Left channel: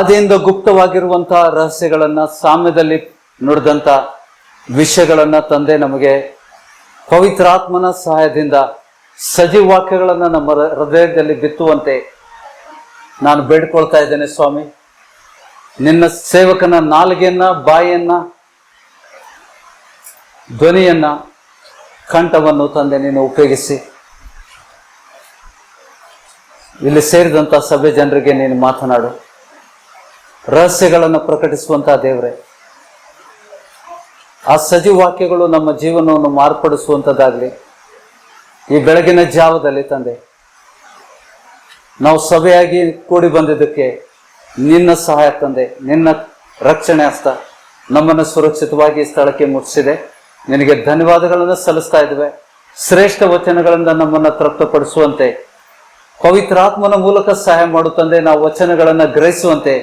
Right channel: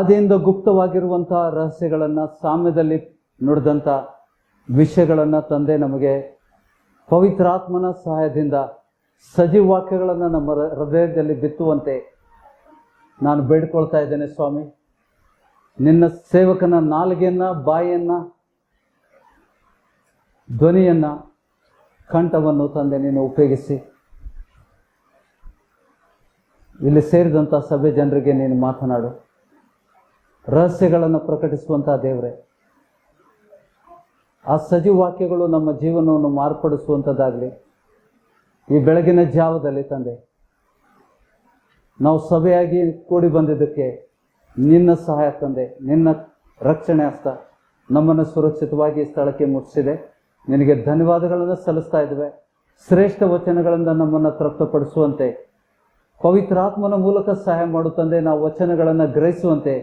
ಆದಿಯಿಂದ ಗುಪ್ತವಾಗಿರುವಂತಹ ರಹಸ್ಯಗಳನ್ನ, ಸಾಮ್ಯದಲ್ಲಿ ನುಡಿದಂಥ ವಿಷಯಗಳನ್ನ ತಂದೆ ನಮಗೆ ಪವಿತ್ರಾತ್ಮನ ಸಹಾಯದಿಂದ ಸಜೀವ ವಾಕ್ಯಗಳನ್ನ ನಮ್ಮ ಹೃದಯದಲ್ಲಿ ಬಿತ್ತುವಂತೆ ನಾನು ಬೇಡ್ಕೊಳ್ತಾ ಇದ್ದೇನೆ ಸ್ವಾಮಿ. ನಿನ್ನ ಸೇವಕನ ನಾಲಿಗೆಯನ್ನ, ಬಾಯಿಯನ್ನ, ಧ್ವನಿಯನ್ನ, ಕಂಠವನ್ನು ತಂದೆ ನೀನು ಉಪಯೋಗಿಸಿ ಇಲ್ಲಿ ಸೇರಿದಂಥ ಸಭೆ ಜನರಿಗೆ ನೀನು ಮಾತನಾಡು. ರಹಸ್ಯಗಳನ್ನು ಪ್ರಕಟಿಸುವಂತಹ ದೇವರೇ, ಆ ಸಜೀವ ವಾಕ್ಯಗಳು ನಮ್ಮ ಜೀವನವನ್ನು ಮಾರ್ಪಡಿಸುವಂಥದ್ದಾಗಲಿ. ಈ ಬೆಳಗಿನ ಜಾವದಲ್ಲಿ ತಂದೆ ನಾವು ಸಭೆಯಾಗಿ ಕೂಡಿ ಬಂದಿದ್ದಕ್ಕೆ ನಿನ್ನ ಸಹಾಯ ತಂದೆ, ನಿನ್ನ ರಕ್ಷಣೆ ಹಸ್ತ ನಮ್ಮನ್ನು ಸುರಕ್ಷಿತವಾಗಿ ಸ್ಥಳಕ್ಕೆ ಮುಟ್ಟಿಸಿದೆ. ನಿನಗೆ ಧನ್ಯವಾದಗಳನ್ನು ಸಲ್ಲಿಸ್ತಾ ಇದ್ದೇವೆ. ಶ್ರೇಷ್ಠ ವಚನಗಳಿಂದ ನಮ್ಮನ್ನು ತೃಪ್ತಪಡಿಸುವಂತೆ ಪವಿತ್ರಾತ್ಮನ ಮೂಲಕ ಸಹಾಯ ಮಾಡುತ್ತಂದೆ. ನಾವು ವಚನಗಳನ್ನು ಗ್ರಹಿಸುವಂತೆ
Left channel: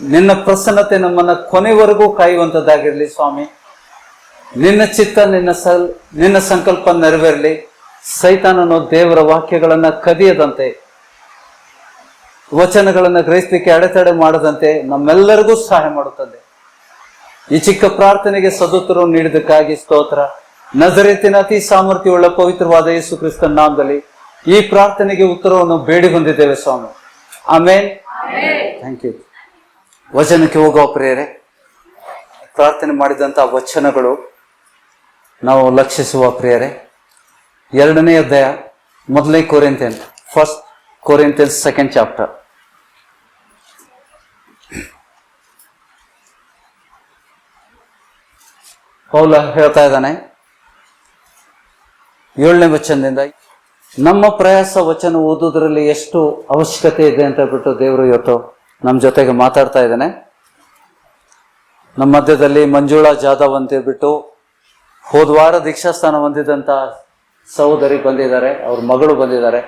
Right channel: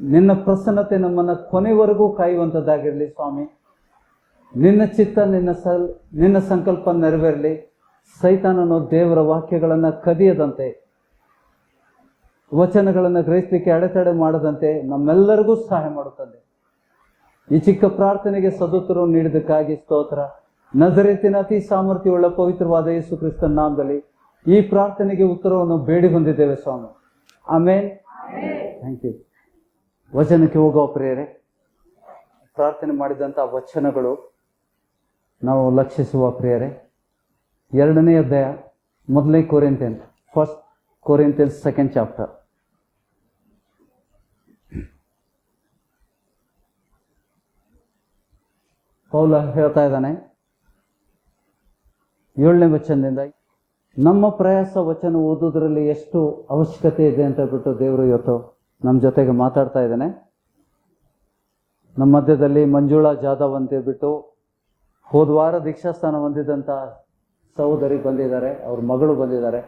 ನಿನ್ನ ಪ್ರಸನ್ನತೆ ನಮ್ಮನ್ನು ಕೊನೆವರೆಗೂ ಕಾಯುವಂಥದ್ದಾಗಿರಲಿ ಸ್ವಾಮಿ. ನಿನ್ನ ಚಿತ್ತ, ನಿನ್ನ ಸಂಕಲ್ಪ ನೆರವೇರಲಿ. ಸೈತಾನನು ದೇವರ ವಾಕ್ಯಗಳನ್ನು ಕದಿಯದಂತೆ, ವಚನಗಳನ್ನು ಗ್ರಹಿಸಲಿಕ್ಕೆ ಅಡೆತಡೆ ಮಾಡದಂತೆ ನಮ್ಮೆಲ್ಲರಿಗೂ ಸಹಾಯ ಮಾಡುತ್ತದೆ. ಈ ಚಿಕ್ಕ ಪ್ರಾರ್ಥನೆಗೆ ಸದುತ್ತರವನ್ನು ನೀಡಿದ್ದಕ್ಕಾಗಿ ಸ್ತೋತ್ರ. ನಜರೇತಿನ ಅತಿ ಸಾಮರ್ಥ್ಯವುಳ್ಳ ಪವಿತ್ರವಾದ ಯೇಸು ಕ್ರಿಸ್ತನ ನಾಮದಲ್ಲಿ ಈ ಪ್ರಾರ್ಥನೆಗೆ ಉತ್ತರವನ್ನು ಬೇಡಿ ಬಂದಿದ್ದೇವೆ ಸ್ವಾಮಿ. ಆಮೇನ್. Thank you. ವಚನಕ್ಕೆ ಹೋಗುವ ಪ್ರಿಯರೇ, ಪ್ರಾರ್ಥನೆ ಮಾಡಿದಂಥ ವಚನಗಳು ನಾವು ಲಕ್ಷಿಸುವ ಪ್ರಿಯರೇ. 2ನೇ ಅಧ್ಯಾಯ, 1 ಕೊರಿಂಥಿಯನ್, 1 ಕೊರಿಂಥಿಯನ್ಸ್ 2nd ಚಾಪ್ಟರ್. ಪೌಲ ಹೇಳ್ತಾ ಇದ್ದಾನೆ 7ನೇ ವಚನದಿಂದ, ನಮ್ಮ ಪ್ರಯಾಸ ವಚನ ಓದುವುದರಲ್ಲಿ ಎಷ್ಟು ಅವಶ್ಯಕತೆ ಇದೆ ಅಂತ ಹೇಳ್ಬಿಟ್ಟು ದೇವರು ಇವತ್ತು ನಮ್ಮ ಜೊತೆಗೆ ಮಾತಾಡ್ತಾ ಇದ್ದಾನೆ. ನಮ್ಮ ಮಧ್ಯದಲ್ಲಿ ಮಂಜುಳಾ ಜಾಧವ್ ಅಂತ ಹೇಳ್ಬಿಟ್ಟು ಹೋದ ವಾರ ದೀಕ್ಷಾಸ್ಥಾನ ಹೊಂದಿದಂಥ ಸಹೋದರಿ ಬಂದಿದ್ದಾರೆ, ಅವ್ರ ಮಗಳು ಬಂದಿದ್ದಾರೆ.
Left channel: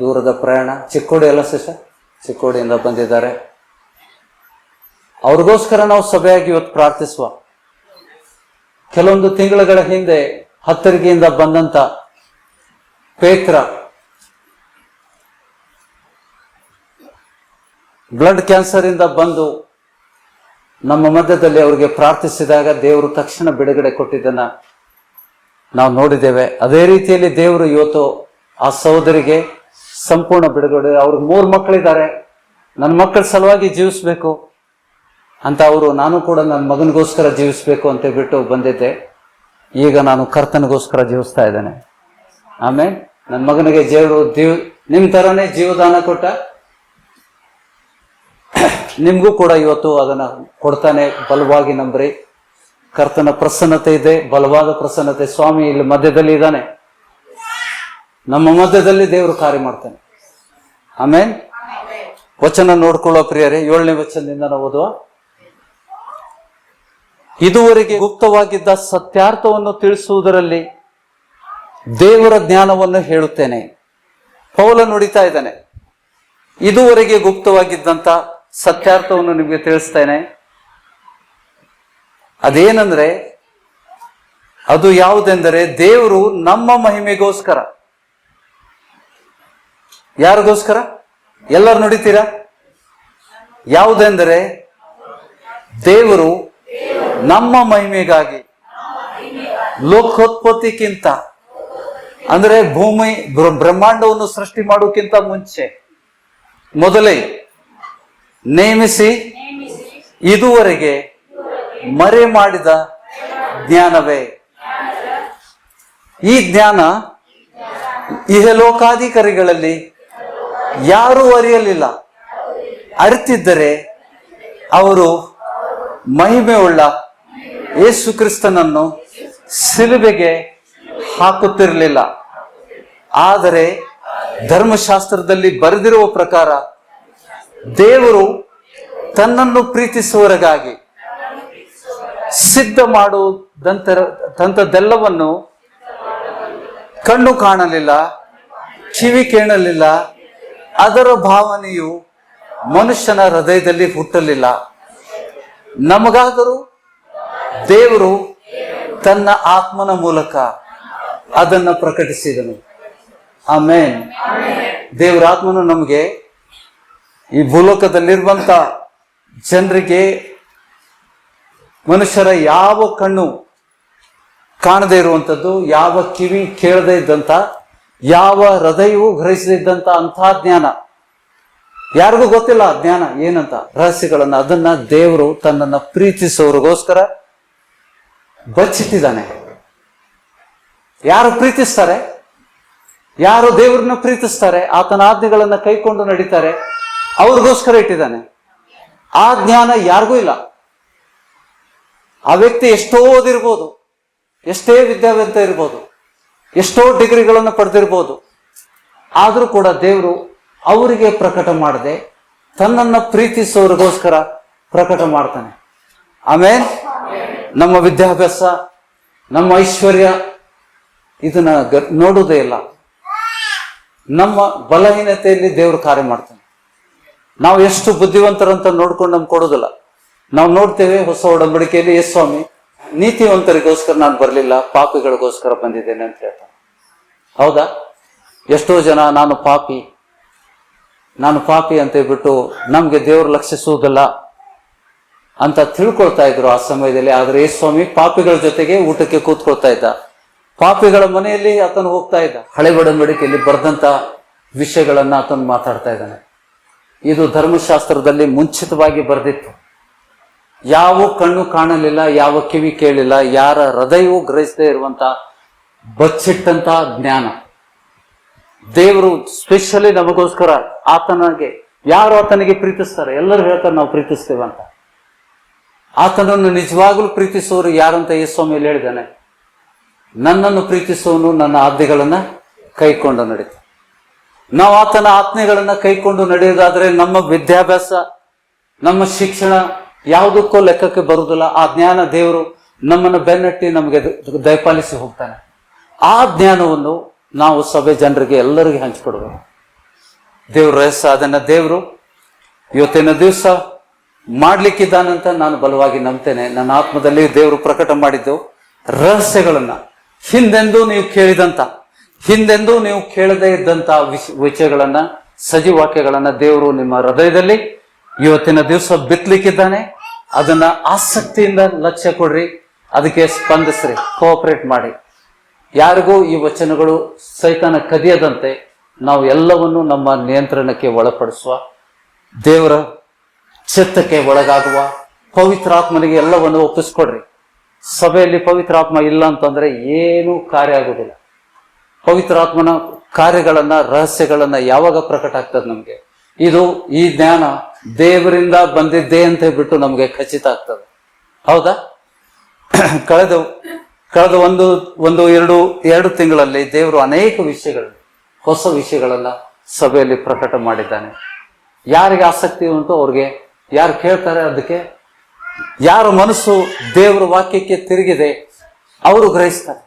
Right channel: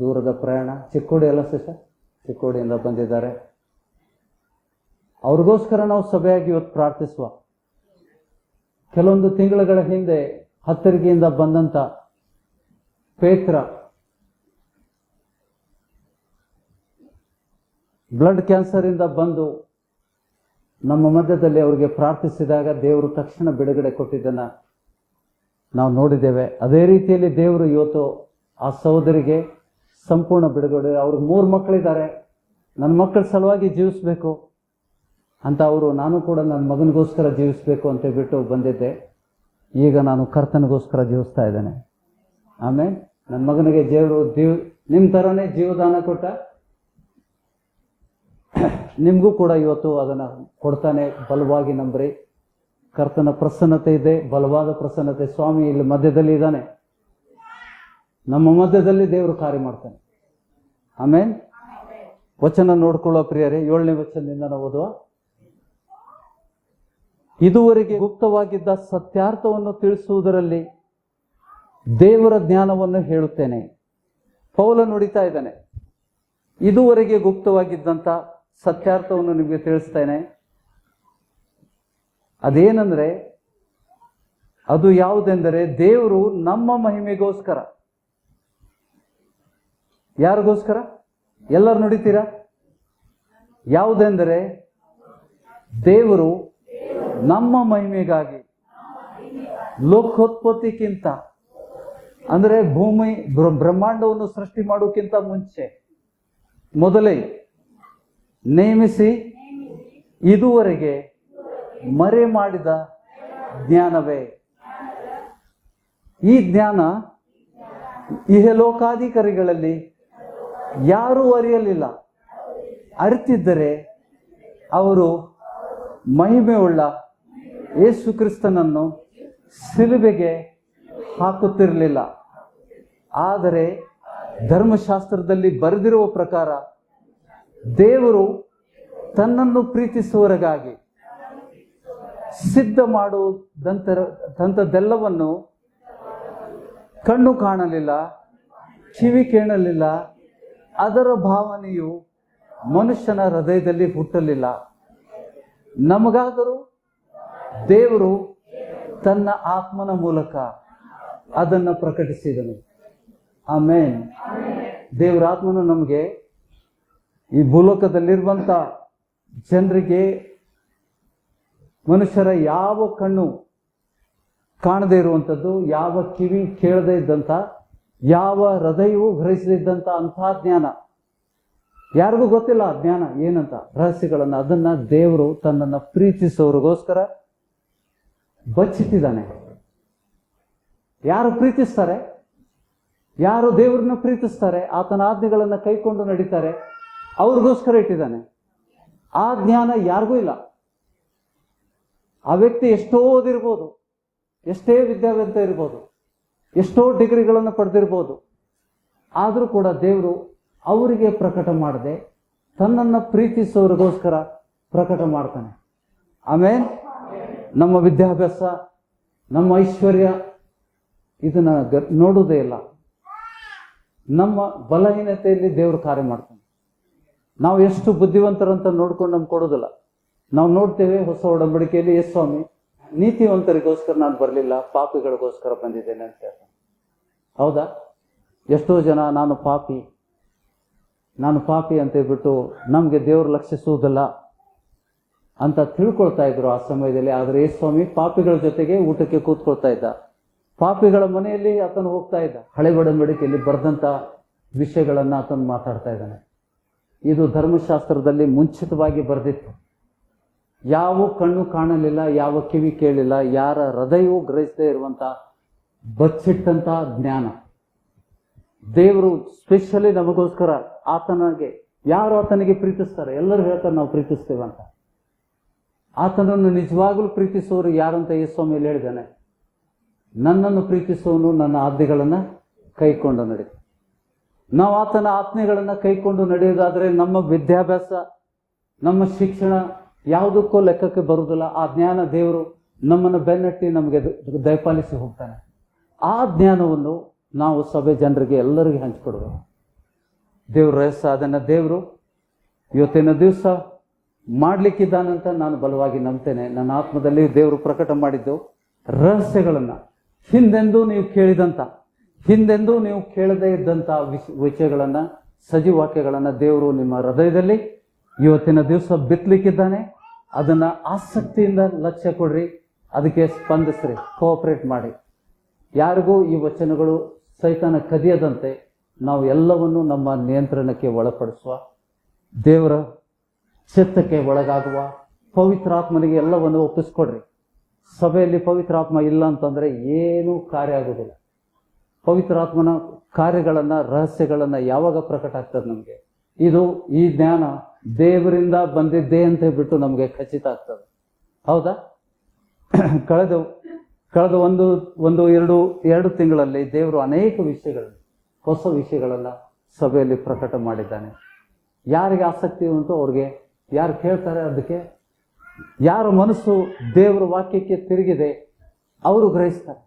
ದೂರದ ಪ್ರಯಾಣ, ಚಿಕ್ಕೋಡಿ ಅಲ್ಲ ಸಿಸ್ಟರ್, ಚಿಕ್ಕೋಡಿಯಿಂದ ಬಂದಿದ್ದಾರೆ. ಅವ್ರಿಗೋಸ್ಕರ ನಾವು ಸಭೆಯಾಗಿ ಇವತ್ತು ಪ್ರಾರ್ಥಿಸುವ. ಕೆಲವೊಂದು ತಿಂಗಳುಗಳ ಹಿಂದೆ ಹತ್ತರಿಗೆಯಿಂದ ಬಂದಂತ ಪೇತ್ರ ಬ್ಲಡ್ ಕ್ಯಾನ್ಸರ್ ಇಂದ ಬಂದು ನಮ್ಮ ಮಧ್ಯದಲ್ಲಿ ಅವರಿಗೆ ಪ್ರಾರ್ಥಿಸಿದಾಗ ದೇವರು ತಕ್ಷಣ ಬಿಡುಗಡೆ ಕೊಟ್ಟಿದ್ದನ್ನ ನಾವು ನೋಡಿದ್ದೇವೆ. ಅದೇ ರೀತಿಯಲ್ಲಿ ದೇವರು ಇವತ್ತು ಆ ಸಹೋದರಿಗೆ ಸಂಪೂರ್ಣ ಬಿಡುಗಡೆ. ಅವ್ರಿಗೆ 3 ಮಕ್ಕಳಿದ್ದಾರೆ. ನನ್ನ ಮಕ್ಕಳ ಸಲುವಾಗಿ ಜೀವಿಸ್ಬೇಕು ಅಂತ ಅವರು, ನಾನು ಕೂಡ ನನ್ನ ಮಗನಿಗೋಸ್ಕರ ಜೀವಿಸ್ಬೇಕು ಅಂತ ಬಿಟ್ಟು ಬಂದಿದ್ದೆ. ಈಗ ನಾನು ಕರ್ತನಿಗೋಸ್ಕರ ಜೀವಿಸ್ತಾ ಇದ್ದೇನೆ. ಆಮೇಲೆ ನನ್ನ ಮಗನಿಗೆ ದೇವರು ನಿಮ್ ತರನೇ ಜೀವದಾನ ಕೊಟ್ಟ, ನಿಮ್ಗೂ ಕೂಡ ಇವತ್ತು ಅದನ್ನ ಕೊಡ್ತಾನೆ. ಬಲವಾಗಿ ನಂಬ್ರಿ. ಕರ್ತನ ಪ್ರಸನ್ನತೆ ಇದೆ, ಬಲವಾದ ಪ್ರಸನ್ನತೆ. ಸ್ವಾಮಿ ಇಲ್ಲಿ ಮಧ್ಯದಲ್ಲಿ ಇದ್ದಾನೆ, ನಮ್ಮ ಮಧ್ಯದಲ್ಲಿ ದೇವರು ಕಾರ್ಯ ಮಾಡ್ತಾನೆ. ಆಮೇಲೆ ವಚನ ನೋಡ್ಕೊಳ್ಳೋ ಪ್ರಿಯರೇ, 7ನೇ ವಚನದಿಂದ ನಾವು ಓದುವ. ಇದುವರೆಗೆ ಗುಪ್ತವಾಗಿದ್ದ ಸತ್ಯಾರ್ಥವನ್ನು ತಿಳಿಸುವುದರಲ್ಲಿ ದೇವರ ಜ್ಞಾನವನ್ನು ಹೇಳುತ್ತೇನೆ. ಪೌಲ ನುಡಿತಾ ಇದ್ದಾನೆ, ಇದುವರೆಗೆ ಗುಪ್ತವಾಗಿದ್ದಂತ ಸತ್ಯಾರ್ಥವನ್ನು ನಿಮಗೆ ತಿಳಿಸ್ತೇನೆ. ಅದೇನಂದ್ರೆ, ಅದು ಯಾವುದೆಂದರೆ ದೇವರು ನಮ್ಮ ಮಹಿಮೆಗೋಸ್ಕರ. ಯಾರಿಗೋಸ್ಕರ? ಎಲ್ಲರೂ ನುಡಿತೀರಾ? ಯಾವುದೆಂದರೆ ದೇವರು ನಮ್ಮ ಮಹಿಮೆಗಾಗಿ ಲೋಕೋತ್ಪತ್ತಿಕ್ಕಿಂತ, ಅಂದ್ರೆ ಭೂಮಿ ಬ್ರಹ್ಮಾಂಡವನ್ನು ಸೃಷ್ಟಿ ಮಾಡೋಕ್ಕಿಂತ ಮುಂಚೆ ಮೊದಲೇ ನೇಮಿಸಿ ಇದುವರೆಗೆ ಮರೆ ಮಾಡಿದ ಜ್ಞಾನವೇ. ಈ ಜ್ಞಾನ ಇಹಲೋಕಾಧಿಕಾರಿಗಳಲ್ಲಿ ಯಾರೂ ಅರಿಯಲಿಲ್ಲ. ಅರಿತಿದ್ದರೆ ಅವರು ಮಹಿಮೆಯುಳ್ಳ ಯೇಸು ಕ್ರಿಸ್ತನನ್ನು ಶಿಲುಬೆಗೆ ಹಾಕುತ್ತಿರಲಿಲ್ಲ. ಆದರೆ ಧರ್ಮಶಾಸ್ತ್ರದಲ್ಲಿ ಬರೆದಿರುವ ಪ್ರಕಾರ ದೇವರು ತನ್ನನ್ನು ಪ್ರೀತಿಸುವವರಿಗಾಗಿ ಸಿದ್ಧ ಮಾಡುವುದಂಥದ್ದೆಲ್ಲವನ್ನು ಕಣ್ಣು ಕಾಣಲಿಲ್ಲ, ಕಿವಿ ಕೇಳಲಿಲ್ಲ, ಅದರ ಭಾವನೆಯು ಮನುಷ್ಯನ ಹೃದಯದಲ್ಲಿ ಹುಟ್ಟಲಿಲ್ಲ. ನಮಗಾದರೂ ದೇವರು ತನ್ನ ಆತ್ಮನ ಮೂಲಕ ಅದನ್ನು ಪ್ರಕಟಿಸಿದನು. ಆಮೇನ್. ದೇವರ ಆತ್ಮನು ನಮಗೆ ಈ ಭೂಲೋಕದಲ್ಲಿರುವಂತ ಜನರಿಗೆ ಮನುಷ್ಯರ ಯಾವ ಕಣ್ಣು ಕಾಣದೇ ಇರುವಂಥದ್ದು, ಯಾವ ಕಿವಿ ಕೇಳದೇ ಇದ್ದಂಥ, ಯಾವ ಹೃದಯವೂ ಗ್ರಹಿಸದಿದ್ದಂಥ ಅಂಥ ಜ್ಞಾನ, ಯಾರಿಗೂ ಗೊತ್ತಿಲ್ಲ ಆ ಜ್ಞಾನ ಏನಂತ, ರಹಸ್ಯಗಳನ್ನ, ಅದನ್ನ ದೇವರು ತನ್ನನ್ನು ಪ್ರೀತಿಸೋರಿಗೋಸ್ಕರ ಬಚ್ಚಿಟ್ಟಿದ್ದಾನೆ. ಯಾರು ಪ್ರೀತಿಸ್ತಾರೆ, ಯಾರು ದೇವರನ್ನ ಪ್ರೀತಿಸ್ತಾರೆ, ಆತನ ಆಜ್ಞೆಗಳನ್ನ ಕೈಕೊಂಡು ನಡೀತಾರೆ, ಅವ್ರಿಗೋಸ್ಕರ ಇಟ್ಟಿದ್ದಾನೆ. ಆ ಜ್ಞಾನ ಯಾರಿಗೂ ಇಲ್ಲ. ಆ ವ್ಯಕ್ತಿ ಎಷ್ಟೋ ಓದಿರ್ಬೋದು, ಎಷ್ಟೇ ವಿದ್ಯಾವಂತ ಇರ್ಬೋದು, ಎಷ್ಟೋ ಡಿಗ್ರಿಗಳನ್ನು ಪಡೆದಿರ್ಬೋದು, ಆದರೂ ಕೂಡ ದೇವರು ಅವರಿಗೆ ಪ್ರಕಟ ಮಾಡದೆ ತನ್ನನ್ನು ಪ್ರೀತಿಸೋರಿಗೋಸ್ಕರ ಪ್ರಕಟ ಮಾಡ್ತಾನೆ. ಆಮೇಲೆ ನಮ್ಮ ವಿದ್ಯಾಭ್ಯಾಸ, ನಮ್ಮ ಐಶ್ವರ್ಯ ಇದನ್ನ ನೋಡುವುದೇ ಇಲ್ಲ. ನಮ್ಮ ಬಲಹೀನತೆಯಲ್ಲಿ ದೇವರು ಕಾರ್ಯ ಮಾಡ್ತಾನೆ. ನಾವು ಎಷ್ಟು ಬುದ್ಧಿವಂತರಂತ ನೋಡ್ಕೊಂಡು ನಮ್ಗೆ ಕೊಡೋದಿಲ್ಲ. ನಾವು ನೋಡ್ತೇವೆ ಹೊಸ ಒಡಂಬಡಿಕೆಯಲ್ಲಿ, ಎಸ್ ಸ್ವಾಮಿ ನೀತಿವಂತರಿಗೋಸ್ಕರ ನಾನು ಬರಲಿಲ್ಲ, ಪಾಪಿಗಳಿಗೋಸ್ಕರ ಬಂದಿದ್ದೇನೆ ಅಂತ ಹೇಳ್ತಾನೆ. ಹೌದಾ? ಎಷ್ಟೋ ಜನ ನಾನು ಪಾಪಿ ಅಂತ ಹೇಳ್ಬಿಟ್ಟು ನಮ್ಗೆ ದೇವರು ಲಕ್ಷಿಸುವುದಿಲ್ಲ ಅಂತ ತಿಳ್ಕೊಳ್ತಾ ಇದ್ರು ಆ ಸಮಯದಲ್ಲಿ. ಆದ್ರೆ ಯೇಸು ಸ್ವಾಮಿ ಪಾಪಿಗಳ ಜೊತೆಗೆ ಊಟಕ್ಕೆ ಕೂತ್ಕೊಳ್ತಾ ಇದ್ದ, ಪಾಪಿಗಳ ಮನೆಯಲ್ಲಿ ಆತನು ಹೋಗ್ತಾ ಇದ್ದ. ಹಳೆ ಒಡಂಬಡಿಕೆಯಲ್ಲಿ ಬರೆದಂತ ವಿಷಯಗಳನ್ನ ಆತನು ಮಾತಾಡ್ತಾ ಇದ್ದಾನೆ. ಇದು ಧರ್ಮಶಾಸ್ತ್ರದಲ್ಲಿ ಮುಂಚಿತವಾಗಿ ಬರೆದಿತ್ತು. ಯಾವ ಕಣ್ಣು ಕಾಣಲಿಲ್ಲ, ಯಾವ ಕಿವಿ ಕೇಳಿಲ್ಲ, ಯಾರ ಹೃದಯವೂ ಗ್ರಹಿಸದೇ ಇರುವಂತ ಬಚ್ಚಿಟ್ಟಂತ ಜ್ಞಾನ ದೇವರು ಸ್ಪೆಷಲಿ ನಮಗೋಸ್ಕರ, ಆತನಿಗೆ ಯಾರು ಆತನಿಗೆ ಪ್ರೀತಿಸ್ತಾರೆ, ಎಲ್ಲರೂ ಹೇಳ್ತಾರೆ ನಾವು ಪ್ರೀತಿಸ್ತೇವೆ ಅಂತ. ಆತನನ್ನು ನಿಜವಾಗ್ಲೂ ಪ್ರೀತಿಸುವವರು ಯಾರಂತ ಯೇಸು ಸ್ವಾಮಿಯಲ್ಲಿ ಹೇಳಿದ್ದಾನೆ, ನನ್ನನ್ನು ಪ್ರೀತಿಸುವವನು ನನ್ನ ಆಜ್ಞೆಗಳನ್ನ ಕೈಕೊಂಡು ನಡೀತಾನೆ. ನಾವು ಆತನ ಆಜ್ಞೆಗಳನ್ನ ಕೈಕೊಂಡು ನಡೆಯೋದಾದ್ರೆ ನಮ್ಮ ವಿದ್ಯಾಭ್ಯಾಸ, ನಮ್ಮ ಶಿಕ್ಷಣ ಯಾವುದಕ್ಕೂ ಲೆಕ್ಕಕ್ಕೆ ಬರುವುದಿಲ್ಲ. ಆ ಜ್ಞಾನ ದೇವರು ನಮ್ಮನ್ನು ಬೆನ್ನಟ್ಟಿ ನಮಗೆ ದಯಪಾಲಿಸಿ ಹೋಗ್ತಾನೆ. ಆ ಜ್ಞಾನವನ್ನು ನಾವು ಸಭೆ ಜನರಿಗೆ ಎಲ್ಲರಿಗೆ ಹಂಚಿಕೊಡ್ಬೇಕು. ದೇವ್ರ ರಹಸ್ಯ, ಅದನ್ನ ದೇವರು ಇವತ್ತಿನ ದಿವಸ ಮಾಡ್ಲಿಕ್ಕಿದ್ದಾನಂತ ನಾನು ಬಲವಾಗಿ ನಂಬ್ತೇನೆ. ನನ್ನ ಆತ್ಮದಲ್ಲಿ ದೇವರು ಪ್ರಕಟ ಮಾಡಿದ್ದು ರಹಸ್ಯಗಳನ್ನ, ಹಿಂದೆಂದೂ ನೀವು ಕೇಳಿದಂತ, ಹಿಂದೆಂದೂ ನೀವು ಕೇಳದೇ ಇದ್ದಂತ ವಿಷಯಗಳನ್ನ, ಸಜೀವಾಕ್ಯಗಳನ್ನ ದೇವರು ನಿಮ್ಮ ಹೃದಯದಲ್ಲಿ ಇವತ್ತಿನ ದಿವಸ ಬಿತ್ತಲಿಕ್ಕಿದ್ದಾನೆ. ಅದನ್ನ ಆಸಕ್ತಿಯಿಂದ ಲಕ್ಷ್ಯ ಕೊಡ್ರಿ, ಅದಕ್ಕೆ ಸ್ಪಂದಿಸ್ರಿ, ಕೋಆಪರೇಟ್ ಮಾಡಿ. ಯಾರಿಗೂ ಈ ವಚನಗಳು ಸೈತಾನ ಕದಿಯದಂತೆ ನಾವು ಎಲ್ಲವನ್ನು ನಮ್ಮ ನಿಯಂತ್ರಣಕ್ಕೆ ಒಳಪಡಿಸುವ, ದೇವರ ಚಿತ್ತಕ್ಕೆ ಒಳಗಾಗುವ, ಪವಿತ್ರಾತ್ಮನಿಗೆ ಎಲ್ಲವನ್ನು ಒಪ್ಪಿಸ್ಕೊಡ್ರಿ. ಸಭೆಯಲ್ಲಿ ಪವಿತ್ರಾತ್ಮ ಇಲ್ಲ ಅಂತಂದ್ರೆ ಏನೂ ಕಾರ್ಯ ಆಗುದಿಲ್ಲ. ಪವಿತ್ರಾತ್ಮನ ಕಾರ್ಯಗಳನ್ನ, ರಹಸ್ಯಗಳನ್ನ ಯಾವಾಗ ಪ್ರಕಟ ಆಗ್ತದೆ ನಮ್ಗೆ, ಇದು ಈ ಜ್ಞಾನ ದೇವರಿಂದ ಬಂದಿದ್ದೇ ಅಂತ ಹೇಳ್ಬಿಟ್ಟು ನಮ್ಗೆ ಖಚಿತ ಆಗ್ತದೆ. ಹೌದಾ? ಕಳೆದ ಎರಡು ತಿಂಗಳಲ್ಲಿ ದೇವರು ಅನೇಕ ವಿಷಯಗಳನ್ನು, ಹೊಸ ವಿಷಯಗಳನ್ನ ಸಭೆಯಲ್ಲಿ ಪ್ರಕಟ ಮಾಡಿದ್ದಾನೆ. ಯಾರಿಗೆ ಆಸಕ್ತಿ ಉಂಟು ಅವ್ರಿಗೆ, ಯಾರು ಕೇಳ್ತಾರೆ ಅದಕ್ಕೆ, ಯಾರ ಮನಸ್ಸು ದೇವರ ವಾಕ್ಯಕ್ಕೆ ತಿರುಗಿದೆ ಅವರು ಗ್ರಹಿಸ್ತಾರೆ.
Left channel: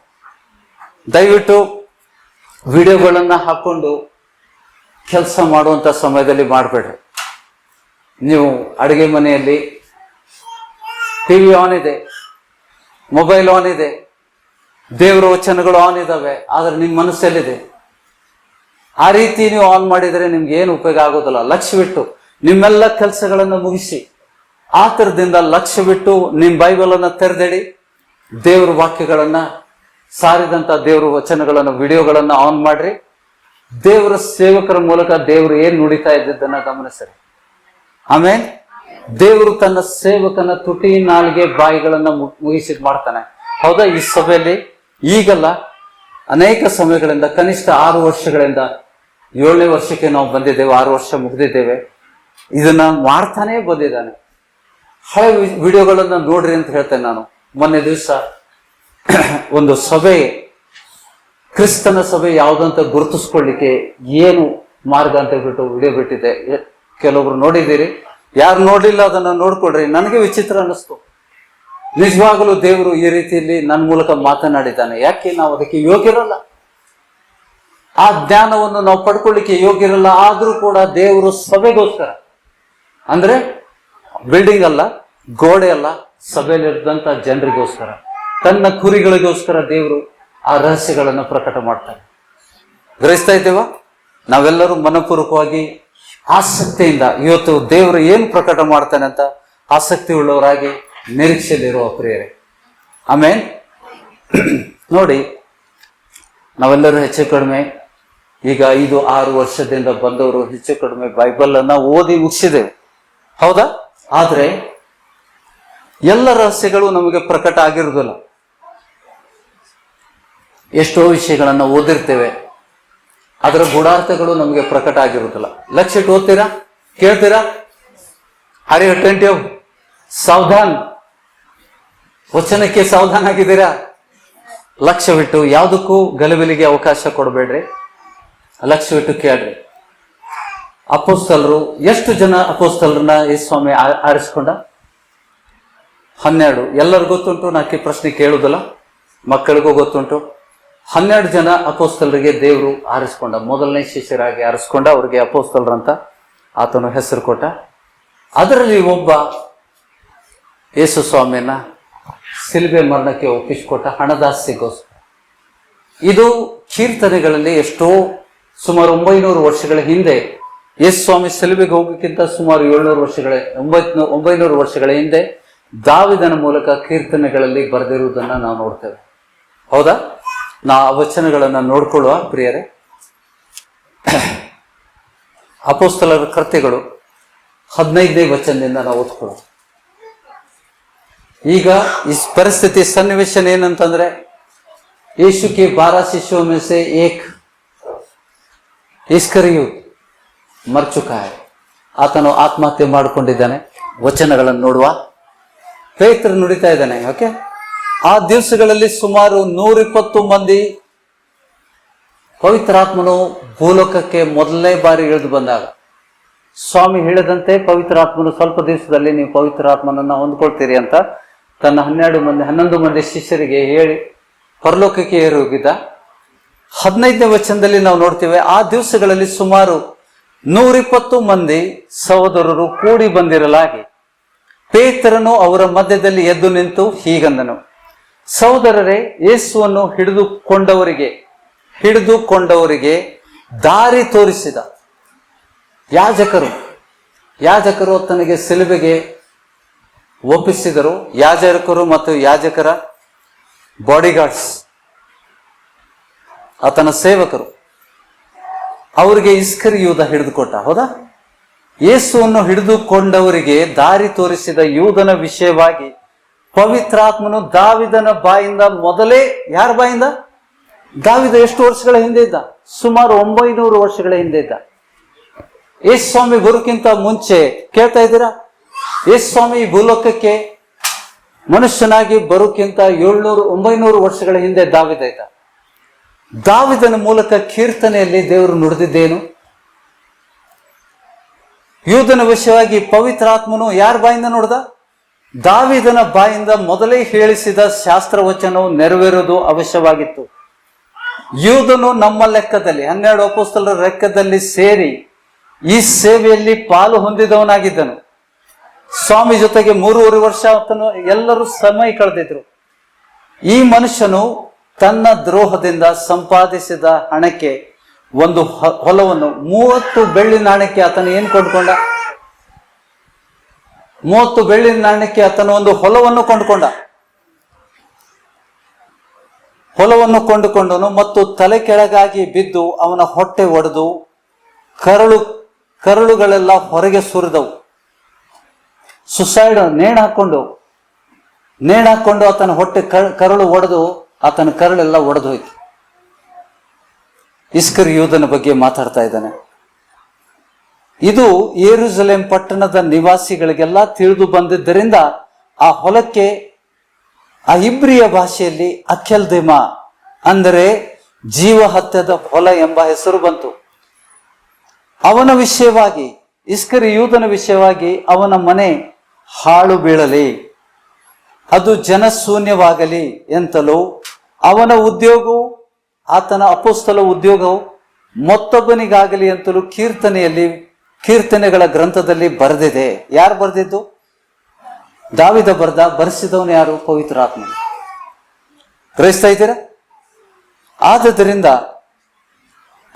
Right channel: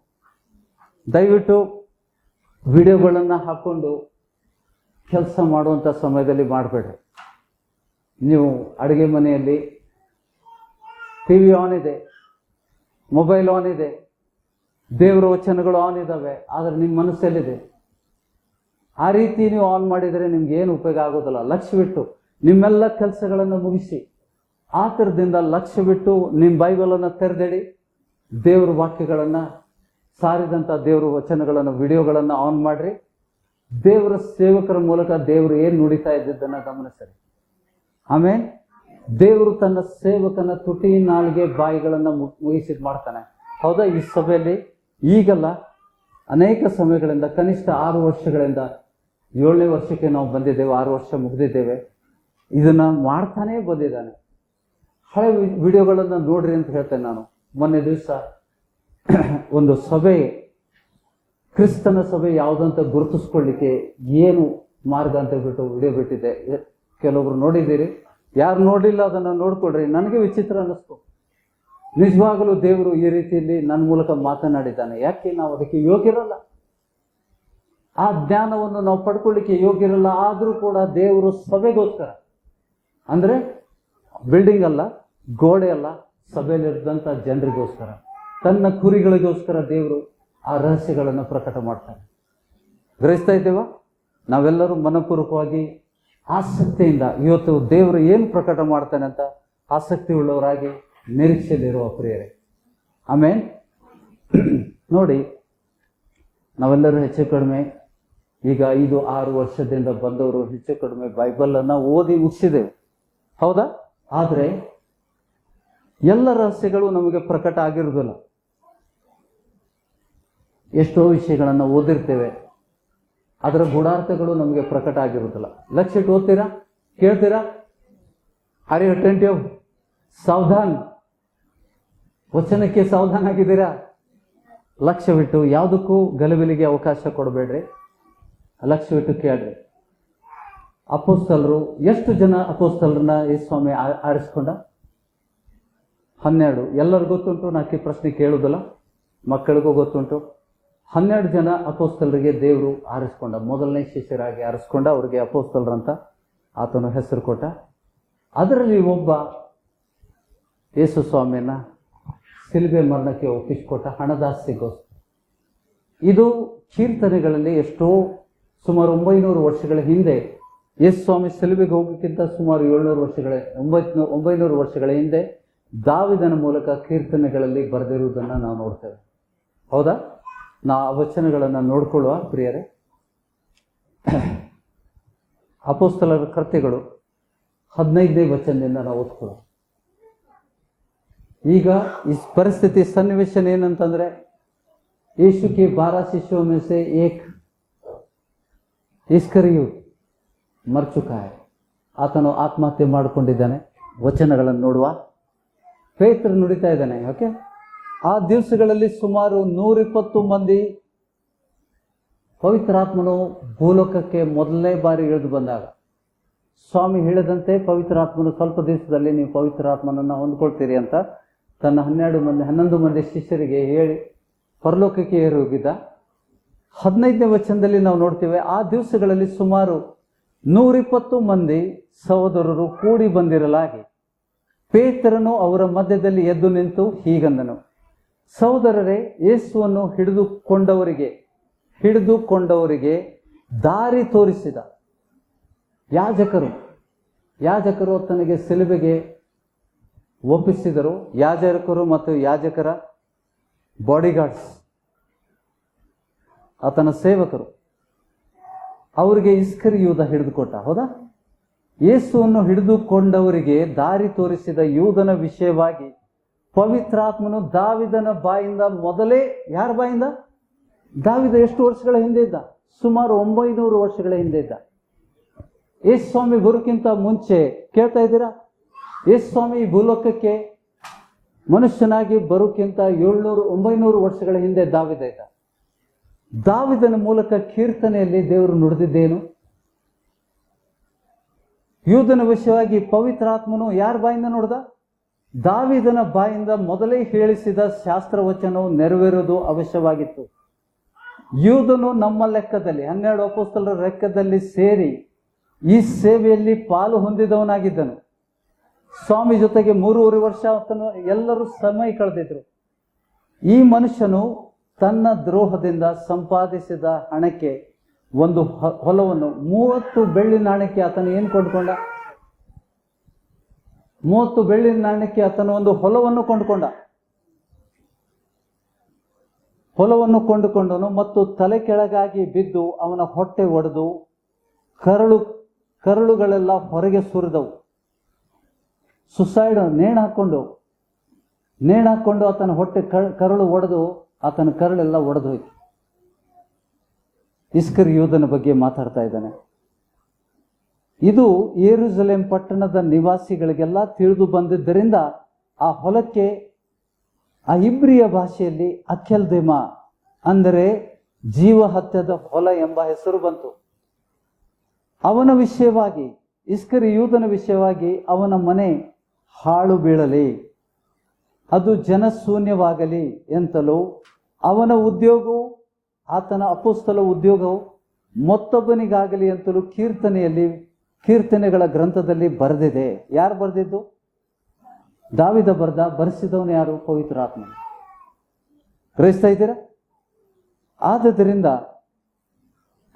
ದಯವಿಟ್ಟು ವಿಡಿಯೋಗಳನ್ನ ಹಾಕೊಂಡು ಕೆಲಸ ಮಾಡುವಂತ ಸಮಯದಲ್ಲಿ ಮಾಡಬೇಡ್ರಿ. ನೀವು ಅಡುಗೆ ಮನೆಯಲ್ಲಿ ಟಿವಿ ಆನ್ ಇದೆ, ಮೊಬೈಲ್ ಆನ್ ಇದೆ, ದೇವರ ವಚನಗಳು ಆನ್ ಇದಾವೆ, ಆದ್ರೆ ನಿಮ್ಮ ಮನಸ್ಸಲ್ಲಿದೆ. ಆ ರೀತಿ ನೀವು ಆನ್ ಮಾಡಿದರೆ ನಿಮ್ಗೆ ಏನು ಉಪಯೋಗ ಆಗೋದಿಲ್ಲ. ಲಕ್ಷ್ಯ ಬಿಟ್ಟು ನಿಮ್ಮೆಲ್ಲ ಕೆಲಸಗಳನ್ನು ಮುಗಿಸಿ, ಆತರದಿಂದ ಲಕ್ಷ್ಯ ಬಿಟ್ಟು ನಿಮ್ಮ ಬೈಬಲ್ ಅನ್ನ ತೆರೆದಿಡಿ, ದೇವ್ರ ವಾಕ್ಯಗಳನ್ನ ಸಾರಿದಂತ ದೇವ್ರ ವಚನಗಳನ್ನ, ವಿಡಿಯೋಗಳನ್ನ ಆನ್ ಮಾಡ್ರಿ. ದೇವರ ಸೇವಕರ ಮೂಲಕ ದೇವರು ಏನ್ ನುಡಿತಾ ಇದ್ದದ್ದನ್ನ ಗಮನಿಸ್ರಿ. ಆಮೇಲೆ ದೇವರು ತನ್ನ ಸೇವಕನ ತುಟಿ, ನಾಲಿಗೆ, ಬಾಯಿಗಳನ್ನ ಮುಗಿಸಿ ಮಾಡ್ತಾನೆ. ಹೌದಾ? ಈ ಸಭೆಯಲ್ಲಿ ಈಗಲ್ಲ, ಅನೇಕ ಸಮಯಗಳಿಂದ, ಕನಿಷ್ಠ 6 ವರ್ಷಗಳಿಂದ 7ನೇ ವರ್ಷಕ್ಕೆ ನಾವು ಬಂದಿದ್ದೇವೆ, 6 ವರ್ಷ ಮುಗಿದಿದ್ದೇವೆ. ಇದನ್ನ ಮಾಡ್ತಾನೆ ಬಂದಿದ್ದಾನೆ. ಹಳೆ ವಿಡಿಯೋಗಳನ್ನ ನೋಡ್ರಿ ಅಂತ ಹೇಳ್ತೇನೆ ನಾನು. ಮೊನ್ನೆ ದಿವಸ ಒಂದು ಸಭೆ, ಕ್ರಿಸ್ತನ ಸಭೆ ಯಾವುದಂತ ಗುರುತಿಸ್ಕೊಳ್ಳಿಕ್ಕೆ ಏನು ಮಾರ್ಗ ಅಂತ ಹೇಳ್ಬಿಟ್ಟು ವಿಡಿಯೋ ಬಿಟ್ಟಿದ್ದೆ. ಕೆಲವೊಬ್ರು ನೋಡಿದ್ದೀರಿ, ಯಾರು ನೋಡ್ಲಿಲ್ಲ ಅದನ್ನ ನೋಡ್ಕೊಳ್ರಿ. ನನಗೆ ವಿಚಿತ್ರ ಅನ್ನಿಸ್ತು. ನಿಜವಾಗಲೂ ದೇವರು ಈ ರೀತಿಯಲ್ಲಿ ನನ್ನ ಮೂಲಕ ಮಾತನಾಡಿದ್ದಾನೆ. ಯಾಕೆ ನಾವು ಅದಕ್ಕೆ ಯೋಗ್ಯರಲ್ಲ, ಆ ಜ್ಞಾನವನ್ನು ನಾವು ಪಡ್ಕೊಳ್ಳಿಕ್ಕೆ ಯೋಗ್ಯರಲ್ಲ. ಆದ್ರೂ ಕೂಡ ದೇವರು ಸಭೆಗೋಸ್ಕರ, ಅಂದ್ರೆ ಬಿಲ್ಡಿಂಗ್ ಅಲ್ಲ, ಗೋಡೆ ಅಲ್ಲ, ಸಭೆಯಲ್ಲಿದ್ದಂತ ಜನರಿಗೋಸ್ಕರ, ತನ್ನ ಕುರಿಗಳಿಗೋಸ್ಕರ ದೇವರು ಆ ರಹಸ್ಯಗಳನ್ನು ಪ್ರಕಟ ಮಾಡ್ತಾರೆ. ಗ್ರಹಿಸ್ತಾ ಇದ್ದೇವಾ? ನಾವೆಲ್ಲರೂ ಮನಪೂರ್ವಕವಾಗಿ ಆಸಕ್ತಿಯಿಂದ ಇವತ್ತು ದೇವರು ಏನು ಪ್ರಕಟ ಮಾಡ್ತಾನೆ ಅಂತ ಆಸಕ್ತಿ ಉಳ್ಳವರಾಗಿ ನಿರೀಕ್ಷೆಯಲ್ಲಿರುವ ಪ್ರಿಯರೇ. ಆಮೇಲೆ ನೋಡಿ, ನಾವೆಲ್ಲರೂ ಹೆಚ್ಚು ಕಡಿಮೆ ಈಗ 5-6 ವರ್ಷದಿಂದ ಬಂದವರು ಹೆಚ್ಚು ಕಡಿಮೆ ಬೈಬಲ್ ಅನ್ನ ಓದಿ ಮುಗಿಸಿದ್ದೇವೆ, ಹೌದಾ? ಆದ್ರೆ ಎಲ್ಲ ರಹಸ್ಯಗಳು ನಮಗೆ ಪ್ರಕಟ ಆಗಿರುವುದಿಲ್ಲ. ಎಷ್ಟೋ ವಿಷಯಗಳನ್ನ ಓದಿರ್ತೇವೆ, ಅದರ ಗೂಢಾರ್ಥಗಳು ನಮಗೆ ಪ್ರಕಟ ಆಗಿರುವುದಿಲ್ಲ. ಲಕ್ಷ ಇಟ್ಟು ಓದ್ತೀರಾ, ಕೇಳ್ತೀರಾ? Are you attentive? ಸಾವಧಾನ್, ವಚನಕ್ಕೆ ಸಾವಧಾನ ಆಗಿದ್ದೀರಾ? ಲಕ್ಷ್ಯವಿಟ್ಟು ಯಾವುದಕ್ಕೂ ಗಲಿಬಿಲಿಗೆ ಅವಕಾಶ ಕೊಡಬೇಡ್ರಿ, ಲಕ್ಷ್ಯವಿಟ್ಟು ಕೇಳ್ರಿ. ಅಪೋಸ್ತಲರು, ಎಷ್ಟು ಜನ ಅಪೋಸ್ತಲರನ್ನ ಯೇಸು ಸ್ವಾಮಿ ಆರಿಸ್ಕೊಂಡ? 12. ಎಲ್ಲರಿಗೂ ಗೊತ್ತುಂಟು, ನಾಕಿ ಪ್ರಶ್ನೆ ಕೇಳುವುದಿಲ್ಲ, ಮಕ್ಕಳಿಗೂ ಗೊತ್ತುಂಟು. 12 ಜನ ಅಪೋಸ್ತಲರಿಗೆ ದೇವರು ಆರಿಸ್ಕೊಂಡ, ಮೊದಲನೇ ಶಿಷ್ಯರಾಗಿ ಆರಿಸ್ಕೊಂಡ, ಅವ್ರಿಗೆ ಅಪೋಸ್ತಲರಂತ ಆತನು ಹೆಸರು ಕೊಟ್ಟ. ಅದರಲ್ಲಿ ಒಬ್ಬ ಯೇಸು ಸ್ವಾಮಿಯನ್ನ ಸಿಲುಬೆ ಮರಣಕ್ಕೆ ಒಪ್ಪಿಸಿಕೊಟ್ಟ, ಹಣದಾಸೆಗೋಸ್ಕರ. ಇದು ಕೀರ್ತನೆಗಳಲ್ಲಿ ಎಷ್ಟೋ ಸುಮಾರು 900 ವರ್ಷಗಳ ಹಿಂದೆ, ಯೇಸು ಸ್ವಾಮಿ ಸಿಲುಬೆಗೆ ಹೋಗೋಕ್ಕಿಂತ ಸುಮಾರು 900 ವರ್ಷಗಳ ಹಿಂದೆ ದಾವಿದನ ಮೂಲಕ ಕೀರ್ತನೆಗಳಲ್ಲಿ ಬರೆದಿರುವುದನ್ನ ನಾವು ನೋಡ್ತೇವೆ, ಹೌದಾ? ಆ ವಚನಗಳನ್ನ ನೋಡ್ಕೊಳ್ಳುವ ಪ್ರಿಯರೇ. ಅಪೋಸ್ತಲರ ಕೃತ್ಯಗಳು 15ನೇ ವಚನದಿಂದ ನಾವು ಓದ್ಕೊಳ್ಳೋಣ. ಈಗ ಈ ಪರಿಸ್ಥಿತಿ ಸನ್ನಿವೇಶ ಏನಂತಂದ್ರೆ, ಯೇಸು के 12 शिष्यों में से एक ಇಸ್ಕರಿಯೋತ್ ಮರ ಚುಕಾ है. ಆತನು ಆತ್ಮಹತ್ಯೆ ಮಾಡಿಕೊಂಡಿದ್ದಾನೆ. ವಚನಗಳನ್ನು ನೋಡುವ. ಪೇತ್ರ ನುಡಿತಾ ಇದ್ದಾನೆ. ಓಕೆ, ಆ ದಿವಸಗಳಲ್ಲಿ ಸುಮಾರು 120 ಮಂದಿ ಪವಿತ್ರಾತ್ಮನು ಭೂಲೋಕಕ್ಕೆ ಮೊದಲನೇ ಬಾರಿ ಇಳಿದು ಬಂದಾಗ ಸ್ವಾಮಿ ಹೇಳಿದಂತೆ ಪವಿತ್ರಾತ್ಮನು ಸ್ವಲ್ಪ ದಿವಸದಲ್ಲಿ ನೀವು ಪವಿತ್ರಾತ್ಮನನ್ನ ಹೊಂದ್ಕೊಳ್ತೀರಿ ಅಂತ ತನ್ನ 11 ಮಂದಿ ಶಿಷ್ಯರಿಗೆ ಹೇಳಿ ಪರಲೋಕಕ್ಕೆ ಏರಿ ಹೋಗಿದ್ದ. 15ನೇ ವಚನದಲ್ಲಿ ನಾವು ನೋಡ್ತೇವೆ, ಆ ದಿವಸಗಳಲ್ಲಿ ಸುಮಾರು 120 ಮಂದಿ ಸಹೋದರರು ಕೂಡಿ ಬಂದಿರಲಾಗಿ ಪೇತ್ರನು ಅವರ ಮಧ್ಯದಲ್ಲಿ ಎದ್ದು ನಿಂತು ಹೀಗಂದನು, ಸಹೋದರರೇ, ಯೇಸುವನ್ನು ಹಿಡಿದುಕೊಂಡವರಿಗೆ ದಾರಿ ತೋರಿಸಿದ ಯಾಜಕರು ತನಗೆ ಸಿಲುಬೆಗೆ ಒಪ್ಪಿಸಿದರು. ಯಾಜಕರು ಮತ್ತು ಯಾಜಕರ ಬಾಡಿಗಾರ್ಡ್ಸ್, ಆತನ ಸೇವಕರು, ಅವರಿಗೆ ಇಸ್ಕರಿಯೂದ ಹಿಡಿದುಕೊಟ್ಟ, ಹೌದಾ? ಯೇಸುವನ್ನು ಹಿಡಿದುಕೊಂಡವರಿಗೆ ದಾರಿ ತೋರಿಸಿದ ಯೂದನ ವಿಷಯವಾಗಿ ಪವಿತ್ರಾತ್ಮನು ದಾವಿದನ ಬಾಯಿಂದ ಮೊದಲೇ, ಯಾರ ಬಾಯಿಂದ? ದಾವಿದ ಎಷ್ಟು ವರ್ಷಗಳ ಹಿಂದೆ ಇದ್ದ? ಸುಮಾರು 900 ವರ್ಷಗಳ ಹಿಂದೆ ಇದ್ದ. ಯೇಸು ಸ್ವಾಮಿ ಬರೋಕ್ಕಿಂತ ಮುಂಚೆ, ಕೇಳ್ತಾ ಇದ್ದೀರಾ? ಯೇಸು ಸ್ವಾಮಿ ಭೂಲೋಕಕ್ಕೆ ಮನುಷ್ಯನಾಗಿ ಬರೋಕ್ಕಿಂತ 900 ವರ್ಷಗಳ ಹಿಂದೆ ದಾವಿದ ಇದ್ದ. ದಾವಿದನ ಮೂಲಕ ಕೀರ್ತನೆಯಲ್ಲಿ ದೇವರು ನುಡಿದಿದ್ದೇನು? ಯೂದನ ವಿಷಯವಾಗಿ ಪವಿತ್ರಾತ್ಮನು ಯಾರ ಬಾಯಿಂದ ನುಡಿದ? ದಾವಿದನ ಬಾಯಿಂದ ಮೊದಲೇ ಹೇಳಿಸಿದ ಶಾಸ್ತ್ರವಚನವು ನೆರವೇರುವುದು ಅವಶ್ಯವಾಗಿತ್ತು. ಯೂದನು ನಮ್ಮ ಲೆಕ್ಕದಲ್ಲಿ 12 ಅಪೊಸ್ತಲರ ಲೆಕ್ಕದಲ್ಲಿ ಸೇರಿ ಈ ಸೇವೆಯಲ್ಲಿ ಪಾಲು ಹೊಂದಿದವನಾಗಿದ್ದನು. ಸ್ವಾಮಿ ಜೊತೆಗೆ 3.5 ವರ್ಷ ಆತನು ಎಲ್ಲರೂ ಸಮಯ ಕಳೆದಿದ್ರು. ಈ ಮನುಷ್ಯನು ತನ್ನ ದ್ರೋಹದಿಂದ ಸಂಪಾದಿಸಿದ ಹಣಕ್ಕೆ ಒಂದು ಹೊಲವನ್ನು 30 ಬೆಳ್ಳಿ ನಾಣ್ಯಕ್ಕೆ ಆತನು ಏನು ಕೊಂಡ್ಕೊಂಡ? 30 ಬೆಳ್ಳಿ ನಾಣ್ಯಕ್ಕೆ ಆತನು ಒಂದು ಹೊಲವನ್ನು ಕೊಂಡುಕೊಂಡನು ಮತ್ತು ತಲೆ ಕೆಳಗಾಗಿ ಬಿದ್ದು ಅವನ ಹೊಟ್ಟೆ ಒಡೆದು ಕರಳುಗಳೆಲ್ಲ ಹೊರಗೆ ಸುರಿದವು. ಸುಸೈಡ್ ನೇಣು ಹಾಕೊಂಡು ಆತನ ಹೊಟ್ಟೆ ಕರಳು ಒಡೆದು ಆತನ ಕರಳೆಲ್ಲ ಒಡೆದು ಹೋಯ್ತು. ಇಸ್ಕರಿಯೋದನ ಬಗ್ಗೆ ಮಾತಾಡ್ತಾ ಇದ್ದಾನೆ. ಇದು ಯೆರೂಸಲೇಮ್ ಪಟ್ಟಣದ ನಿವಾಸಿಗಳಿಗೆಲ್ಲ ತಿಳಿದು ಬಂದಿದ್ದರಿಂದ ಆ ಹೊಲಕ್ಕೆ ಆ ಇಬ್ರಿಯ ಭಾಷೆಯಲ್ಲಿ ಅಕೆಲ್ದೆಮ ಅಂದರೆ ಜೀವಹತ್ಯದ ಹೊಲ ಎಂಬ ಹೆಸರು ಬಂತು. ಅವನ ವಿಷಯವಾಗಿ, ಇಸ್ಕರಿಯೋದನ ವಿಷಯವಾಗಿ, ಅವನ ಮನೆ ಹಾಳು ಬೀಳಲಿ, ಅದು ಜನಶೂನ್ಯವಾಗಲಿ ಎಂತಲೂ, ಅವನ ಉದ್ಯೋಗವು, ಆತನ ಅಪೊಸ್ತಲ ಉದ್ಯೋಗವು ಮತ್ತೊಬ್ಬನಿಗಾಗಲಿ ಅಂತಲೂ ಕೀರ್ತನೆಗಳ ಗ್ರಂಥದಲ್ಲಿ ಬರೆದಿದೆ. ಯಾರು ಬರೆದಿದ್ದು? ದಾವಿದ ಬರೆಸಿದವನು ಯಾರು? ಪವಿತ್ರಾತ್ಮ. ಗ್ರಹಿಸ್ತಾ ಇದ್ದೀರಾ? ಆದ್ದರಿಂದ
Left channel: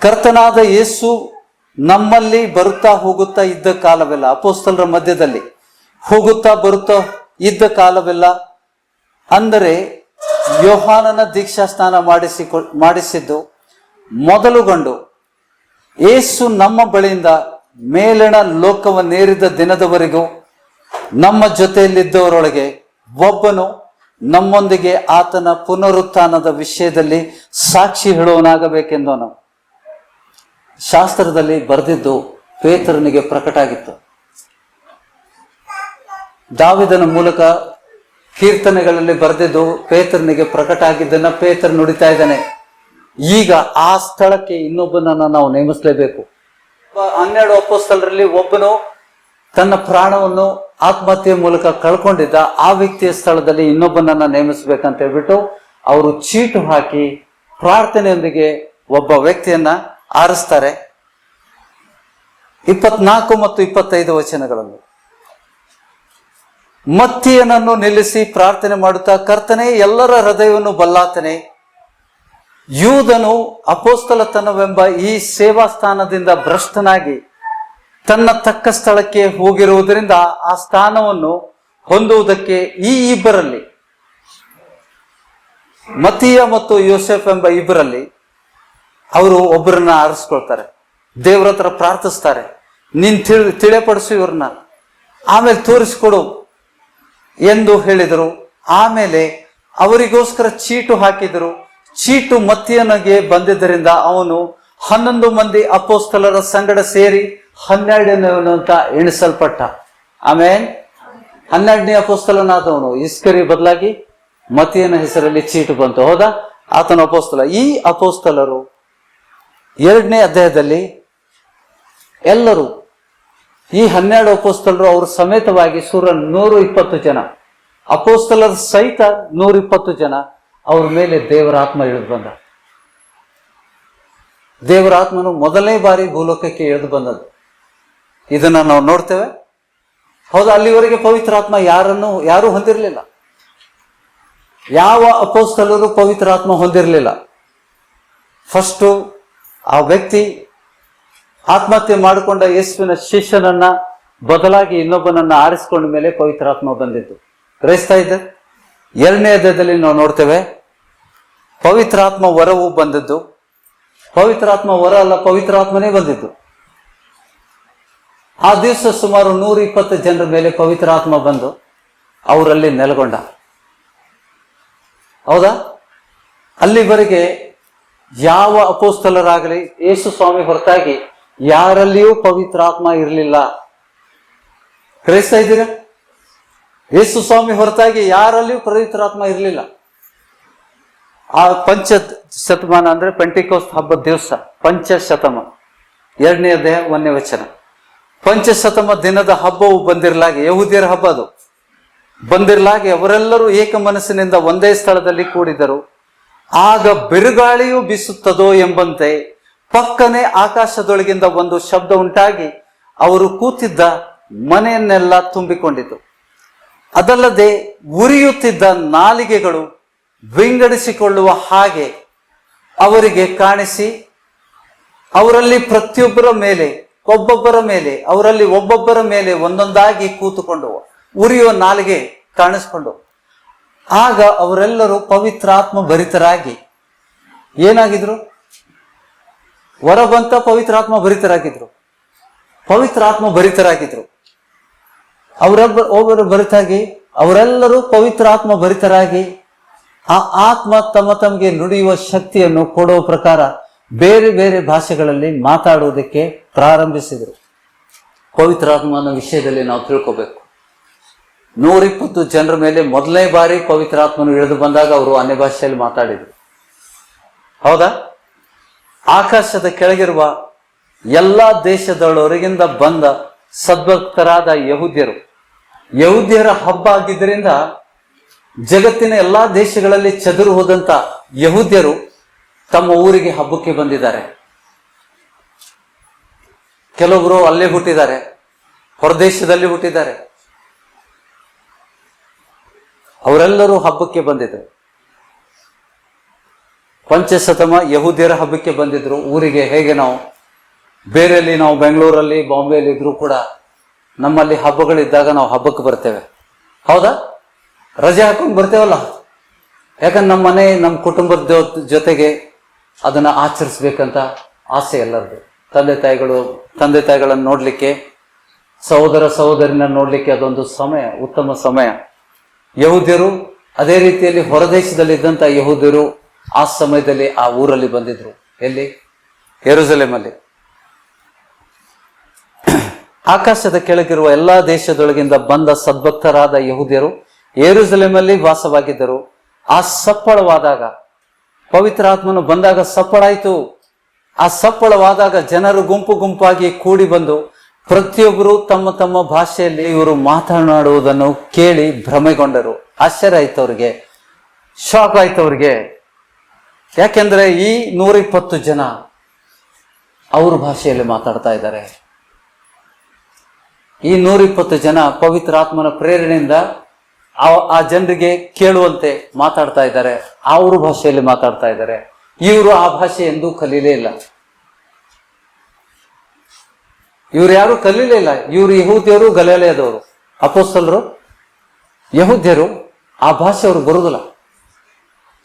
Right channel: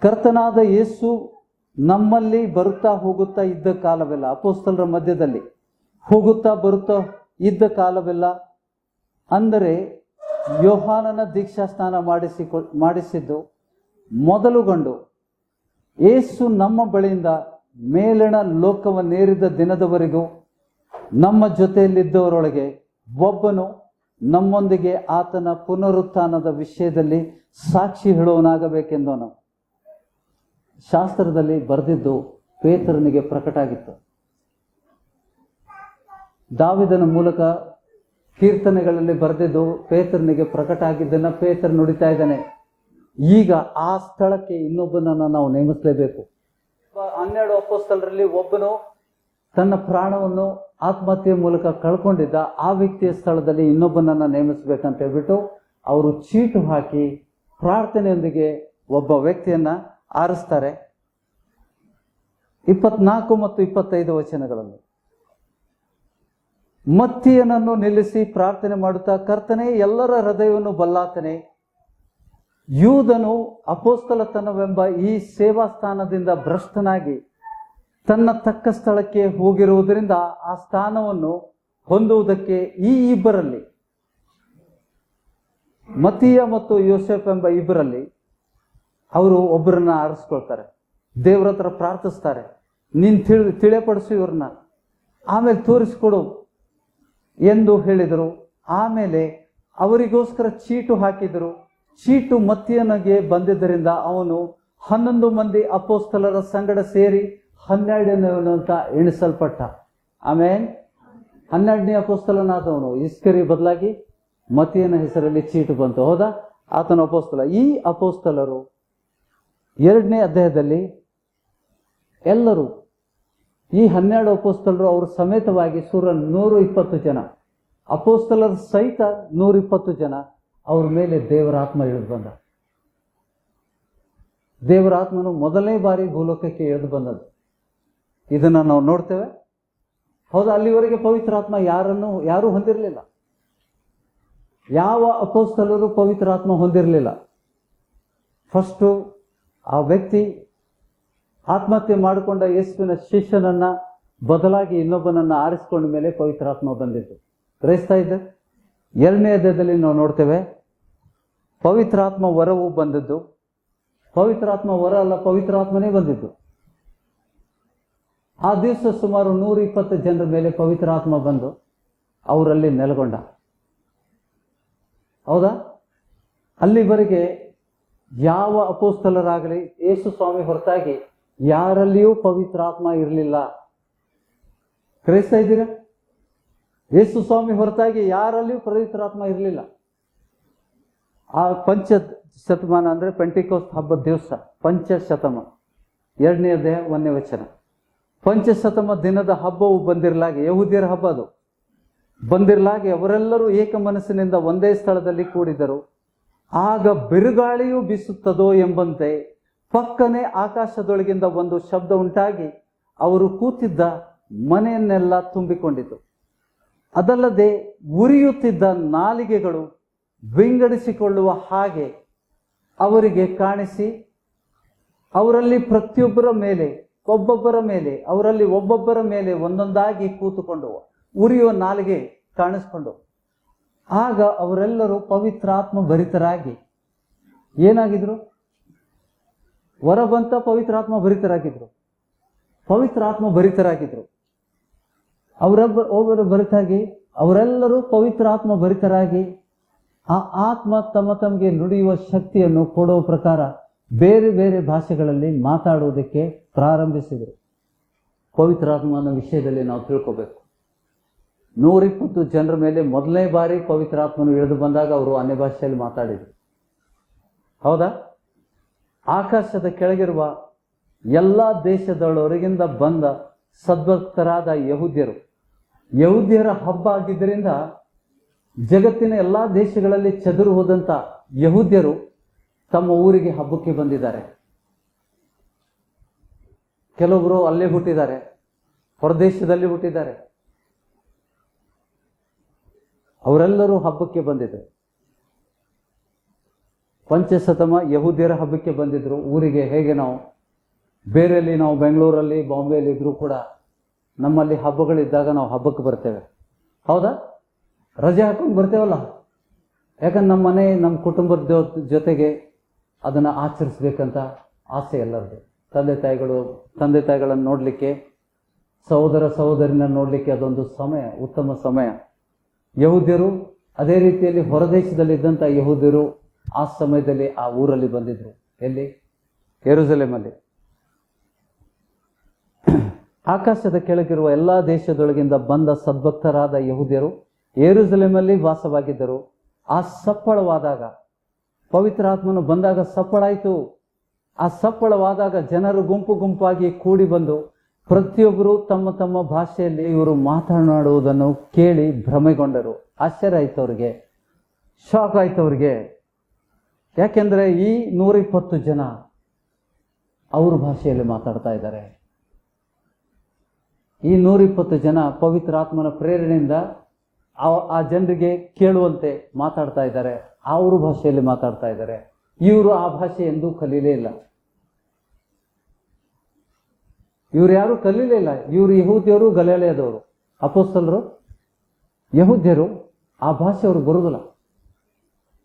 ಕರ್ತನಾದ ಯೇಸು ನಮ್ಮಲ್ಲಿ ಬರುತ್ತಾ ಹೋಗುತ್ತಾ ಇದ್ದ ಕಾಲವೆಲ್ಲ, ಅಪೊಸ್ತಲರ ಮಧ್ಯದಲ್ಲಿ ಹೋಗುತ್ತಾ ಬರುತ್ತಾ ಇದ್ದ ಕಾಲವೆಲ್ಲ, ಅಂದರೆ ಯೋಹಾನನ ದೀಕ್ಷಾ ಸ್ನಾನ ಮಾಡಿಸಿದ್ದು ಮೊದಲುಗೊಂಡು ಯೇಸು ನಮ್ಮ ಬಳಿಯಿಂದ ಮೇಲಣ ಲೋಕವನ್ನೇರಿದ ದಿನದವರೆಗೂ ನಮ್ಮ ಜೊತೆಯಲ್ಲಿದ್ದವರೊಳಗೆ ಒಬ್ಬನು ನಮ್ಮೊಂದಿಗೆ ಆತನ ಪುನರುತ್ಥಾನದ ವಿಷಯದಲ್ಲಿ ಸಾಕ್ಷಿ ಹೇಳುವನಾಗಬೇಕೆಂದನು. ಶಾಸ್ತ್ರದಲ್ಲಿ ಬರೆದಿದ್ದು ಪೇತ್ರನಿಗೆ ಪ್ರಕಟ ಆಗಿತ್ತು. ದಾವಿದನ ಮೂಲಕ ಕೀರ್ತನೆಗಳಲ್ಲಿ ಬರೆದಿದ್ದು ಪೇತ್ರನಿಗೆ ಪ್ರಕಟ ಆಗಿದ್ದನ್ನ ಪೇತ್ರ ನುಡಿತಾ ಇದ್ದಾನೆ. ಈಗ ಆ ಸ್ಥಳಕ್ಕೆ ಇನ್ನೊಬ್ಬನನ್ನ ನಾವು ನೇಮಿಸಲೇಬೇಕು. 12 ಅಪೊಸ್ತಲರಲ್ಲಿ ಒಬ್ಬನು ತನ್ನ ಪ್ರಾಣವನ್ನು ಆತ್ಮಹತ್ಯೆ ಮೂಲಕ ಕಳ್ಕೊಂಡಿದ್ದ. ಆ ವ್ಯಕ್ತಿಯ ಸ್ಥಳದಲ್ಲಿ ಇನ್ನೊಬ್ಬನನ್ನ ನೇಮಿಸ್ಬೇಕಂತ ಹೇಳ್ಬಿಟ್ಟು ಅವರು ಚೀಟು ಹಾಕಿ ಪ್ರಾರ್ಥನೆಯೊಂದಿಗೆ ಒಬ್ಬ ವ್ಯಕ್ತಿಯನ್ನ ಆರಿಸ್ತಾರೆ. 24 ಮತ್ತು 25 ವಚನಗಳನ್ನು ಮತ್ತಿಯನನ್ನು ನಿಲ್ಲಿಸಿ ಪ್ರಾರ್ಥನೆ ಮಾಡುತ್ತಾ, ಕರ್ತನೇ, ಎಲ್ಲರ ಹೃದಯವನ್ನು ಬಲ್ಲಾತನೇ, ಯೂದನು ಅಪೊಸ್ತಲತನವೆಂಬ ಈ ಸೇವಾ ಸ್ಥಾನದಿಂದ ಭ್ರಷ್ಟನಾಗಿ ತನ್ನ ತಕ್ಕ ಸ್ಥಳಕ್ಕೆ ಹೋಗಿರುವುದರಿಂದ ಆ ಸ್ಥಾನವನ್ನು ಹೊಂದುವುದಕ್ಕೆ ಈ ಇಬ್ಬರಲ್ಲಿ, ಮತ್ತಿಯ ಮತ್ತು ಯೋಸೆಫ್ ಎಂಬ ಇಬ್ಬರಲ್ಲಿ ಅವರು ಒಬ್ಬರನ್ನ ಆರಿಸ್ಕೊಳ್ತಾರೆ. ದೇವ್ರ ಹತ್ರ ಪ್ರಾರ್ಥಿಸ್ತಾರೆ, ನೀನ್ ತಿಳಿಪಡಿಸು ಇವ್ರನ್ನ, ಆಮೇಲೆ ತೋರಿಸ್ಕೊಡು ಎಂದು ಹೇಳಿದರು. ಆಮೇಲೆ ಅವರಿಗೋಸ್ಕರ ಚೀಟು ಹಾಕಿದರು. ಚೀಟು ಮತ್ತಿಯನಿಗೆ ಬಂದಿದ್ದರಿಂದ ಅವನು 11 ಮಂದಿ ಅಪೊಸ್ತಲರ ಸಂಗಡ ಸೇರಿ 12ನೇವನು ಅಂತ ಎಣಿಸಲ್ಪಟ್ಟ. ಆಮೇಲೆ 12ನೇ ಅಪೊಸ್ತಲನಾದವನು ಇಸ್ಕರಿ ಬದಲಾಗಿ ಮತ್ತಿಯನ ಹೆಸರಲ್ಲಿ ಚೀಟು ಬಂತು. ಹೌದಾ? ಆತನ ಅಪೊಸ್ತಲ. ಈ ಅಪೊಸ್ತಲರು 2ನೇ ಅಧ್ಯಾಯದಲ್ಲಿ ಎಲ್ಲರೂ, ಈ 12 ಅಪೊಸ್ತಲರು ಅವರು ಸಮೇತವಾಗಿ 120 ಜನ ಅಪೊಸ್ತಲರ ಸಹಿತ 120 ಜನ ಅವ್ರ ಮೇಲೆ ದೇವರ ಆತ್ಮ ಇಳಿದು ಬಂದ. ದೇವರ ಆತ್ಮನು ಮೊದಲನೇ ಬಾರಿ ಭೂಲೋಕಕ್ಕೆ ಇಳಿದು ಬಂದದ್ದು ಇದನ್ನ ನಾವು ನೋಡ್ತೇವೆ. ಹೌದಾ? ಅಲ್ಲಿವರೆಗೆ ಪವಿತ್ರ ಆತ್ಮ ಯಾರೂ ಹೊಂದಿರಲಿಲ್ಲ. ಯಾವ ಅಪೊಸ್ತಲರು ಪವಿತ್ರ ಆತ್ಮ ಹೊಂದಿರಲಿಲ್ಲ. ಫಸ್ಟು ಆ ವ್ಯಕ್ತಿ ಆತ್ಮಹತ್ಯೆ ಮಾಡಿಕೊಂಡ ಯೇಸುವಿನ ಶಿಷ್ಯನನ್ನ ಬದಲಾಗಿ ಇನ್ನೊಬ್ಬನನ್ನ ಆರಿಸಿಕೊಂಡ ಮೇಲೆ ಪವಿತ್ರಾತ್ಮ ಬಂದಿದ್ದು. ಗ್ರಹಿಸ್ತಾ ಇದ್ದೆ. 2ನೇ ಅಧ್ಯಾಯದಲ್ಲಿ ನಾವು ನೋಡ್ತೇವೆ ಪವಿತ್ರಾತ್ಮ ವರವು ಬಂದದ್ದು. ಪವಿತ್ರಾತ್ಮ ವರ ಅಲ್ಲ, ಪವಿತ್ರಾತ್ಮನೇ ಬಂದಿದ್ದು. ಆ ದಿವಸ ಸುಮಾರು 120 ಜನರ ಮೇಲೆ ಪವಿತ್ರಾತ್ಮ ಬಂದು ಅವರಲ್ಲಿ ನೆಲೆಗೊಂಡ. ಹೌದಾ? ಅಲ್ಲಿವರೆಗೆ ಯಾವ ಅಪೊಸ್ತಲರಾಗಲಿ ಯೇಸು ಸ್ವಾಮಿ ಹೊರತಾಗಿ ಯಾರಲ್ಲಿಯೂ ಪವಿತ್ರಾತ್ಮ ಇರಲಿಲ್ಲ. ಗ್ರಹಿಸ್ತಾ ಇದ್ದೀರಾ? ಯೇಸು ಸ್ವಾಮಿ ಹೊರತಾಗಿ ಯಾರಲ್ಲಿಯೂ ಪವಿತ್ರಾತ್ಮ ಇರಲಿಲ್ಲ. ಆ ಶತಮಾನ ಅಂದ್ರೆ ಪೆಂಟಿಕೋಸ್ಟ್ ಹಬ್ಬದ ದಿವಸ, ಪಂಚಶತಮ 2ನೇ ಅಧ್ಯಾಯ 1ನೇ ವಚನ. ಪಂಚಶತಮ ದಿನದ ಹಬ್ಬವು ಬಂದಿರಲಾಗಿ, ಯಹೂದ್ಯರ ಹಬ್ಬ ಅದು ಬಂದಿರಲಾಗಿ, ಅವರೆಲ್ಲರೂ ಏಕ ಮನಸ್ಸಿನಿಂದ ಒಂದೇ ಸ್ಥಳದಲ್ಲಿ ಕೂಡಿದರು. ಆಗ ಬಿರುಗಾಳಿಯು ಬೀಸುತ್ತದೋ ಎಂಬಂತೆ ಪಕ್ಕನೆ ಆಕಾಶದೊಳಗಿಂದ ಒಂದು ಶಬ್ದ ಉಂಟಾಗಿ ಅವರು ಕೂತಿದ್ದ ಮನೆಯನ್ನೆಲ್ಲ ತುಂಬಿಕೊಂಡಿತು. ಅದಲ್ಲದೆ ಉರಿಯುತ್ತಿದ್ದ ನಾಲಿಗೆಗಳು ವಿಂಗಡಿಸಿಕೊಳ್ಳುವ ಹಾಗೆ ಅವರಿಗೆ ಕಾಣಿಸಿ, ಅವರಲ್ಲಿ ಒಬ್ಬೊಬ್ಬರ ಮೇಲೆ ಒಂದೊಂದಾಗಿ ಕೂತುಕೊಂಡು ಉರಿಯುವ ನಾಲಿಗೆ ಕಾಣಿಸ್ಕೊಂಡು, ಆಗ ಅವರೆಲ್ಲರೂ ಪವಿತ್ರಾತ್ಮ ಭರಿತರಾಗಿ ಏನಾಗಿದ್ರು? ಹೊರಬಂತ ಪವಿತ್ರಾತ್ಮ ಭರಿತರಾಗಿದ್ರು. ಒಬ್ಬರು ಭರಿತಾಗಿ ಅವರೆಲ್ಲರೂ ಪವಿತ್ರಾತ್ಮ ಭರಿತರಾಗಿ ಆ ಆತ್ಮ ತಮಗೆ ನುಡಿಯುವ ಶಕ್ತಿಯನ್ನು ಕೊಡುವ ಪ್ರಕಾರ ಬೇರೆ ಬೇರೆ ಭಾಷೆಗಳಲ್ಲಿ ಮಾತಾಡುವುದಕ್ಕೆ ಪ್ರಾರಂಭಿಸಿದರು. ಪವಿತ್ರಾತ್ಮನ ವಿಷಯದಲ್ಲಿ ನಾವು ತಿಳ್ಕೋಬೇಕು. 120 ಜನರ ಮೇಲೆ ಮೊದಲನೇ ಬಾರಿ ಪವಿತ್ರಾತ್ಮನು ಇಳಿದು ಬಂದಾಗ ಅವರು ಅನ್ಯ ಭಾಷೆಯಲ್ಲಿ ಮಾತಾಡಿದರು. ಹೌದಾ? ಆಕಾಶದ ಕೆಳಗಿರುವ ಎಲ್ಲಾ ದೇಶದೊಳಗಿಂದ ಬಂದ ಸದ್ಭಕ್ತರಾದ ಯಹೂದ್ಯರ ಹಬ್ಬ ಆಗಿದ್ದರಿಂದ ಜಗತ್ತಿನ ಎಲ್ಲಾ ದೇಶಗಳಲ್ಲಿ ಚದುರು ಹೋದಂತ ಯಹೂದ್ಯರು ತಮ್ಮ ಊರಿಗೆ ಹಬ್ಬಕ್ಕೆ ಬಂದಿದ್ದಾರೆ. ಕೆಲವೊಬ್ರು ಅಲ್ಲೇ ಹುಟ್ಟಿದ್ದಾರೆ, ಹೊರದೇಶದಲ್ಲಿ ಹುಟ್ಟಿದ್ದಾರೆ. ಅವರೆಲ್ಲರೂ ಹಬ್ಬಕ್ಕೆ ಬಂದಿದ್ರು. ಪಂಚಶತಮ ಯಹೂದ್ಯರ ಹಬ್ಬಕ್ಕೆ ಬಂದಿದ್ರು ಊರಿಗೆ. ಹೇಗೆ ನಾವು ಬೇರೆಯಲ್ಲಿ ನಾವು ಬೆಂಗಳೂರಲ್ಲಿ ಬಾಂಬೆಯಲ್ಲಿ ಇದ್ರೂ ಕೂಡ ನಮ್ಮಲ್ಲಿ ಹಬ್ಬಗಳಿದ್ದಾಗ ನಾವು ಹಬ್ಬಕ್ಕೆ ಬರ್ತೇವೆ. ಹೌದಾ? ರಜೆ ಹಾಕೊಂಡು ಬರ್ತೇವಲ್ಲ. ಯಾಕಂದ್ರೆ ನಮ್ಮ ಮನೆ, ನಮ್ಮ ಕುಟುಂಬದ ಜೊತೆಗೆ ಅದನ್ನ ಆಚರಿಸ್ಬೇಕಂತ ಆಸೆ ಎಲ್ಲರದು. ತಂದೆ ತಾಯಿಗಳನ್ನು ನೋಡ್ಲಿಕ್ಕೆ, ಸಹೋದರ ಸಹೋದರಿನ ನೋಡ್ಲಿಕ್ಕೆ ಅದೊಂದು ಸಮಯ, ಉತ್ತಮ ಸಮಯ. ಯಹೂದ್ಯರು ಅದೇ ರೀತಿಯಲ್ಲಿ ಹೊರದೇಶದಲ್ಲಿದ್ದಂಥ ಯಹೂದ್ಯರು ಆ ಸಮಯದಲ್ಲಿ ಆ ಊರಲ್ಲಿ ಬಂದಿದ್ರು. ಎಲ್ಲಿ? ಯೆರೂಸಲೇಮಲ್ಲಿ. ಆಕಾಶದ ಕೆಳಗಿರುವ ಎಲ್ಲಾ ದೇಶದೊಳಗಿಂದ ಬಂದ ಸದ್ಭಕ್ತರಾದ ಯಹೂದ್ಯರು ಯೆರೂಸಲೇಮಲ್ಲಿ ವಾಸವಾಗಿದ್ದರು. ಆ ಸಪ್ಪಳವಾದಾಗ, ಪವಿತ್ರ ಆತ್ಮನು ಬಂದಾಗ ಸಪ್ಪಳಾಯಿತು. ಆ ಸಪ್ಪಳವಾದಾಗ ಜನರು ಗುಂಪು ಗುಂಪಾಗಿ ಕೂಡಿ ಬಂದು ಪ್ರತಿಯೊಬ್ಬರು ತಮ್ಮ ತಮ್ಮ ಭಾಷೆಯಲ್ಲಿ ಇವರು ಮಾತನಾಡುವುದನ್ನು ಕೇಳಿ ಭ್ರಮೆಗೊಂಡರು. ಆಶ್ಚರ್ಯ ಆಯ್ತು ಅವ್ರಿಗೆ, ಶಾಕ್ ಆಯ್ತು ಅವ್ರಿಗೆ. ಯಾಕೆಂದ್ರೆ ಈ 120 ಜನ ಅವ್ರ ಭಾಷೆಯಲ್ಲಿ ಮಾತಾಡ್ತಾ ಇದ್ದಾರೆ. ಈ 120 ಜನ ಪವಿತ್ರ ಆತ್ಮನ ಪ್ರೇರಣೆಯಿಂದ ಆ ಜನರಿಗೆ ಕೇಳುವಂತೆ ಮಾತಾಡ್ತಾ ಇದ್ದಾರೆ. ಅವ್ರ ಭಾಷೆಯಲ್ಲಿ ಮಾತಾಡ್ತಾ ಇದ್ದಾರೆ. ಇವರು ಆ ಭಾಷೆ ಎಂದೂ ಕಲೀಲೇ ಇಲ್ಲ. ಇವ್ರು ಯಾರು ಕಲೀಲೇ ಇಲ್ಲ. ಇವರು ಯಹೂದ್ಯರು, ಗಲಿಲಾಯದವರು. ಅಪೊಸ್ತಲರು ಯಹೂದ್ಯರು, ಆ ಭಾಷೆ ಅವ್ರಿಗೆ ಬರುವುದಿಲ್ಲ.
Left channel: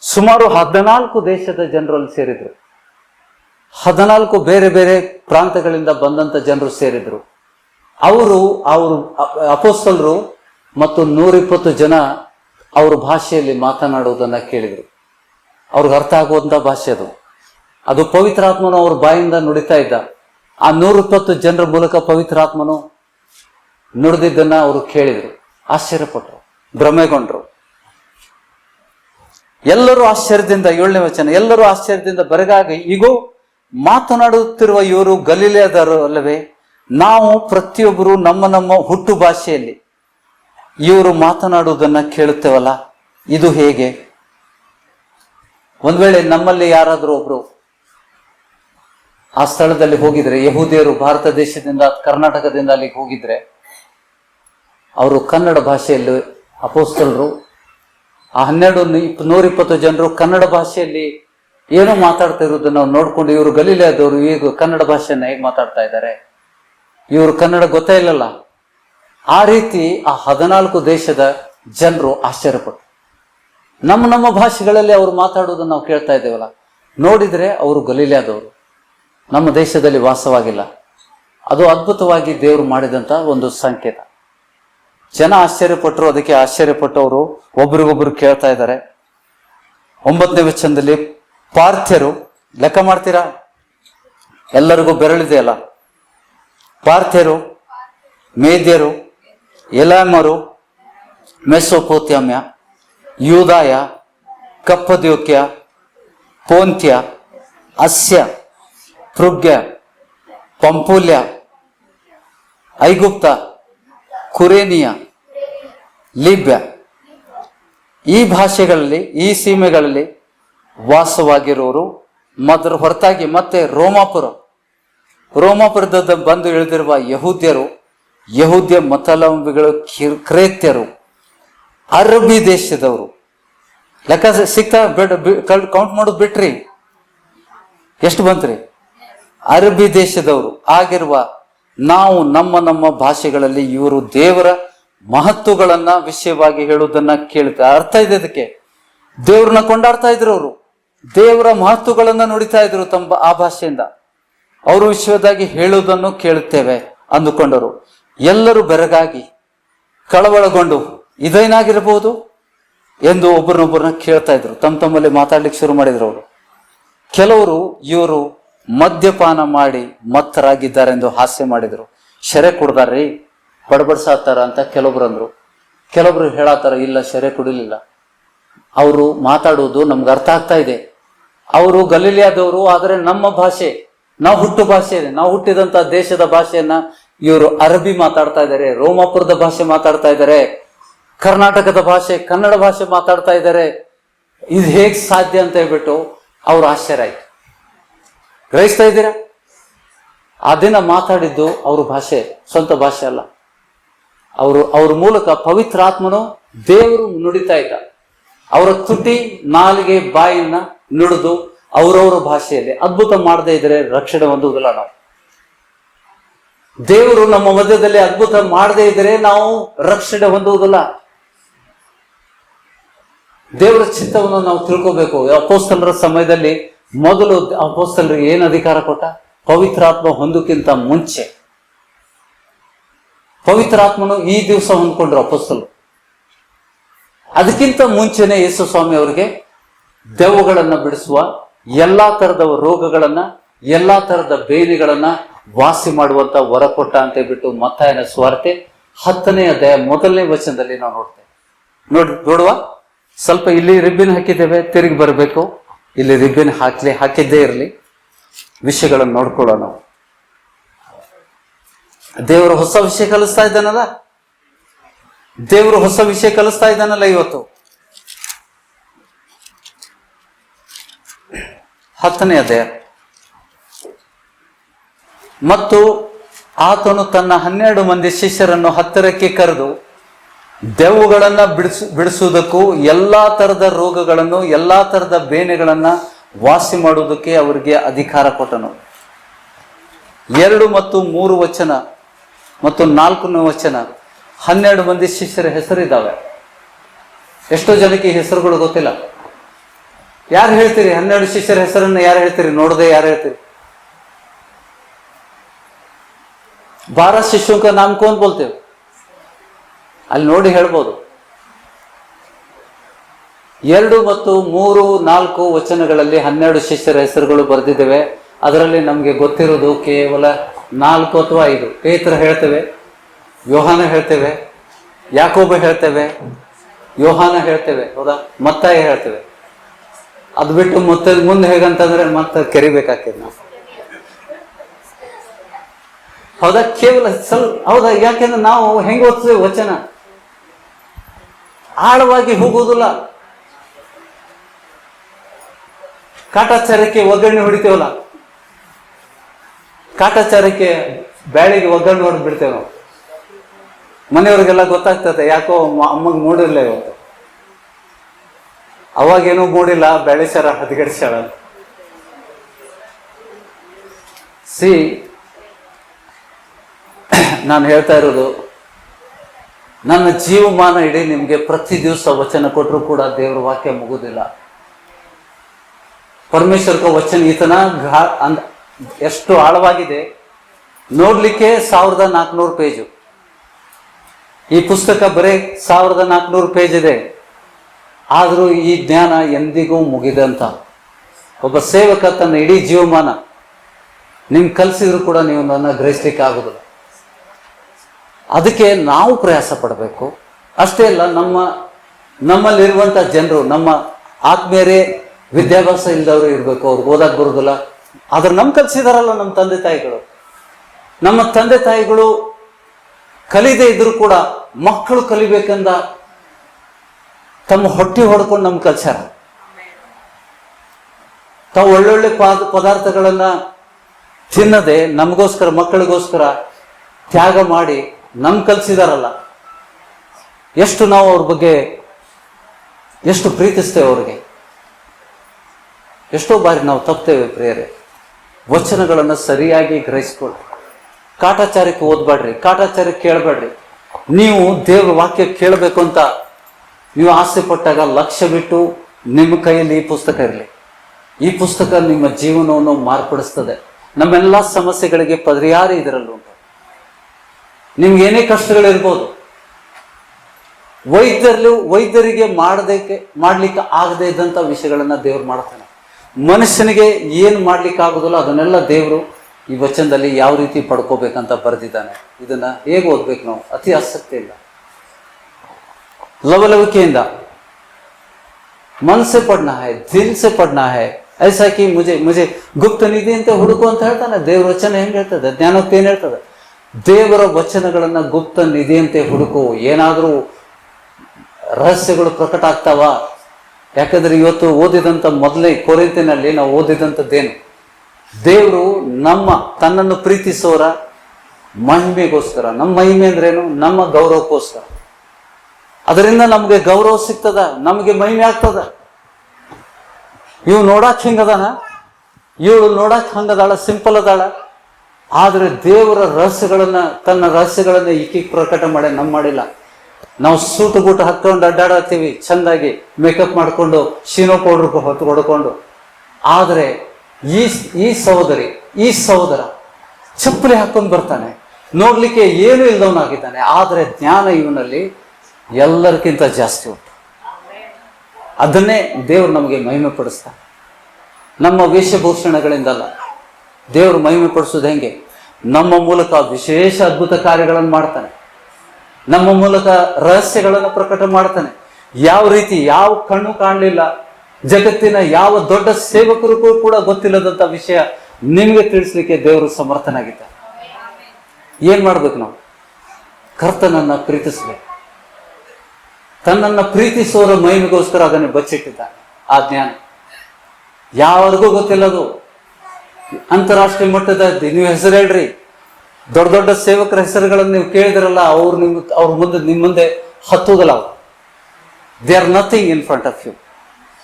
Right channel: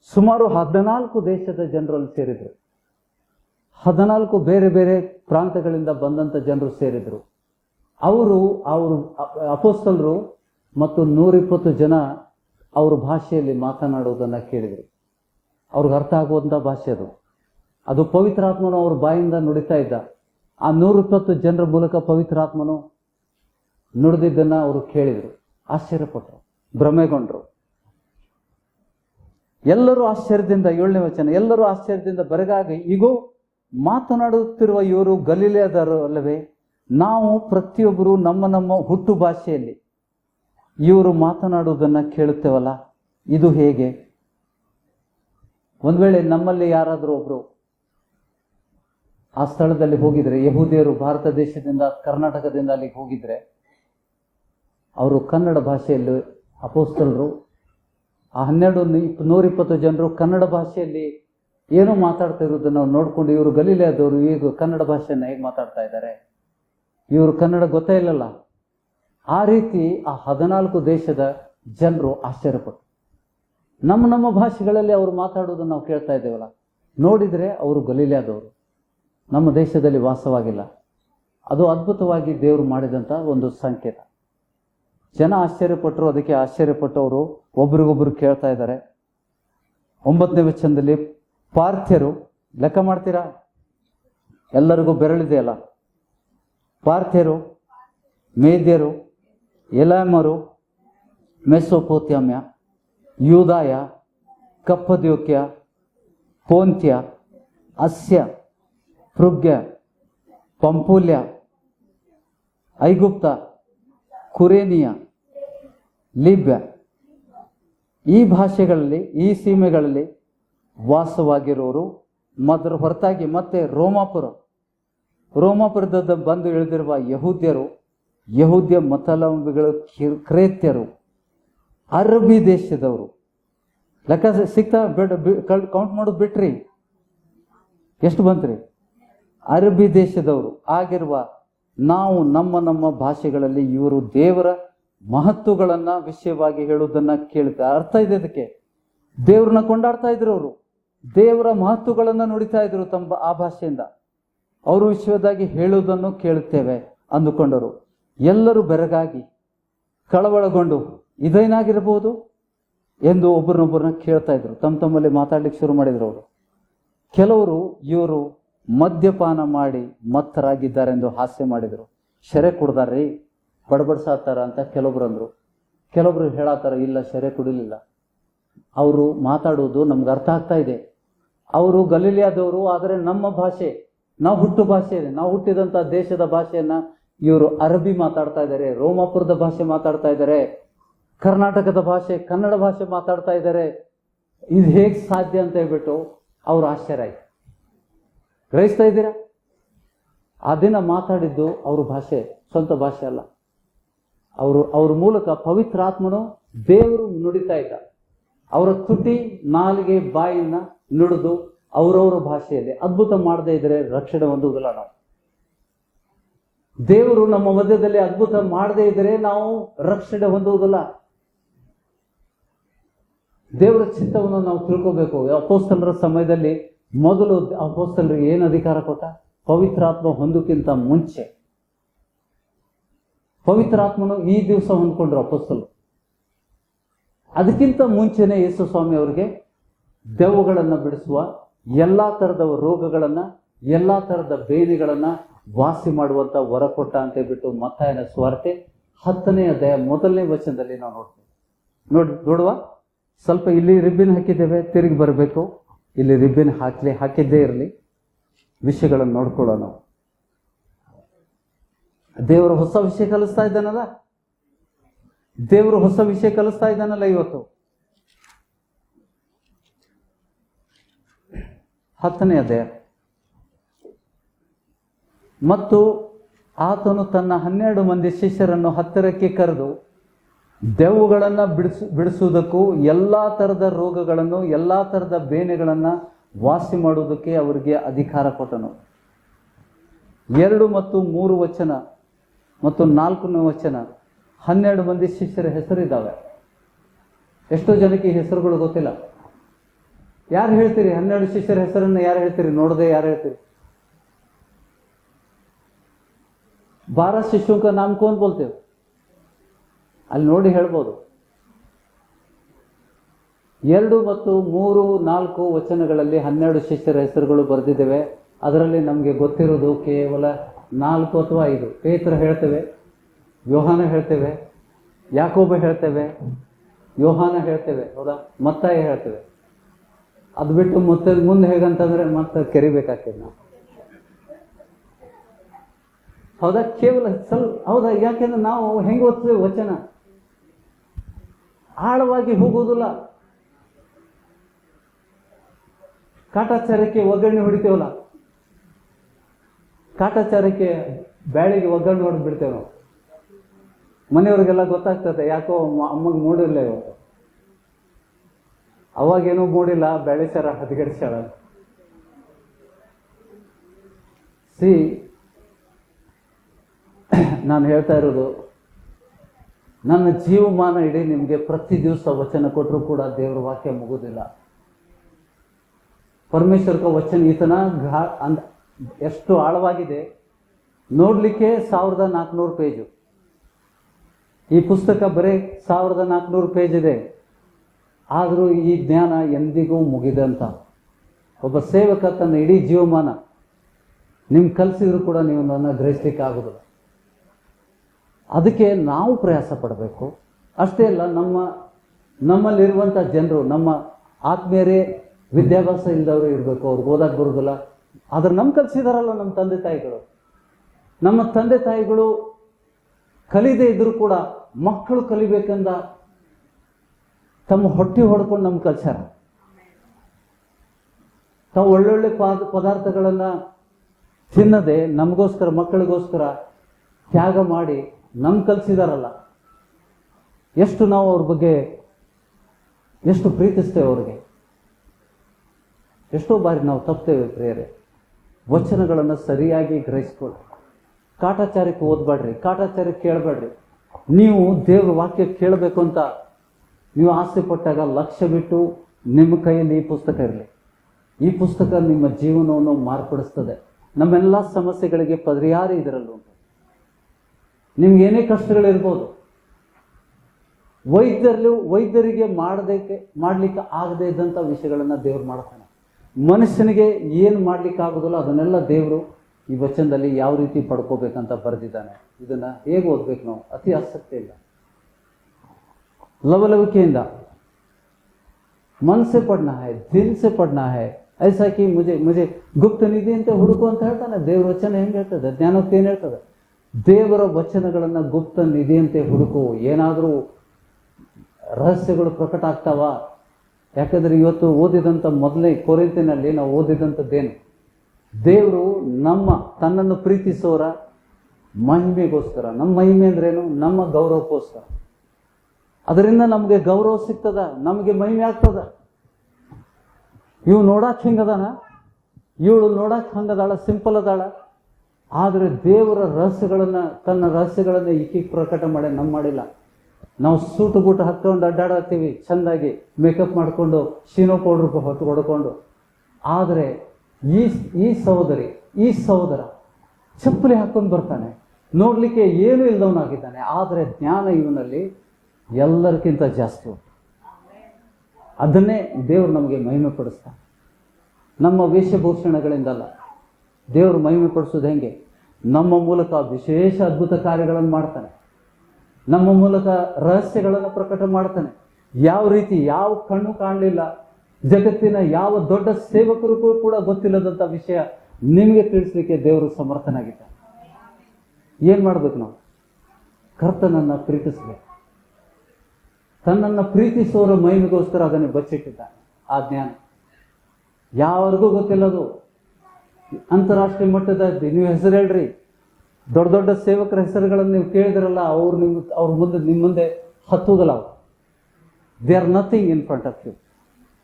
ಸುಮಾರು 14 ದೇಶದ ಜನರಲ್ಲಿ ಸೇರಿದ್ರು. 14 ಬೇರೆ ಬೇರೆ ಪ್ರಾಂತಗಳಿಂದ ಬಂದಂತ ಜನರು ಸೇರಿದ್ರು. ಅವರು ಅಪೊಸ್ತಲರು ಮತ್ತು 120 ಜನ ಅವ್ರ ಭಾಷೆಯಲ್ಲಿ ಮಾತನಾಡುವುದನ್ನ ಕೇಳಿದ್ರು. ಅವ್ರಿಗೆ ಅರ್ಥ ಆಗುವಂತ ಭಾಷೆ ಅದು ಪವಿತ್ರಾತ್ಮನು ಅವ್ರ ಬಾಯಿಂದ ನುಡಿತಾ ಇದ್ದ. ಆ 120 ಜನರ ಮೂಲಕ ಪವಿತ್ರಾತ್ಮನು ನುಡಿದಿದ್ದನ್ನ ಅವರು ಕೇಳಿದ್ರು, ಆಶ್ಚರ್ಯಪಟ್ರು, ಭ್ರಮೆಗೊಂಡ್ರು. ಎಲ್ಲರೂ ಆಶ್ಚರ್ಯದಿಂದ, 7ನೇ ವಚನ, ಎಲ್ಲರೂ ಆಶ್ಚರ್ಯದಿಂದ ಬೆರಗಾಗಿ, ಈಗೋ ಮಾತನಾಡುತ್ತಿರುವ ಇವರು ಗಲಿಲಾಯದವರು ಅಲ್ಲವೇ? ನಾವು ಪ್ರತಿಯೊಬ್ಬರು ನಮ್ಮ ನಮ್ಮ ಹುಟ್ಟು ಭಾಷೆಯಲ್ಲಿ ಇವರು ಮಾತನಾಡುವುದನ್ನ ಕೇಳುತ್ತೇವಲ್ಲ, ಇದು ಹೇಗೆ? ಒಂದ್ ವೇಳೆ ನಮ್ಮಲ್ಲಿ ಯಾರಾದ್ರೂ ಒಬ್ರು ಆ ಸ್ಥಳದಲ್ಲಿ ಹೋಗಿದ್ರೆ, ಯಹೂದಿಯರು ಭಾರತ ದೇಶದಿಂದ, ಕರ್ನಾಟಕದಿಂದ ಅಲ್ಲಿಗೆ ಹೋಗಿದ್ರೆ, ಅವರು ಕನ್ನಡ ಭಾಷೆಯಲ್ಲಿ, ಅಪೊಸ್ತಲರು ಆ 120 ಜನರು ಕನ್ನಡ ಭಾಷೆಯಲ್ಲಿ ಏನೋ ಮಾತಾಡ್ತಾ ಇರೋದನ್ನ ನಾವು ನೋಡ್ಕೊಂಡು, ಇವರು ಗಲಿಲಾಯದವರು, ಈಗ ಕನ್ನಡ ಭಾಷೆಯನ್ನ ಹೇಗೆ ಮಾತಾಡ್ತಾ ಇದ್ದಾರೆ, ಇವರು ಕನ್ನಡ ಗೊತ್ತೇ ಇಲ್ಲಲ್ಲ. ಆ ರೀತಿ ಆ 14 ದೇಶದ ಜನರು ಆಶ್ಚರ್ಯಪಟ್ಟರು. ನಮ್ಮ ಭಾಷೆಗಳಲ್ಲಿ ಅವರು ಮಾತಾಡೋದನ್ನ ನಾವು ಕೇಳ್ತಾ ಇದ್ದೇವಲ್ಲ, ನೋಡಿದ್ರೆ ಅವರು ಗಲಿಲಾಯದವರು, ನಮ್ಮ ದೇಶದಲ್ಲಿ ವಾಸವಾಗಿಲ್ಲ. ಅದು ಅದ್ಭುತವಾಗಿ ದೇವರು ಮಾಡಿದಂತ ಒಂದು ಸಂಕೇತ. ಜನ ಆಶ್ಚರ್ಯಪಟ್ಟರು. ಅದಕ್ಕೆ ಆಶ್ಚರ್ಯಪಟ್ಟವರು ಒಬ್ರಿಗೊಬ್ರು ಕೇಳ್ತಾ ಇದ್ದಾರೆ. 9ನೇ ವಚನದಲ್ಲಿ, ಪಾರ್ಥ್ಯರು, ಲೆಕ್ಕ ಮಾಡ್ತೀರಾ? ಎಲ್ಲರಿಗೂ ಬೆರಳಿದೆಯಲ್ಲ. ಪಾರ್ಥ್ಯರು, ಮೇದ್ಯರು, ಎಲಾಮರು, ಮೆಸೊಪೊತ್ಯಾಮ್ಯ, ಯೂದಾಯ, ಕಪ್ಪದ್ಯೋಕ್ಯ, ಪೋಂತ್ಯ, ಅಸ್ಯ, ಪೃಗ್ಯ, ಪಂಪುಲ್ಯ, ಐಗುಪ್ತ, ಕುರೇನಿಯ, ಲಿಬ್ಯ, ಈ ಭಾಷೆಗಳಲ್ಲಿ, ಈ ಸೀಮೆಗಳಲ್ಲಿ ವಾಸವಾಗಿರುವರು. ಮದ್ರ ಹೊರತಾಗಿ ಮತ್ತೆ ರೋಮಾಪುರದ ಬಂದು ಇಳಿದಿರುವ ಯಹೂದ್ಯರು, ಯಹೂದ್ಯ ಮತಾವಲಂಬಿಗಳು, ಕ್ರೇತ್ಯರು, ಅರಬ್ಬಿ ದೇಶದವರು. ಲೆಕ್ಕ ಸಿಗ್ತಾ? ಕೌಂಟ್ ಮಾಡೋದು ಬಿಟ್ರಿ, ಎಷ್ಟು ಬಂತ್ರಿ? ಅರಬ್ಬಿ ದೇಶದವರು ಆಗಿರುವ ನಾವು ನಮ್ಮ ಭಾಷೆಗಳಲ್ಲಿ ಇವರು ದೇವರ ಮಹತ್ವಗಳನ್ನ ವಿಷಯವಾಗಿ ಹೇಳುವುದನ್ನ ಕೇಳ್ತಾ. ಅರ್ಥ ಇದೆ ಅದಕ್ಕೆ. ದೇವ್ರನ್ನ ಕೊಂಡಾಡ್ತಾ ಇದ್ರು ಅವರು, ದೇವರ ಮಹತ್ವಗಳನ್ನ ನುಡಿತಾ ಇದ್ರು ತಮ್ಮ ಆ ಭಾಷೆಯಿಂದ. ಅವರು ವಿಷಯದಾಗಿ ಹೇಳುವುದನ್ನು ಕೇಳುತ್ತೇವೆ ಅಂದುಕೊಂಡರು. ಎಲ್ಲರೂ ಬೆರಗಾಗಿ ಕಳವಳಗೊಂಡು ಇದೇನಾಗಿರಬಹುದು ಎಂದು ಒಬ್ಬರನ್ನೊಬ್ಬರನ್ನ ಕೇಳ್ತಾ ಇದ್ರು. ತಮ್ಮಲ್ಲಿ ಮಾತಾಡ್ಲಿಕ್ಕೆ ಶುರು ಮಾಡಿದ್ರು ಅವರು. ಕೆಲವರು ಇವರು ಮದ್ಯಪಾನ ಮಾಡಿ ಮತ್ತರಾಗಿದ್ದಾರೆ ಎಂದು ಹಾಸ್ಯ ಮಾಡಿದ್ರು. ಶೆರೆ ಕುಡ್ದಾರ್ರಿ, ಬಡಬಡ್ಸಾತಾರ ಅಂತ ಕೆಲವೊಬ್ರು ಅಂದ್ರು. ಕೆಲವೊಬ್ರು ಹೇಳತ್ತಾರ, ಇಲ್ಲ ಶೆರೆ ಕುಡಿಲಿಲ್ಲ, ಅವರು ಮಾತಾಡುವುದು ನಮ್ಗೆ ಅರ್ಥ ಆಗ್ತಾ ಇದೆ. ಅವರು ಗಲಿಲಾಯದವರು, ಆದರೆ ನಮ್ಮ ಭಾಷೆ, ನಾವು ಹುಟ್ಟು ಭಾಷೆ ಇದೆ, ನಾವು ಹುಟ್ಟಿದಂತ ದೇಶದ ಭಾಷೆಯನ್ನ ಇವರು ಅರಬ್ಬಿ ಮಾತಾಡ್ತಾ ಇದ್ದಾರೆ, ರೋಮಾಪುರದ ಭಾಷೆ ಮಾತಾಡ್ತಾ ಇದ್ದಾರೆ, ಕರ್ನಾಟಕದ ಭಾಷೆ, ಕನ್ನಡ ಭಾಷೆ ಮಾತಾಡ್ತಾ ಇದ್ದಾರೆ. ಇದು ಹೇಗ್ ಸಾಧ್ಯ ಅಂತ ಹೇಳ್ಬಿಟ್ಟು ಅವ್ರು ಆಶ್ಚರ್ಯ ಆಯ್ತು. ಗ್ರಹಿಸ್ತಾ ಇದ್ದೀರಾ? ಆ ದಿನ ಮಾತಾಡಿದ್ದು ಅವ್ರ ಭಾಷೆ, ಸ್ವಂತ ಭಾಷೆ ಅಲ್ಲ. ಅವ್ರ ಮೂಲಕ ಪವಿತ್ರಾತ್ಮನು ದೇವರು ನುಡಿತಾ ಇದ್ದ. ಅವರ ತುಟಿ, ನಾಲಿಗೆ, ಬಾಯಿನ ನುಡಿದು ಅವರವರ ಭಾಷೆಯಲ್ಲಿ ಅದ್ಭುತ ಮಾಡದೇ ಇದ್ರೆ ರಕ್ಷಣೆ ಹೊಂದುವುದಿಲ್ಲ ನಾವು. ದೇವರು ನಮ್ಮ ಮಧ್ಯದಲ್ಲಿ ಅದ್ಭುತ ಮಾಡದೇ ಇದ್ರೆ ನಾವು ರಕ್ಷಣೆ ಹೊಂದುವುದಿಲ್ಲ. ದೇವರ ಚಿತ್ತವನ್ನು ನಾವು ತಿಳ್ಕೋಬೇಕು. ಅಪೊಸ್ತಲರ ಸಮಯದಲ್ಲಿ ಮೊದಲು ಅಪೊಸ್ತಲರಿಗೆ ಏನು ಅಧಿಕಾರ ಕೊಟ್ಟ? ಪವಿತ್ರಾತ್ಮ ಹೊಂದಕ್ಕಿಂತ ಮುಂಚೆ ಪವಿತ್ರಾತ್ಮನು ಈ ದಿವಸ ಹೊಂದ್ಕೊಂಡ್ರು ಅಪೊಸ್ತಲರು. ಅದಕ್ಕಿಂತ ಮುಂಚೆನೆ ಯೇಸು ಸ್ವಾಮಿ ಅವರಿಗೆ ದೆವ್ವಗಳನ್ನ ಬಿಡಿಸುವ, ಎಲ್ಲಾ ತರದ ರೋಗಗಳನ್ನ, ಎಲ್ಲಾ ತರದ ಬೇನೆಗಳನ್ನ ವಾಸಿ ಮಾಡುವಂತ ವರ ಕೊಟ್ಟ ಅಂತ ಹೇಳ್ಬಿಟ್ಟು ಮತ್ತಾಯನ ಸುವಾರ್ತೆ 10ನೇ ಅಧ್ಯಾಯ 1ನೇ ವಚನದಲ್ಲಿ ನಾವು ನೋಡುವ. ಸ್ವಲ್ಪ ಇಲ್ಲಿ ರಿಬ್ಬಿನ್ ಹಾಕಿದ್ದೇವೆ, ತಿರುಗಿ ಬರಬೇಕು. ಇಲ್ಲಿ ರಿಬ್ಬಿನ್ ಹಾಕಿದ್ದೇ ಇರಲಿ. ವಿಷಯಗಳನ್ನು ನೋಡ್ಕೊಳ್ಳೋಣ. ನಾವು ದೇವರು ಹೊಸ ವಿಷಯ ಕಲಿಸ್ತಾ ಇದ್ದಾನಲ್ಲ, ದೇವರು ಹೊಸ ವಿಷಯ ಕಲಿಸ್ತಾ ಇದ್ದಾನಲ್ಲ ಇವತ್ತು. 10ನೇ ಅಧ್ಯಾಯ. ಮತ್ತು ಆತನು ತನ್ನ 12 ಮಂದಿ ಶಿಷ್ಯರನ್ನು ಹತ್ತಿರಕ್ಕೆ ಕರೆದು ದೆವ್ವಗಳನ್ನ ಬಿಡಿಸುವುದಕ್ಕೂ ಎಲ್ಲಾ ತರದ ರೋಗಗಳನ್ನು, ಎಲ್ಲಾ ತರದ ಬೇನೆಗಳನ್ನ ವಾಸಿ ಮಾಡುವುದಕ್ಕೆ ಅವರಿಗೆ ಅಧಿಕಾರ ಕೊಟ್ಟನು. 2 ಮತ್ತು 3 ವಚನ ಮತ್ತು 4ನೇ ವಚನ 12 ಮಂದಿ ಶಿಷ್ಯರ ಹೆಸರಿದ್ದಾವೆ. ಎಷ್ಟೋ ಜನಕ್ಕೆ ಈ ಹೆಸರುಗಳು ಗೊತ್ತಿಲ್ಲ. ಯಾರು ಹೇಳ್ತೀರಿ? 12 ಶಿಷ್ಯರ ಹೆಸರನ್ನು ಯಾರು ಹೇಳ್ತೀರಿ? ನೋಡದೆ ಯಾರು ಹೇಳ್ತೀರಿ? 12 ಶಿಷ್यों का नाम कौन बोलते हो? ಅಲ್ಲಿ ನೋಡಿ ಹೇಳ್ಬೋದು. 2 ಮತ್ತು 3, 4 ವಚನಗಳಲ್ಲಿ 12 ಶಿಷ್ಯರ ಹೆಸರುಗಳು ಬರೆದಿದ್ದೇವೆ. ಅದರಲ್ಲಿ ನಮ್ಗೆ ಗೊತ್ತಿರೋದು ಕೇವಲ 4 ಅಥವಾ 5. ಪೇತ್ರ ಹೇಳ್ತೇವೆ, ಯೋಹಾನ ಹೇಳ್ತೇವೆ, ಯಾಕೋಬ ಹೇಳ್ತೇವೆ, ಯೋಹಾನ ಹೇಳ್ತೇವೆ, ಹೌದಾ? ಮತ್ತಾಯ ಹೇಳ್ತೇವೆ. ಅದು ಬಿಟ್ಟು ಮತ್ತೆ ಮುಂದೆ ಹೇಗಂತಂದ್ರೆ ಮತ್ತೆ ಕೆರಿಬೇಕಾಗ್ತದೆ ನಾವು, ಹೌದಾ? ಕೇವಲ ಹೌದಾ? ಯಾಕೆಂದ್ರೆ ನಾವು ಹೆಂಗ್ ಓದ್ತೇವೆ ವಚನ, ಆಳವಾಗಿ ಹೋಗುವುದಿಲ್ಲ. ಕಾಟಾಚಾರಕ್ಕೆ ಒಗ್ಗರಣೆ ಹೊಡಿತೇವಲ್ಲ, ಕಾಟಾಚಾರಕ್ಕೆ ಬ್ಯಾಳಿಗೆ ಒಗ್ಗರಣೆ ಹೊಡೆದು ಬಿಡ್ತೇವೆ ನಾವು. ಮನೆಯವ್ರಿಗೆಲ್ಲ ಗೊತ್ತಾಗ್ತದೆ, ಯಾಕೋ ಅಮ್ಮಗೆ ಮೂಡಿರ್ಲ ಇವತ್ತು, ಅವಾಗೇನೋ ಮೂಡಿಲ್ಲ, ಬೆಳೆಸಾರ ಹದಗೆಡ್ಸಾರ. ನಾನು ಹೇಳ್ತಾ ಇರೋದು, ನನ್ನ ಜೀವಮಾನ ಇಡೀ ನಿಮ್ಗೆ ಪ್ರತಿ ದಿವಸ ವಚನ ಕೊಟ್ಟರು ಕೂಡ ದೇವರ ವಾಕ್ಯ ಮುಗುದಿಲ್ಲ. ಪರಮೇಶ್ವರ ವಚನ ಈತನ ಎಷ್ಟು ಆಳವಾಗಿದೆ ನೋಡ್ಲಿಕ್ಕೆ. 1400 ಪೇಜು. ಈ ಪುಸ್ತಕ ಬರೀ 1400 ಪೇಜ್ ಇದೆ. ಆದರೂ ಈ ಜ್ಞಾನ ಎಂದಿಗೂ ಮುಗಿದಂತ ಒಬ್ಬ ಸೇವಕ ತನ್ನ ಇಡೀ ಜೀವಮಾನ ನಿಮ್ಗೆ ಕಲಿಸಿದ್ರು ಕೂಡ ನೀವು ನನ್ನ ಗ್ರಹಿಸ್ಲಿಕ್ಕೆ ಆಗುದಿಲ್ಲ. ಅದಕ್ಕೆ ನಾವು ಪ್ರಯಾಸ ಪಡಬೇಕು. ಅಷ್ಟೇ ಅಲ್ಲ, ನಮ್ಮಲ್ಲಿರುವಂಥ ಜನರು, ನಮ್ಮ ಆತ್ಮೀಯರೇ ವಿದ್ಯಾಭ್ಯಾಸ ಇಲ್ಲದವರು ಇರಬೇಕು. ಅವ್ರಿಗೆ ಓದಕ್ಕೆ ಬರುದಿಲ್ಲ. ಆದ್ರೆ ನಮ್ಗೆ ಕಲಿಸಿದಾರಲ್ಲ ನಮ್ಮ ತಂದೆ ತಾಯಿಗಳು. ನಮ್ಮ ತಂದೆ ತಾಯಿಗಳು ಕಲಿದೇ ಇದ್ರು ಕೂಡ ಮಕ್ಕಳು ಕಲಿಬೇಕಂದ ತಮ್ಮ ಹೊಟ್ಟೆ ಹೊಡ್ಕೊಂಡು ನಮ್ಗೆ ಕಲ್ಸ್ಯಾರ. ತಾವು ಒಳ್ಳೊಳ್ಳೆ ಪದಾರ್ಥಗಳನ್ನ ತಿನ್ನದೆ ನಮಗೋಸ್ಕರ, ಮಕ್ಕಳಿಗೋಸ್ಕರ ತ್ಯಾಗ ಮಾಡಿ ನಮ್ ಕಲ್ಸಿದಾರಲ್ಲ. ಎಷ್ಟು ನಾವು ಅವ್ರ ಬಗ್ಗೆ ಎಷ್ಟು ಪ್ರೀತಿಸ್ತೇವೆ ಅವ್ರಿಗೆ. ಎಷ್ಟೋ ಬಾರಿ ನಾವು ತಪ್ಪುತ್ತೇವೆ ಪ್ರಿಯರೇ. ವಚನಗಳನ್ನು ಸರಿಯಾಗಿ ಗ್ರಹಿಸ್ಕೊಳ್ರಿ. ಕಾಟಾಚಾರಕ್ಕೆ ಓದ್ಬೇಡ್ರಿ, ಕಾಟಾಚಾರಕ್ಕೆ ಕೇಳಬೇಡ್ರಿ. ನೀವು ದೇವ್ರ ವಾಕ್ಯ ಕೇಳಬೇಕು ಅಂತ ನೀವು ಆಸೆ ಪಟ್ಟಾಗ ಲಕ್ಷ್ಯ ಬಿಟ್ಟು ನಿಮ್ಮ ಕೈಯಲ್ಲಿ ಈ ಪುಸ್ತಕ ಇರಲಿ. ಈ ಪುಸ್ತಕ ನಿಮ್ಮ ಜೀವನವನ್ನು ಮಾರ್ಪಡಿಸ್ತದೆ. ನಮ್ಮೆಲ್ಲ ಸಮಸ್ಯೆಗಳಿಗೆ ಪರಿಹಾರ ಇದರಲ್ಲಿ ಉಂಟು. ನಿಮ್ಗೆ ಏನೇ ಕಷ್ಟಗಳಿರ್ಬೋದು, ವೈದ್ಯರಿಗೆ ಮಾಡ್ಲಿಕ್ಕೆ ಆಗದೆ ಇದ್ದಂಥ ವಿಷಯಗಳನ್ನ ದೇವ್ರು ಮಾಡ್ತಾನೆ. ಮನುಷ್ಯನಿಗೆ ಏನು ಮಾಡ್ಲಿಕ್ಕೆ ಆಗುದಿಲ್ಲ ಅದನ್ನೆಲ್ಲ ದೇವರು ಈ ವಚನದಲ್ಲಿ ಯಾವ ರೀತಿ ಪಡ್ಕೋಬೇಕಂತ ಬರೆದಿದ್ದಾನೆ. ಇದನ್ನ ಹೇಗೆ ಓದ್ಬೇಕು ನಾವು? ಅತಿ ಆಸಕ್ತಿ ಇಲ್ಲ, ಲವಲವಿಕೆಯಿಂದ. ಮನ್ ಸೆ ಪಡ್ನಾ ಹೈ, ದಿಲ್ ಸೆ ಪಡ್ನಾ ಹೈ. ಐಸಾ ಕಿ ಮುಜೆ ಗುಪ್ತ ನಿಧಿ ಅಂತ ಹುಡುಕು ಅಂತ ಹೇಳ್ತಾನೆ. ದೇವ್ರ ವಚನ ಹೆಂಗ್ ಹೇಳ್ತದೆ? ಜ್ಞಾನೋಕ್ತಿ ಏನ್ ಹೇಳ್ತದೆ? ದೇವರ ವಚನಗಳನ್ನ ಗುಪ್ತ ನಿಧಿಯಂತೆ ಹುಡುಕು. ಏನಾದ್ರೂ ರಹಸ್ಯಗಳು ಪ್ರಕಟ ಆಗ್ತಾವ? ಯಾಕಂದ್ರೆ ಇವತ್ತು ಓದಿದಂಥ ಮೊದಲೇ ಕೊರಿಂಥಿನಲ್ಲಿ ನಾವು ಓದಿದಂಥದ್ದೇನು? ದೇವರು ತನ್ನನ್ನು ಪ್ರೀತಿಸೋರ ಮಹಿಮೆಗೋಸ್ಕರ. ನಮ್ಮ ಮಹಿಮೆ ಅಂದ್ರೇನು? ನಮ್ಮ ಗೌರವಕ್ಕೋಸ್ಕರ. ಅದರಿಂದ ನಮ್ಗೆ ಗೌರವ ಸಿಗ್ತದ, ನಮ್ಗೆ ಮಹಿಮೆ ಆಗ್ತದ. ಇವ್ ನೋಡಕ್ ಹಿಂಗದಾನ, ಇವಳು ನೋಡಕ್ ಹಂಗದಾಳ, ಸಿಂಪಲ್ ಅದಾಳ, ಆದರೆ ದೇವರ ರಹಸ್ಯಗಳನ್ನ, ತನ್ನ ರಹಸ್ಯಗಳನ್ನ ಈಕಿಗೆ ಪ್ರಕಟ ಮಾಡಿಲ್ಲ. ನಾವು ಸೂಟು ಗೂಟು ಹಾಕೊಂಡು ಅಡ್ಡಾಡತ್ತೀವಿ, ಚೆಂದಾಗಿ ಮೇಕಪ್ ಮಾಡಿಕೊಂಡು, ಶೀನೋ ಪೌಡ್ರ್ ಹೊಡ್ಕೊಂಡು. ಆದರೆ ಈ ಸಹೋದರ ಚಪ್ಪಲಿ ಹಾಕೊಂಡು ಬರ್ತಾನೆ, ನೋಡ್ಲಿಕ್ಕೆ ಏನು ಇಲ್ಲದವನಾಗಿದ್ದಾನೆ. ಆದರೆ ಜ್ಞಾನ ಇವನಲ್ಲಿ ಎಲ್ಲರಿಗಿಂತ ಜಾಸ್ತಿ ಉಂಟು. ಅದನ್ನೇ ದೇವರು ನಮಗೆ ಮಹಿಮೆ ಪಡಿಸ್ತಾನೆ. ನಮ್ಮ ವೇಷಭೂಷಣಗಳಿಂದಲ್ಲ, ದೇವರು ಮಹಿಮೆ ಪಡಿಸೋದು ಹೆಂಗೆ? ನಮ್ಮ ಮೂಲಕ ವಿಶೇಷ ಅದ್ಭುತ ಕಾರ್ಯಗಳನ್ನು ಮಾಡ್ತಾನೆ, ನಮ್ಮ ಮೂಲಕ ರಹಸ್ಯಗಳನ್ನು ಪ್ರಕಟ ಮಾಡ್ತಾನೆ. ಯಾವ ರೀತಿ, ಯಾವ ಕಣ್ಣು ಕಾಣಲಿಲ್ಲ, ಜಗತ್ತಿನ ಯಾವ ದೊಡ್ಡ ಸೇವಕರಿಗೂ ಕೂಡ ಗೊತ್ತಿಲ್ಲದಂತ ವಿಷಯ ನಿಮಗೆ ತಿಳಿಸ್ಲಿಕ್ಕೆ ದೇವರು ಸಮರ್ಥನಾಗಿದ್ದಾನೆ. ಏನ್ ಮಾಡ್ಬೇಕು ನಾವು? ಕರ್ತನನ್ನ ಪ್ರೀತಿಸ್ಬೇಕು. ತನ್ನನ್ನು ಪ್ರೀತಿಸೋರ ಮಹಿಮೆಗೋಸ್ಕರ ಅದನ್ನು ಬಚ್ಚಿಟ್ಟಿದ್ದಾನೆ. ಆ ಜ್ಞಾನ ಯಾರಿಗೂ ಗೊತ್ತಿಲ್ಲದು. ಅಂತಾರಾಷ್ಟ್ರೀಯ ಮಟ್ಟದ ನೀವು ಹೆಸರು ಹೇಳ್ರಿ, ದೊಡ್ಡ ದೊಡ್ಡ ಸೇವಕರ ಹೆಸರುಗಳನ್ನು ನೀವು ಕೇಳಿದ್ರಲ್ಲ, ಅವ್ರ ನಿಮ್ಮ ಮುಂದೆ ಹತ್ತುವುದಿಲ್ಲ. They are nothing in front of you.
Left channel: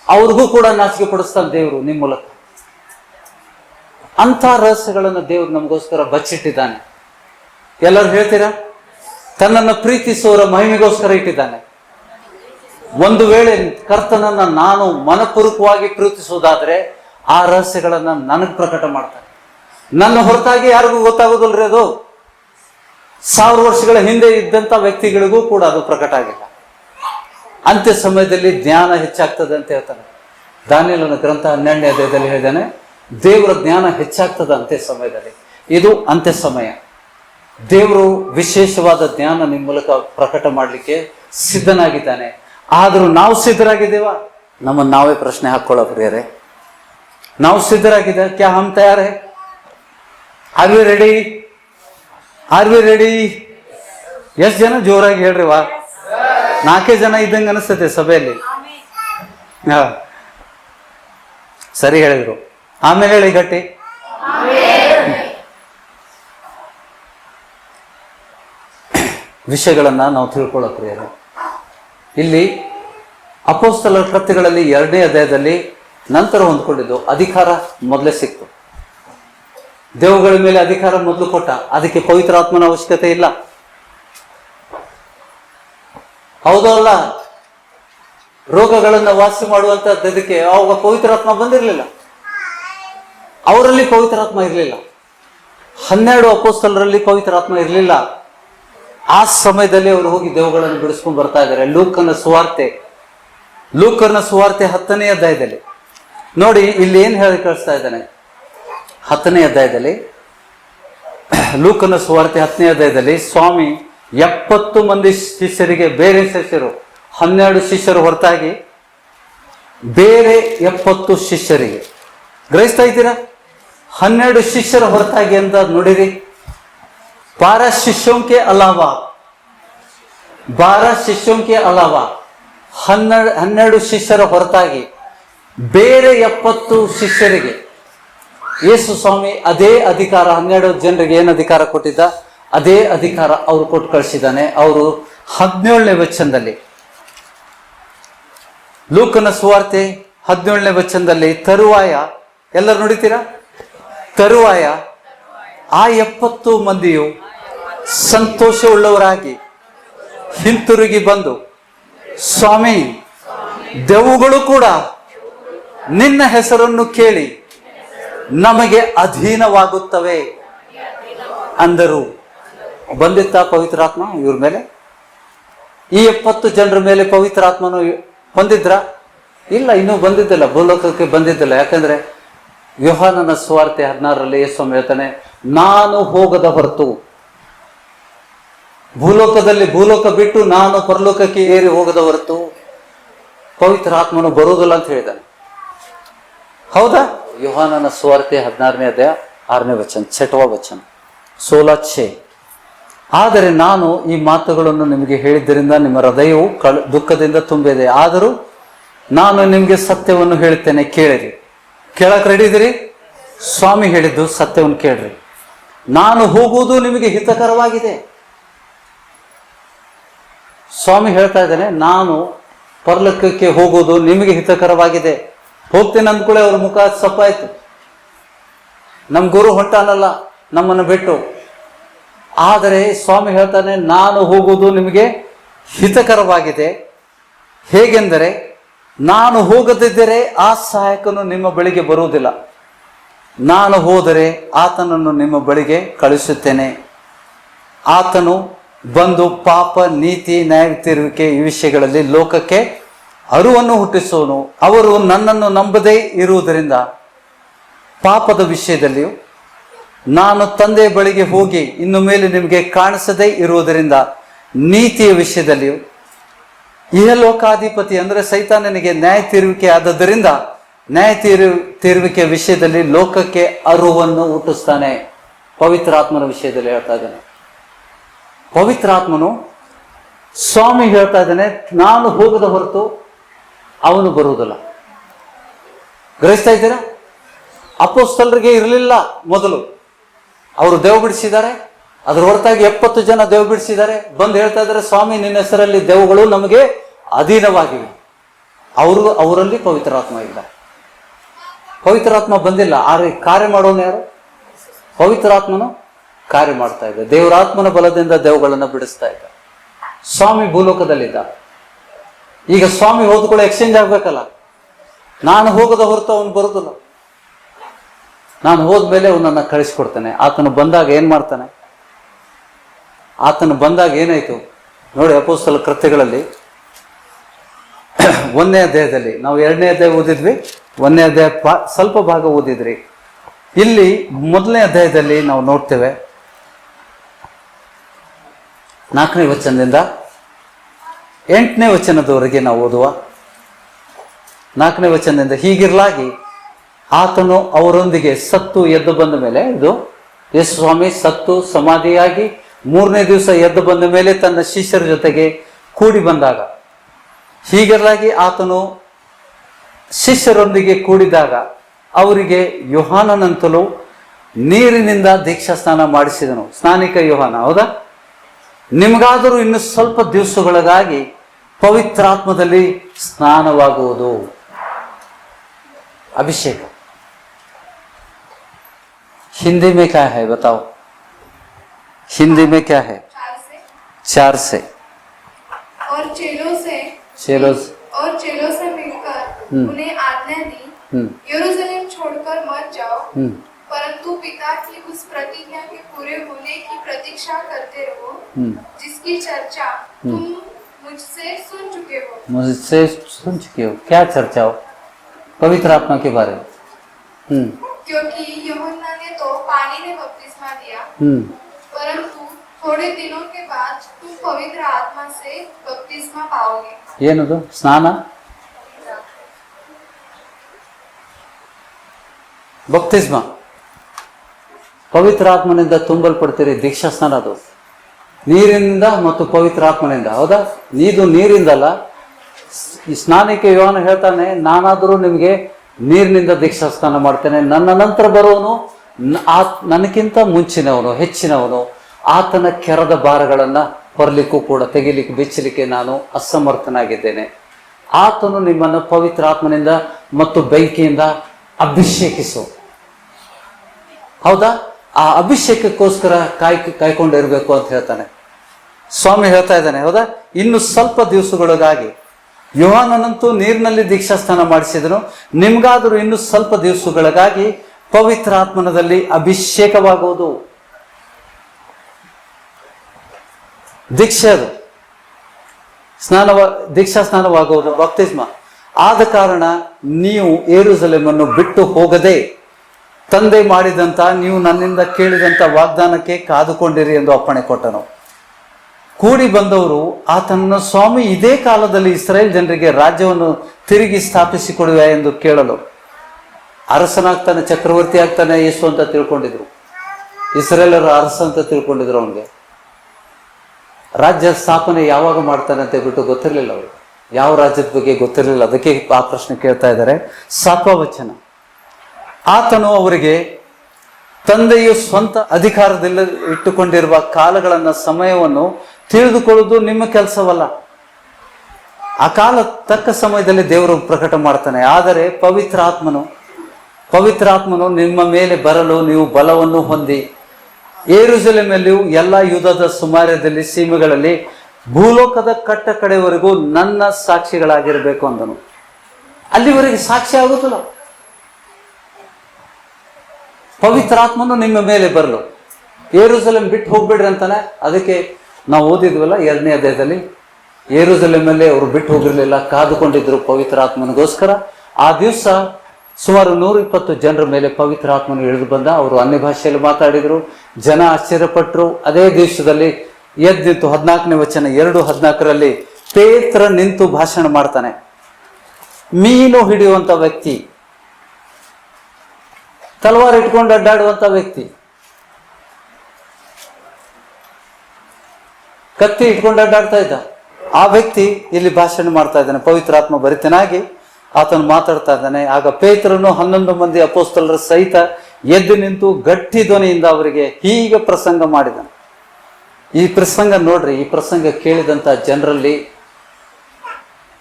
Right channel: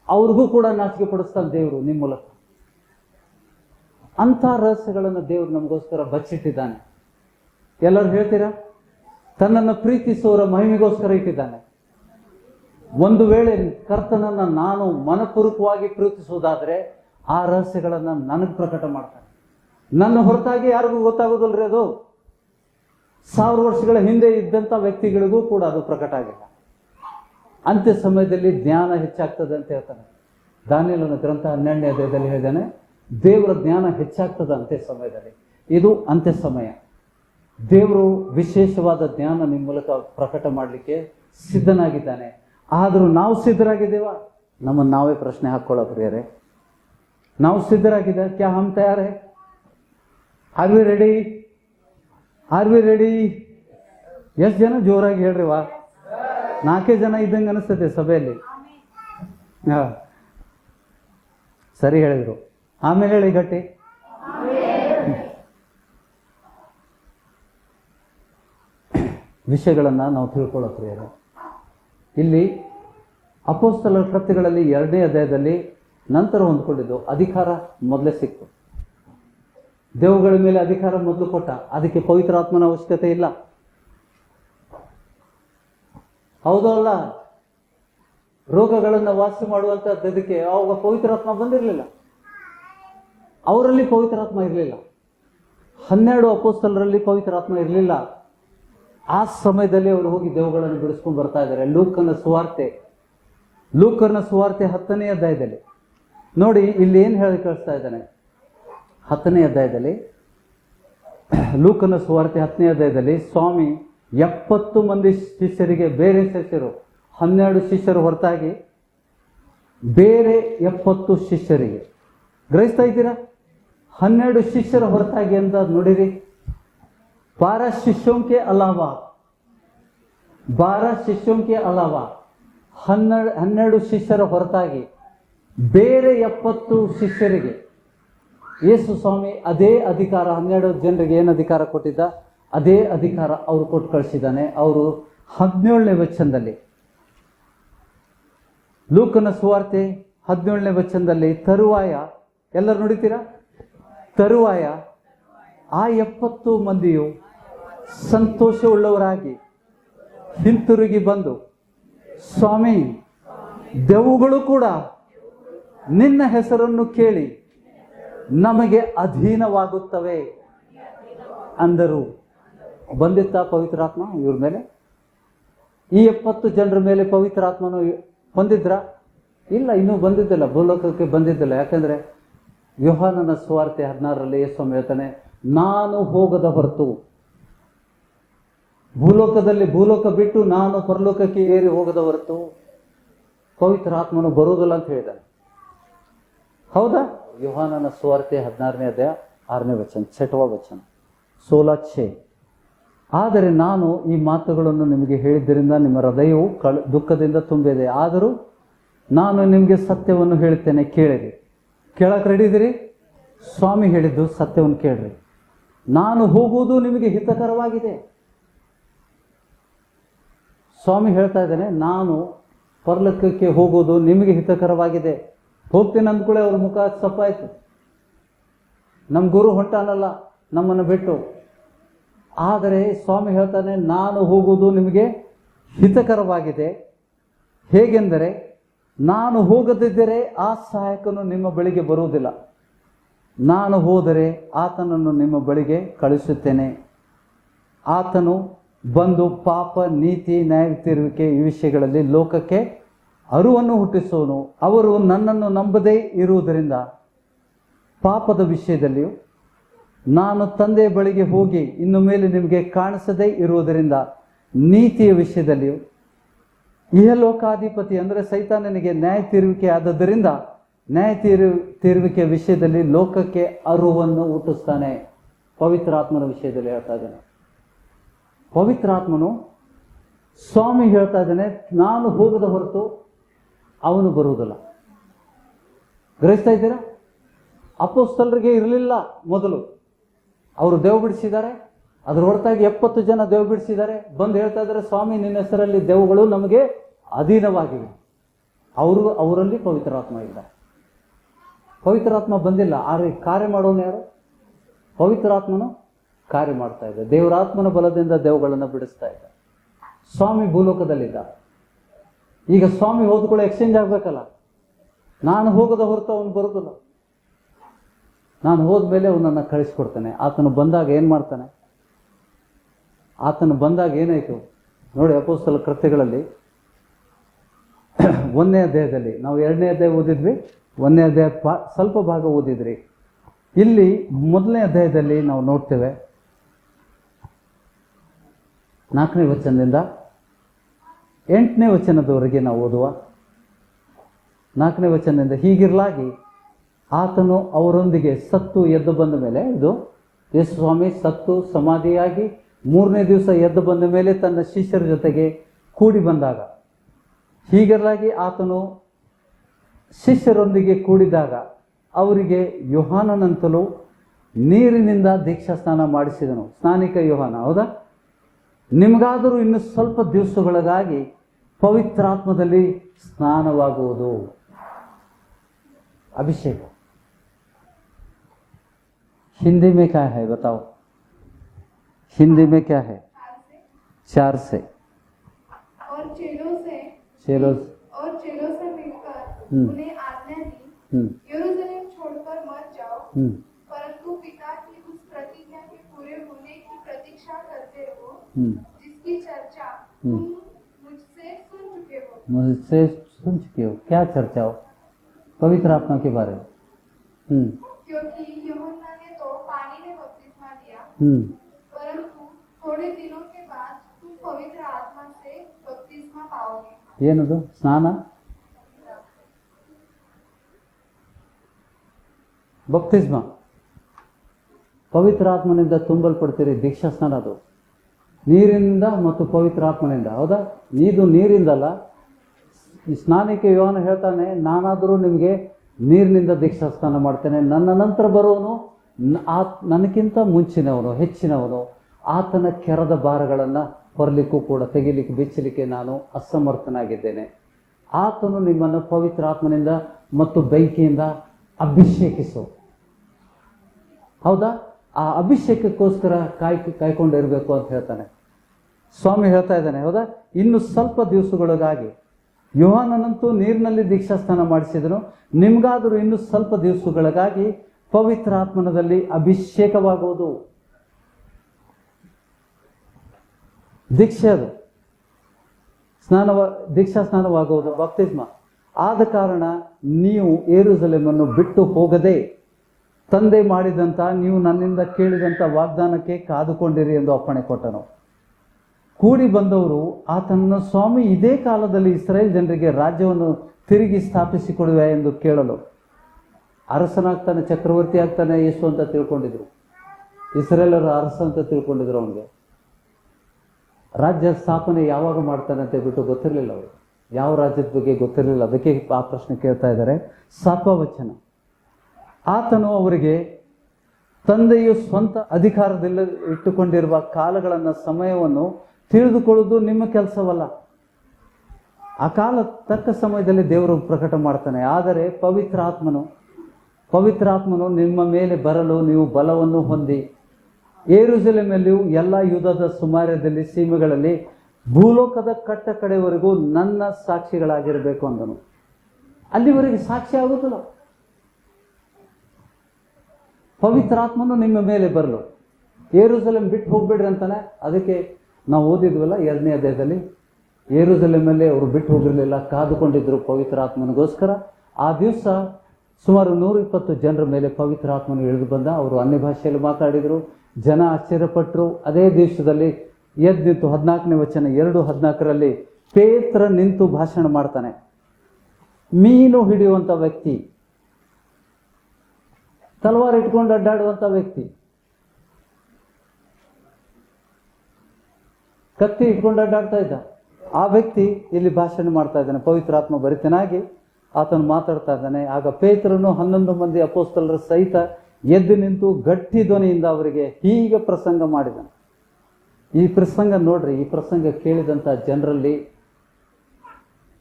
ಅವ್ರಿಗೂ ಕೂಡ ನಾಚಿಕೆ ಪಡಿಸ್ತಾನೆ ದೇವರು ನಿಮ್ಮ ಮೂಲಕ. ಅಂಥ ರಹಸ್ಯಗಳನ್ನು ದೇವರು ನಮಗೋಸ್ಕರ ಬಚ್ಚಿಟ್ಟಿದ್ದಾನೆ. ಎಲ್ಲರೂ ಹೇಳ್ತೀರಾ? ತನ್ನನ್ನು ಪ್ರೀತಿಸೋರ ಮಹಿಮೆಗೋಸ್ಕರ ಇಟ್ಟಿದ್ದಾನೆ. ಒಂದು ವೇಳೆ ಕರ್ತನನ್ನ ನಾನು ಮನಪೂರ್ವಕವಾಗಿ ಪ್ರೀತಿಸುವುದಾದ್ರೆ ಆ ರಹಸ್ಯಗಳನ್ನ ನನಗೆ ಪ್ರಕಟ ಮಾಡ್ತಾನೆ. ನನ್ನ ಹೊರತಾಗಿ ಯಾರಿಗೂ ಗೊತ್ತಾಗೋದಿಲ್ರಿ. ಅದು 1000 ವರ್ಷಗಳ ಹಿಂದೆ ಇದ್ದಂಥ ವ್ಯಕ್ತಿಗಳಿಗೂ ಕೂಡ ಅದು ಪ್ರಕಟ ಆಗಿಲ್ಲ. ಅಂತ್ಯ ಸಮಯದಲ್ಲಿ ಜ್ಞಾನ ಹೆಚ್ಚಾಗ್ತದೆ ಅಂತ ಹೇಳ್ತಾನೆ. ದಾನಿಯೇಲನ ಗ್ರಂಥ 12ನೇ ಅಧ್ಯಾಯದಲ್ಲಿ ಹೇಳಿದಾನೆ, ದೇವರ ಜ್ಞಾನ ಹೆಚ್ಚಾಗ್ತದೆ ಅಂತ್ಯ ಸಮಯದಲ್ಲಿ. ಇದು ಅಂತ್ಯ ಸಮಯ. ದೇವರು ವಿಶೇಷವಾದ ಜ್ಞಾನ ನಿಮ್ಮ ಮೂಲಕ ಪ್ರಕಟ ಮಾಡಲಿಕ್ಕೆ ಸಿದ್ಧನಾಗಿದ್ದಾನೆ. ಆದರೂ ನಾವು ಸಿದ್ಧರಾಗಿದ್ದೇವಾ? ನಮ್ಮನ್ನು ನಾವೇ ಪ್ರಶ್ನೆ ಹಾಕೊಳ್ಳೋ ಪ್ರಿಯರೇ. ನಾವು ಸಿದ್ಧರಾಗಿದ್ದ? ಕ್ಯಾ ಹಮ್ ತಯಾರೇ? Are we ready? Are we ready? ಎಷ್ಟು ಜನ ಜೋರಾಗಿ ಹೇಳ್ರಿ ವಾ. 4 ಜನ ಇದ್ದಂಗೆ ಅನಿಸ್ತದೆ ಸಭೆಯಲ್ಲಿ. ಹಾ, ಸರಿ ಹೇಳಿದ್ರು. ಆಮೇಲೆ ಹೇಳಿ ಗಟ್ಟಿ. ವಿಷಯಗಳನ್ನ ನಾವು ತಿಳ್ಕೊಳ್ಳೋ ಪ್ರಿಯರೇ. ಇಲ್ಲಿ ಅಪೊಸ್ತಲರ ಕೃತ್ಯಗಳಲ್ಲಿ 2ನೇ ಅಧ್ಯಾಯದಲ್ಲಿ ನಂತರ ಹೊಂದ್ಕೊಂಡಿದ್ದು ಅಧಿಕಾರ ಮೊದಲೇ ಸಿಕ್ತು. ದೇವಗಳ ಮೇಲೆ ಅಧಿಕಾರ ಮೊದಲು ಕೊಟ್ಟ. ಅದಕ್ಕೆ ಪವಿತ್ರಾತ್ಮನ ಅವಶ್ಯಕತೆ ಇಲ್ಲ. ಹೌದೋ ಅಲ್ಲ? ರೋಗಗಳನ್ನ ವಾಸಿ ಮಾಡುವಂತದ್ದಕ್ಕೆ ಅವಾಗ ಪವಿತ್ರಾತ್ಮ ಬಂದಿರಲಿಲ್ಲ. ಅವರಲ್ಲಿ ಪವಿತ್ರಾತ್ಮ ಇರಲಿಲ್ಲ. 12 ಅಪೊಸ್ತಲರಲ್ಲಿ ಪವಿತ್ರಾತ್ಮ ಇರಲಿಲ್ಲ. ಆ ಸಮಯದಲ್ಲಿ ಅವರು ಹೋಗಿ ದೇವಗಳನ್ನು ಬಿಡಿಸ್ಕೊಂಡು ಬರ್ತಾ ಇದ್ದಾರೆ. ಲೂಕನ ಸುವಾರ್ತೆ 10ನೇ ಅಧ್ಯಾಯದಲ್ಲಿ ನೋಡಿ, ಇಲ್ಲಿ ಏನ್ ಹೇಳಿ ಕಳಿಸ್ತಾ ಇದ್ದಾನೆ. 10ನೇ ಅಧ್ಯಾಯದಲ್ಲಿ, ಲೂಕನ ಸುವಾರ್ತೆ 10ನೇ ಅಧ್ಯಾಯದಲ್ಲಿ ಸ್ವಾಮಿ 70 ಮಂದಿ ಶಿಷ್ಯರಿಗೆ, ಬೇರೆ ಶಿಷ್ಯರು 12 ಶಿಷ್ಯರು ಹೊರತಾಗಿ ಬೇರೆ 70 ಶಿಷ್ಯರಿಗೆ, ಗ್ರಹಿಸ್ತಾ ಇದ್ದೀರಾ? 12 ಶಿಷ್ಯರ ಹೊರತಾಗಿ ಅಂತ ನೋಡಿರಿ. 12 ಶಿಷ್ಯೋं के अलावा 12 ಶಿಷ್ಯರ ಹೊರತಾಗಿ ಬೇರೆ 70 ಶಿಷ್ಯರಿಗೆ ಯೇಸು ಸ್ವಾಮಿ ಅದೇ ಅಧಿಕಾರ, 12 ಜನರಿಗೆ ಏನು ಅಧಿಕಾರ ಕೊಟ್ಟಿದ್ದ ಅದೇ ಅಧಿಕಾರ ಅವರು ಕೊಟ್ಟು ಕಳಿಸಿದ್ದಾನೆ. ಅವರು 17ನೇ ವಚನದಲ್ಲಿ, ಲೂಕನ ಸುವಾರ್ತೆ 17ನೇ ವಚನದಲ್ಲಿ, ತರುವಾಯ, ಎಲ್ಲರೂ ನೋಡಿತೀರಾ? ತರುವಾಯ ಆ 70 ಮಂದಿಯು ಸಂತೋಷವುಳ್ಳವರಾಗಿ ಹಿಂತಿರುಗಿ ಬಂದು, ಸ್ವಾಮಿ, ದೆವ್ವಗಳು ಕೂಡ ನಿನ್ನ ಹೆಸರನ್ನು ಕೇಳಿ ನಮಗೆ ಅಧೀನವಾಗುತ್ತವೆ ಅಂದರು. ಬಂದಿತ್ತ ಪವಿತ್ರಾತ್ಮ ಇವ್ರ ಮೇಲೆ? ಈ 70 ಜನರ ಮೇಲೆ ಪವಿತ್ರಾತ್ಮನು ಹೊಂದಿದ್ರ? ಇಲ್ಲ, ಇನ್ನೂ ಬಂದಿದ್ದಿಲ್ಲ, ಭೂಲೋಕಕ್ಕೆ ಬಂದಿದ್ದಿಲ್ಲ. ಯಾಕಂದ್ರೆ ಯೋಹಾನನ ಸುವಾರ್ತೆ 16ರಲ್ಲಿ ಯೇಸು ಹೇಳ್ತಾನೆ, ನಾನು ಹೋಗದ ಹೊರತು, ಭೂಲೋಕ ಬಿಟ್ಟು ನಾನು ಪರಲೋಕಕ್ಕೆ ಏರಿ ಹೋಗದ ಹೊರತು ಪವಿತ್ರಾತ್ಮನು ಬರುವುದಿಲ್ಲ ಅಂತ ಹೇಳಿದ್ದಾನೆ. ಹೌದಾ? ಯೋಹಾನನ ಸುವಾರ್ತೆ 16ನೇ ಅಧ್ಯಾಯ 6ನೇ ವಚನ, 6ವಾ ವಚನ, 16. ಆದರೆ ನಾನು ಈ ಮಾತುಗಳನ್ನು ನಿಮಗೆ ಹೇಳಿದ್ದರಿಂದ ನಿಮ್ಮ ಹೃದಯವು ದುಃಖದಿಂದ ತುಂಬಿದೆ. ಆದರೂ ನಾನು ನಿಮಗೆ ಸತ್ಯವನ್ನು ಹೇಳುತ್ತೇನೆ, ಕೇಳಿರಿ. ಕೇಳಕ್ ರೆಡಿ ಇದ್ದೀರಿ? ಸ್ವಾಮಿ ಹೇಳಿದ್ದು ಸತ್ಯವನ್ನು ಕೇಳ್ರಿ. ನಾನು ಹೋಗುವುದು ನಿಮಗೆ ಹಿತಕರವಾಗಿದೆ. ಸ್ವಾಮಿ ಹೇಳ್ತಾ ಇದ್ದಾನೆ, ನಾನು ಪರಲೋಕಕ್ಕೆ ಹೋಗುವುದು ನಿಮಗೆ ಹಿತಕರವಾಗಿದೆ. ಹೋಗ್ತೇನೆ ಅಂದ್ಕೊಳ್ಳೆ ಅವ್ರ ಮುಖ ಸಪ್ಪಾಯ್ತು. ನಮ್ ಗುರು ಹೊಂಟಾನಲ್ಲ, ನಮ್ಮನ್ನು ಬಿಟ್ಟು. ಆದರೆ ಸ್ವಾಮಿ ಹೇಳ್ತಾನೆ, ನಾನು ಹೋಗುವುದು ನಿಮಗೆ ಹಿತಕರವಾಗಿದೆ. ಹೇಗೆಂದರೆ, ನಾನು ಹೋಗದಿದ್ದರೆ ಆ ಸಹಾಯಕನು ನಿಮ್ಮ ಬಳಿಗೆ ಬರುವುದಿಲ್ಲ. ನಾನು ಹೋದರೆ ಆತನನ್ನು ನಿಮ್ಮ ಬಳಿಗೆ ಕಳಿಸುತ್ತೇನೆ. ಆತನು ಬಂದು ಪಾಪ, ನೀತಿ, ನ್ಯಾಯತೀರುವಿಕೆ ಈ ವಿಷಯಗಳಲ್ಲಿ ಲೋಕಕ್ಕೆ ಅರಿವನ್ನು ಹುಟ್ಟಿಸುವನು. ಅವರು ನನ್ನನ್ನು ನಂಬದೇ ಇರುವುದರಿಂದ ಪಾಪದ ವಿಷಯದಲ್ಲಿಯೂ, ನಾನು ತಂದೆಯ ಬಳಿಗೆ ಹೋಗಿ ಇನ್ನು ಮೇಲೆ ನಿಮಗೆ ಕಾಣಿಸದೇ ಇರುವುದರಿಂದ ನೀತಿಯ ವಿಷಯದಲ್ಲಿಯೂ, ಇಹಲೋಕಾಧಿಪತಿ ಅಂದರೆ ಸೈತಾನನಿಗೆ ನ್ಯಾಯ ತೀರುವಿಕೆ ಆದದ್ದರಿಂದ ನ್ಯಾಯ ತೀರುವಿಕೆ ವಿಷಯದಲ್ಲಿ ಲೋಕಕ್ಕೆ ಅರಿವನ್ನು ಹುಟ್ಟಿಸ್ತಾನೆ. ಪವಿತ್ರಾತ್ಮನ ವಿಷಯದಲ್ಲಿ ಹೇಳ್ತಾ ಇದ್ದಾನೆ. ಪವಿತ್ರಾತ್ಮನು ಸ್ವಾಮಿ ಹೇಳ್ತಾ ಇದ್ದಾನೆ, ನಾನು ಹೋಗದ ಹೊರತು ಅವನು ಬರುವುದಿಲ್ಲ. ಗ್ರಹಿಸ್ತಾ ಇದ್ದೀರಾ? ಅಪೊಸ್ತಲರಿಗೆ ಇರಲಿಲ್ಲ ಮೊದಲು. ಅವರು ದೇವ ಬಿಡಿಸಿದ್ದಾರೆ. ಅದ್ರ ಹೊರತಾಗಿ 70 ಜನ ದೇವ ಬಿಡಿಸಿದ್ದಾರೆ. ಬಂದು ಹೇಳ್ತಾ ಇದ್ದಾರೆ, ಸ್ವಾಮಿ ನಿನ್ನ ಹೆಸರಲ್ಲಿ ದೇವಗಳು ನಮಗೆ ಅಧೀನವಾಗಿವೆ. ಅವರಲ್ಲಿ ಪವಿತ್ರಾತ್ಮ ಇಲ್ಲ. ಪವಿತ್ರಾತ್ಮ ಬಂದಿಲ್ಲ. ಕಾರ್ಯ ಮಾಡೋನು ಯಾರು? ಪವಿತ್ರಾತ್ಮನು ಕಾರ್ಯ ಮಾಡ್ತಾ ಇದೆ. ದೇವರಾತ್ಮನ ಬಲದಿಂದ ದೇವಗಳನ್ನು ಬಿಡಿಸ್ತಾ ಇದ್ದ. ಸ್ವಾಮಿ ಭೂಲೋಕದಲ್ಲಿದ್ದ. ಈಗ ಸ್ವಾಮಿ ಹೋದ್ಕೊಳ್ಳೋ ಎಕ್ಸ್ಚೇಂಜ್ ಆಗ್ಬೇಕಲ್ಲ. ನಾನು ಹೋಗದ ಹೊರತು ಅವನು ಬರುದಿಲ್ಲ. ನಾನು ಹೋದ್ಮೇಲೆ ಅವನನ್ನು ಕಳಿಸ್ಕೊಡ್ತಾನೆ. ಆತನು ಬಂದಾಗ ಏನ್ ಮಾಡ್ತಾನೆ? ಆತನು ಬಂದಾಗ ಏನಾಯ್ತು ನೋಡಿ, ಅಪೊಸ್ತಲ ಕೃತ್ಯಗಳಲ್ಲಿ 1ನೇ ಅಧ್ಯಾಯದಲ್ಲಿ, ನಾವು 2ನೇ ಅಧ್ಯಾಯ ಓದಿದ್ವಿ, 1ನೇ ಅಧ್ಯಾಯ ಸ್ವಲ್ಪ ಭಾಗ ಓದಿದ್ರಿ. ಇಲ್ಲಿ 1ನೇ ಅಧ್ಯಾಯದಲ್ಲಿ ನಾವು ನೋಡ್ತೇವೆ, 4ನೇ ವಚನದಿಂದ 8ನೇ ವಚನದವರೆಗೆ ನಾವು ಓದುವ. 4ನೇ ವಚನದಿಂದ, ಹೀಗಿರಲಾಗಿ ಆತನು ಅವರೊಂದಿಗೆ ಸತ್ತು ಎದ್ದು ಬಂದ ಮೇಲೆ, ಇದು ಯೇಸು ಸ್ವಾಮಿ ಸತ್ತು ಸಮಾಧಿಯಾಗಿ 3ನೇ ದಿವಸ ಎದ್ದು ಬಂದ ಮೇಲೆ ತನ್ನ ಶಿಷ್ಯರ ಜೊತೆಗೆ ಕೂಡಿ ಬಂದಾಗ, ಹೀಗಿರಲಾಗಿ ಆತನು ಶಿಷ್ಯರೊಂದಿಗೆ ಕೂಡಿದಾಗ ಅವರಿಗೆ ಯೋಹಾನನಂತಲೂ ನೀರಿನಿಂದ ದೀಕ್ಷಾ ಸ್ನಾನ ಮಾಡಿಸಿದನು. ಸ್ನಾನಿಕ ಯೋಹಾನ, ಹೌದಾ? ನಿಮಗಾದರೂ ಇನ್ನು ಸ್ವಲ್ಪ ದಿವಸಗಳಿಗಾಗಿ ಪವಿತ್ರಾತ್ಮದಲ್ಲಿ ಸ್ನಾನವಾಗುವುದು. अभिषेक हिंदी में क्या है बताओ? हिंदी में क्या है? 4 से और चेलों से मिलकर उन्हें आज्ञा दी, यरूशलेम छोड़कर मत जाओ, परंतु पिता की उस प्रतिज्ञा के पूरे होने की प्रतीक्षा करते रहो, जिसकी चर्चा तुम मुझसे सुन चुके हो। क्या चर्चा हो? पवित्र आत्मा के बारे में। क्योंकि यूहन्ना ने तो पानी में बपतिस्मा दिया, परंतु थोड़े दिनों के बाद तुम पवित्र आत्मा से बपतिस्मा पाओगे। ಏನದು? ಸ್ನಾನ, ಬಪ್ತಿಸ್ಮ. ಪವಿತ್ರ ಆತ್ಮನಿಂದ ತುಂಬಲ್ಪಡ್ತೀರಿ. ದೀಕ್ಷಾ ಸ್ನಾನ ಅದು ನೀರಿನಿಂದ ಮತ್ತು ಪವಿತ್ರ ಆತ್ಮನಿಂದ, ಹೌದಾ? ಇದು ನೀರಿಂದಲ್ಲ. ಈ ಸ್ನಾನಕ್ಕೆ ಯೋಹಾನ ಹೇಳ್ತಾನೆ, ನಾನಾದರೂ ನಿಮಗೆ ನೀರಿನಿಂದ ದೀಕ್ಷಾ ಸ್ನಾನ ಮಾಡ್ತೇನೆ, ನನ್ನ ನಂತರ ಬರುವವನು ನನಗಿಂತ ಮುಂಚಿನವನು, ಹೆಚ್ಚಿನವನು. ಆತನ ಕೆರದ ಭಾರಗಳನ್ನು ಹೊರಲಿಕ್ಕೂ ಕೂಡ, ತೆಗಿಲಿಕ್ಕೆ, ಬಿಚ್ಚಲಿಕ್ಕೆ ನಾನು ಅಸಮರ್ಥನಾಗಿದ್ದೇನೆ. ಆತನು ನಿಮ್ಮನ್ನು ಪವಿತ್ರ ಆತ್ಮನಿಂದ ಮತ್ತು ಬೆಂಕಿಯಿಂದ ಅಭಿಷೇಕಿಸು. ಹೌದಾ? ಆ ಅಭಿಷೇಕಕ್ಕೋಸ್ಕರ ಕಾಯ್ಕೊಂಡಿರ್ಬೇಕು ಅಂತ ಹೇಳ್ತಾನೆ ಸ್ವಾಮಿ. ಹೇಳ್ತಾ ಇದ್ದಾನೆ, ಹೌದಾ? ಇನ್ನು ಸ್ವಲ್ಪ ದಿವಸಗಳಿಗಾಗಿ. ಯೋಹಾನನಂತೂ ನೀರಿನಲ್ಲಿ ದೀಕ್ಷಾ ಸ್ನಾನ ಮಾಡಿಸಿದನು, ನಿಮ್ಗಾದರೂ ಇನ್ನು ಸ್ವಲ್ಪ ದಿವಸಗಳಿಗಾಗಿ ಪವಿತ್ರ ಆತ್ಮನದಲ್ಲಿ ಅಭಿಷೇಕವಾಗುವುದು. ದೀಕ್ಷೆ ಅದು ದೀಕ್ಷಾ ಸ್ನಾನವಾಗುವುದು, ಬಾಪ್ತಿಸ್ಮ. ಆದ ಕಾರಣ ನೀವು ಯೆರೂಸಲೇಮನ್ನು ಬಿಟ್ಟು ಹೋಗದೆ ತಂದೆ ಮಾಡಿದಂತ, ನೀವು ನನ್ನಿಂದ ಕೇಳಿದಂತ ವಾಗ್ದಾನಕ್ಕೆ ಕಾದುಕೊಂಡಿರಿ ಎಂದು ಅಪ್ಪಣೆ ಕೊಟ್ಟನು. ಕೂಡಿ ಬಂದವರು ಆತನನ್ನು, ಸ್ವಾಮಿ ಇದೇ ಕಾಲದಲ್ಲಿ ಇಸ್ರಾಯೇಲ್ ಜನರಿಗೆ ರಾಜ್ಯವನ್ನು ತಿರುಗಿ ಸ್ಥಾಪಿಸಿಕೊಡುವೆ ಎಂದು ಕೇಳಲು, ಅರಸನಾಗ್ತಾನೆ, ಚಕ್ರವರ್ತಿ ಆಗ್ತಾನೆ ಯೇಸು ಅಂತ ತಿಳ್ಕೊಂಡಿದ್ರು. ಇಸ್ರಾಯೇಲರ ಅರಸ ಅಂತ ತಿಳ್ಕೊಂಡಿದ್ರು. ಅವನಿಗೆ ರಾಜ್ಯ ಸ್ಥಾಪನೆ ಯಾವಾಗ ಮಾಡ್ತಾನೆ ಅಂತ ಬಿಟ್ಟು ಗೊತ್ತಿರಲಿಲ್ಲ. ಅವರು ಯಾವ ರಾಜ್ಯದ ಬಗ್ಗೆ ಗೊತ್ತಿರಲಿಲ್ಲ. ಅದಕ್ಕೆ ಆ ಪ್ರಶ್ನೆ ಕೇಳ್ತಾ ಇದ್ದಾರೆ. ಸಾತ್ವವಚನ, ಆತನು ಅವರಿಗೆ, ತಂದೆಯು ಸ್ವಂತ ಅಧಿಕಾರದಲ್ಲಿ ಇಟ್ಟುಕೊಂಡಿರುವ ಕಾಲಗಳನ್ನು, ಸಮಯವನ್ನು ತಿಳಿದುಕೊಳ್ಳುವುದು ನಿಮ್ಮ ಕೆಲಸವಲ್ಲ. ಆ ಕಾಲ ತಕ್ಕ ಸಮಯದಲ್ಲಿ ದೇವರು ಪ್ರಕಟ ಮಾಡ್ತಾನೆ. ಆದರೆ ಪವಿತ್ರಾತ್ಮನು ನಿಮ್ಮ ಮೇಲೆ ಬರಲು ನೀವು ಬಲವನ್ನು ಹೊಂದಿ ಯೆರೂಸಲೇಮಲ್ಲಿಯೂ ಎಲ್ಲ ಯೂದದ ಸುಮಾರ್ಯದಲ್ಲಿ ಸೀಮೆಗಳಲ್ಲಿ ಭೂಲೋಕದ ಕಟ್ಟ ಕಡೆವರೆಗೂ ನನ್ನ ಸಾಕ್ಷಿಗಳಾಗಿರ್ಬೇಕು ಅಂದನು. ಅಲ್ಲಿವರೆಗೆ ಸಾಕ್ಷಿ ಆಗುತ್ತಲ್ಲ. ಪವಿತ್ರಾತ್ಮನು ನಿಮ್ಮ ಮೇಲೆ ಬರಲು. ಯೆರೂಸಲೇಮ್ ಬಿಟ್ಟು ಹೋಗ್ಬಿಡ್ರಿ ಅಂತಾನೆ. ಅದಕ್ಕೆ ನಾವು ಓದಿದ್ವಲ್ಲ 2ನೇ ಅಧ್ಯಾಯದಲ್ಲಿ, ಯೆರೂಸಲೇಮಲ್ಲೇ ಅವರು ಬಿಟ್ಟು ಹೋಗಿರ್ಲಿಲ್ಲ, ಕಾದುಕೊಂಡಿದ್ರು ಪವಿತ್ರಾತ್ಮನಿಗೋಸ್ಕರ. ಆ ದಿವಸ ಸುಮಾರು 120 ಜನರ ಮೇಲೆ ಪವಿತ್ರಾತ್ಮನು ಇಳಿದು ಬಂದ. ಅವರು ಅನ್ಯ ಭಾಷೆಯಲ್ಲಿ ಮಾತಾಡಿದ್ರು. ಜನ ಆಶ್ಚರ್ಯಪಟ್ಟರು. ಅದೇ ದಿವಸದಲ್ಲಿ ಎದ್ದು ನಿಂತು 14ನೇ ವಚನ 2:14 ಪೇತ್ರ ನಿಂತು ಭಾಷಣ ಮಾಡ್ತಾನೆ. ಮೀನು ಹಿಡಿಯುವಂತ ವ್ಯಕ್ತಿ, ತಲವಾರು ಇಟ್ಕೊಂಡು ಅಡ್ಡಾಡುವಂತ ವ್ಯಕ್ತಿ, ಕತ್ತಿ ಇಟ್ಕೊಂಡು ಅಡ್ಡಾಡ್ತಾ ಇದ್ದ ಆ ವ್ಯಕ್ತಿ ಇಲ್ಲಿ ಭಾಷಣ ಮಾಡ್ತಾ ಇದ್ದಾನೆ. ಪವಿತ್ರಾತ್ಮ ಭರಿತನಾಗಿ ಆತನು ಮಾತಾಡ್ತಾ ಇದ್ದಾನೆ. ಆಗ ಪೇತ್ರನು 11 ಮಂದಿ ಅಪೊಸ್ತಲರ ಸಹಿತ ಎದ್ದು ನಿಂತು ಗಟ್ಟಿ ಧ್ವನಿಯಿಂದ ಅವರಿಗೆ ಹೀಗೆ ಪ್ರಸಂಗ ಮಾಡಿದನು. ಈ ಪ್ರಸಂಗ ನೋಡ್ರಿ, ಈ ಪ್ರಸಂಗ ಕೇಳಿದಂತ ಜನರಲ್ಲಿ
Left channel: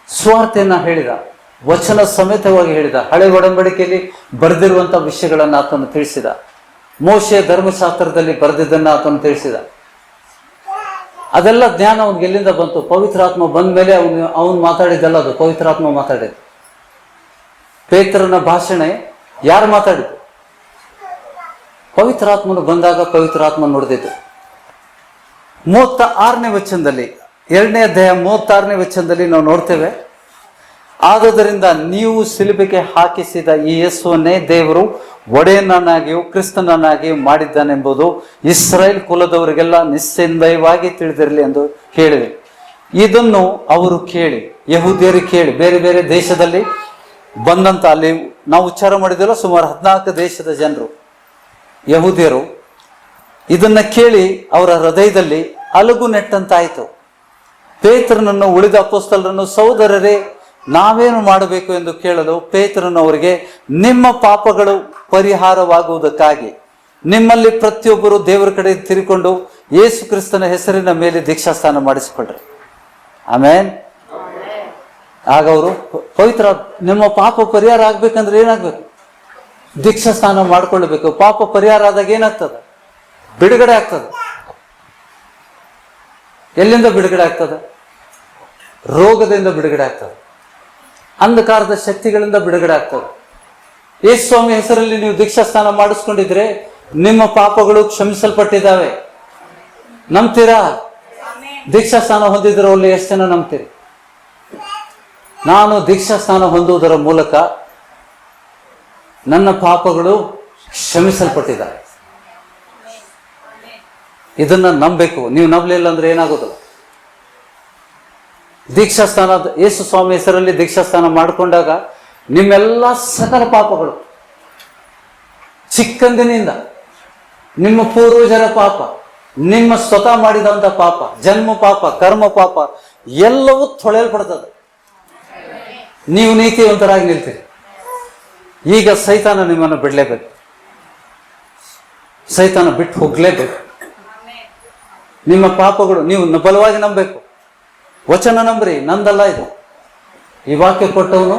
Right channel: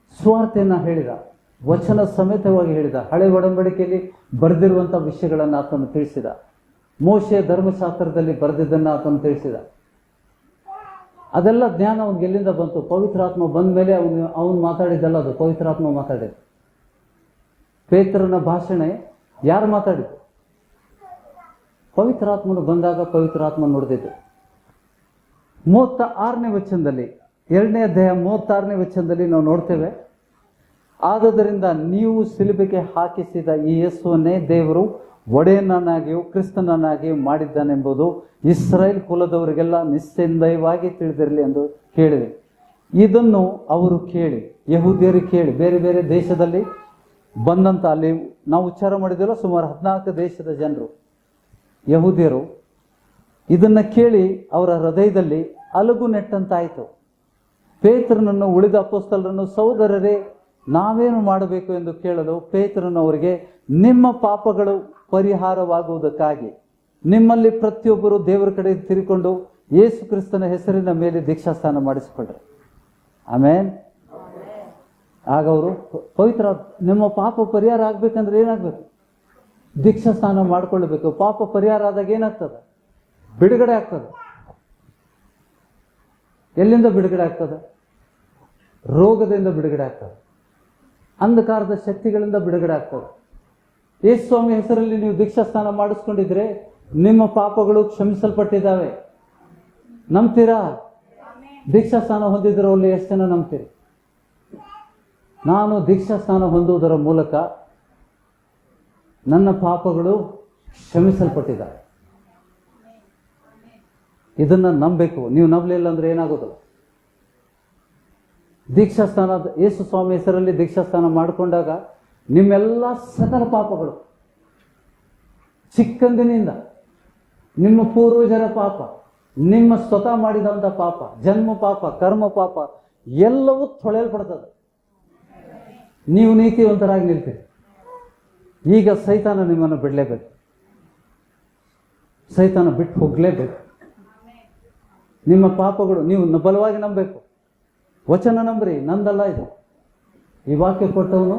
ಸ್ವಾರ್ಥೆಯನ್ನ ಹೇಳಿದ, ವಚನ ಸಮೇತವಾಗಿ ಹೇಳಿದ. ಹಳೆ ಒಡಂಬಡಿಕೆಯಲ್ಲಿ ಬರೆದಿರುವಂತ ವಿಷಯಗಳನ್ನು ಆತನು ತಿಳಿಸಿದ. ಮೋಶೆಯ ಧರ್ಮಶಾಸ್ತ್ರದಲ್ಲಿ ಬರೆದಿದ್ದನ್ನ ಆತನು ತಿಳಿಸಿದ. ಅದೆಲ್ಲ ಜ್ಞಾನ ಅವನಿಗೆ ಎಲ್ಲಿಂದ ಬಂತು? ಪವಿತ್ರಾತ್ಮ ಬಂದ ಮೇಲೆ ಅವನು ಮಾತಾಡಿದ್ದಲ್ಲ, ಅದು ಪವಿತ್ರಾತ್ಮ ಮಾತಾಡಿದ್ದು. ಪೇತ್ರನ ಭಾಷಣ ಯಾರು ಮಾತಾಡಿದ್ದು? ಪವಿತ್ರಾತ್ಮನು ಬಂದಾಗ ಪವಿತ್ರಾತ್ಮ ನುಡಿದಿದ್ದು. 36ನೇ ವಚನದಲ್ಲಿ, 2ನೇ ಅಧ್ಯಾಯ 36ನೇ ವಚನದಲ್ಲಿ ನಾವು ನೋಡ್ತೇವೆ, ಆದುದರಿಂದ ನೀವು ಸಿಲುಬೆಗೆ ಹಾಕಿಸಿದ ಈ ಯೇಸುವನ್ನೇ ದೇವರು ಒಡೆಯನನ್ನಾಗಿಯೂ ಕ್ರಿಸ್ತನನ್ನಾಗಿಯೂ ಮಾಡಿದ್ದಾನೆಂಬುದು ಇಸ್ರಾಯೇಲ್ ಕುಲದವರಿಗೆಲ್ಲ ನಿಸ್ಸಂದೇಹವಾಗಿ ತಿಳಿದಿರಲಿ ಎಂದು ಹೇಳಿದೆ. ಇದನ್ನು ಅವರು ಕೇಳಿ, ಯಹೂದ್ಯರು ಕೇಳಿ, ಬೇರೆ ಬೇರೆ ದೇಶದಲ್ಲಿ ಬಂದಂತ, ಅಲ್ಲಿ ನಾವು ಉಚ್ಚಾರ ಮಾಡಿದೆಲ್ಲ ಸುಮಾರು 14 ದೇಶದ ಜನರು ಯಹೂದ್ಯರು ಇದನ್ನ ಕೇಳಿ ಅವರ ಹೃದಯದಲ್ಲಿ ಅಲಗು ನೆಟ್ಟಂತಾಯಿತು. ಪೇತ್ರನನ್ನು ಉಳಿದ ಅಪೊಸ್ತಲರನ್ನು, ಸಹೋದರರೇ ನಾವೇನು ಮಾಡಬೇಕು ಎಂದು ಕೇಳಲು ಪೇತ್ರನು ಅವರಿಗೆ, ನಿಮ್ಮ ಪಾಪಗಳು ಪರಿಹಾರವಾಗುವುದಕ್ಕಾಗಿ ನಿಮ್ಮಲ್ಲಿ ಪ್ರತಿಯೊಬ್ಬರು ದೇವರ ಕಡೆ ತಿರುಕೊಂಡು ಯೇಸು ಕ್ರಿಸ್ತನ ಹೆಸರಿನ ಮೇಲೆ ದೀಕ್ಷಾಸ್ನಾನ ಮಾಡಿಸಿಕೊಳ್ಳ್ರಿ. ಆಮೇನ್. ಆಗ ಅವರು ಪವಿತ್ರ, ನಿಮ್ಮ ಪಾಪ ಪರಿಹಾರ ಆಗ್ಬೇಕಂದ್ರೆ ಏನಾಗ್ಬೇಕು? ದೀಕ್ಷಾಸ್ನಾನ ಮಾಡ್ಕೊಳ್ಬೇಕು. ಪಾಪ ಪರಿಹಾರ ಆದಾಗ ಏನಾಗ್ತದೆ? ಬಿಡುಗಡೆ ಆಗ್ತದೆ. ಎಲ್ಲಿಂದ ಬಿಡುಗಡೆ ಆಗ್ತದೆ? ರೋಗದಿಂದ ಬಿಡುಗಡೆ ಆಗ್ತದೆ. ಅಂಧಕಾರದ ಶಕ್ತಿಗಳಿಂದ ಬಿಡುಗಡೆ ಆಗ್ತದೆ. ಯೇಸು ಸ್ವಾಮಿ ಹೆಸರಲ್ಲಿ ನೀವು ದೀಕ್ಷಾಸ್ನಾನ ಮಾಡಿಸ್ಕೊಂಡಿದ್ರೆ ನಿಮ್ಮ ಪಾಪಗಳು ಕ್ಷಮಿಸಲ್ಪಟ್ಟಿದ್ದಾವೆ. ನಂಬ್ತೀರಾ? ದೀಕ್ಷಾಸ್ನಾನ ಹೊಂದಿದ್ರಲ್ಲಿ ಎಷ್ಟು ಜನ ನಂಬ್ತೀರಿ? ನಾನು ದೀಕ್ಷಾಸ್ನಾನ ಹೊಂದುವುದರ ಮೂಲಕ ನನ್ನ ಪಾಪಗಳು ಕ್ಷಮಿಸಲ್ಪಟ್ಟಿದ್ದಾವೆ. ಇದನ್ನ ನಂಬಬೇಕು. ನೀವು ನಂಬಲಿಲ್ಲ ಅಂದ್ರೆ ಏನಾಗೋದು? ದೀಕ್ಷಾಸ್ನಾನ, ಯೇಸು ಸ್ವಾಮಿ ಹೆಸರಲ್ಲಿ ದೀಕ್ಷಾಸ್ನಾನ ಮಾಡಿಕೊಂಡಾಗ ನಿಮ್ಮೆಲ್ಲ ಸಕಲ ಪಾಪಗಳು, ಚಿಕ್ಕಂದಿನಿಂದ ನಿಮ್ಮ ಪೂರ್ವಜರ ಪಾಪ, ನಿಮ್ಮ ಸ್ವತಃ ಮಾಡಿದಂತ ಪಾಪ, ಜನ್ಮ ಪಾಪ, ಕರ್ಮ ಪಾಪ ಎಲ್ಲವೂ ತೊಳೆಯಲ್ಪಡ್ತದೆ. ನೀವು ನೀತಿವಂತರಾಗಿ ನಿಲ್ತೀರಿ. ಈಗ ಸೈತಾನ ನಿಮ್ಮನ್ನು ಬಿಡಲೇಬೇಕು. ಸೈತಾನ ಬಿಟ್ಟು ಹೋಗ್ಲೇಬೇಕು. ನಿಮ್ಮ ಪಾಪಗಳು ನೀವು ಬಲವಾಗಿ ನಂಬಬೇಕು. ವಚನ ನಂಬ್ರಿ, ನಂದಲ್ಲ ಇದು. ಈ ವಾಕ್ಯ ಕೊಟ್ಟವನು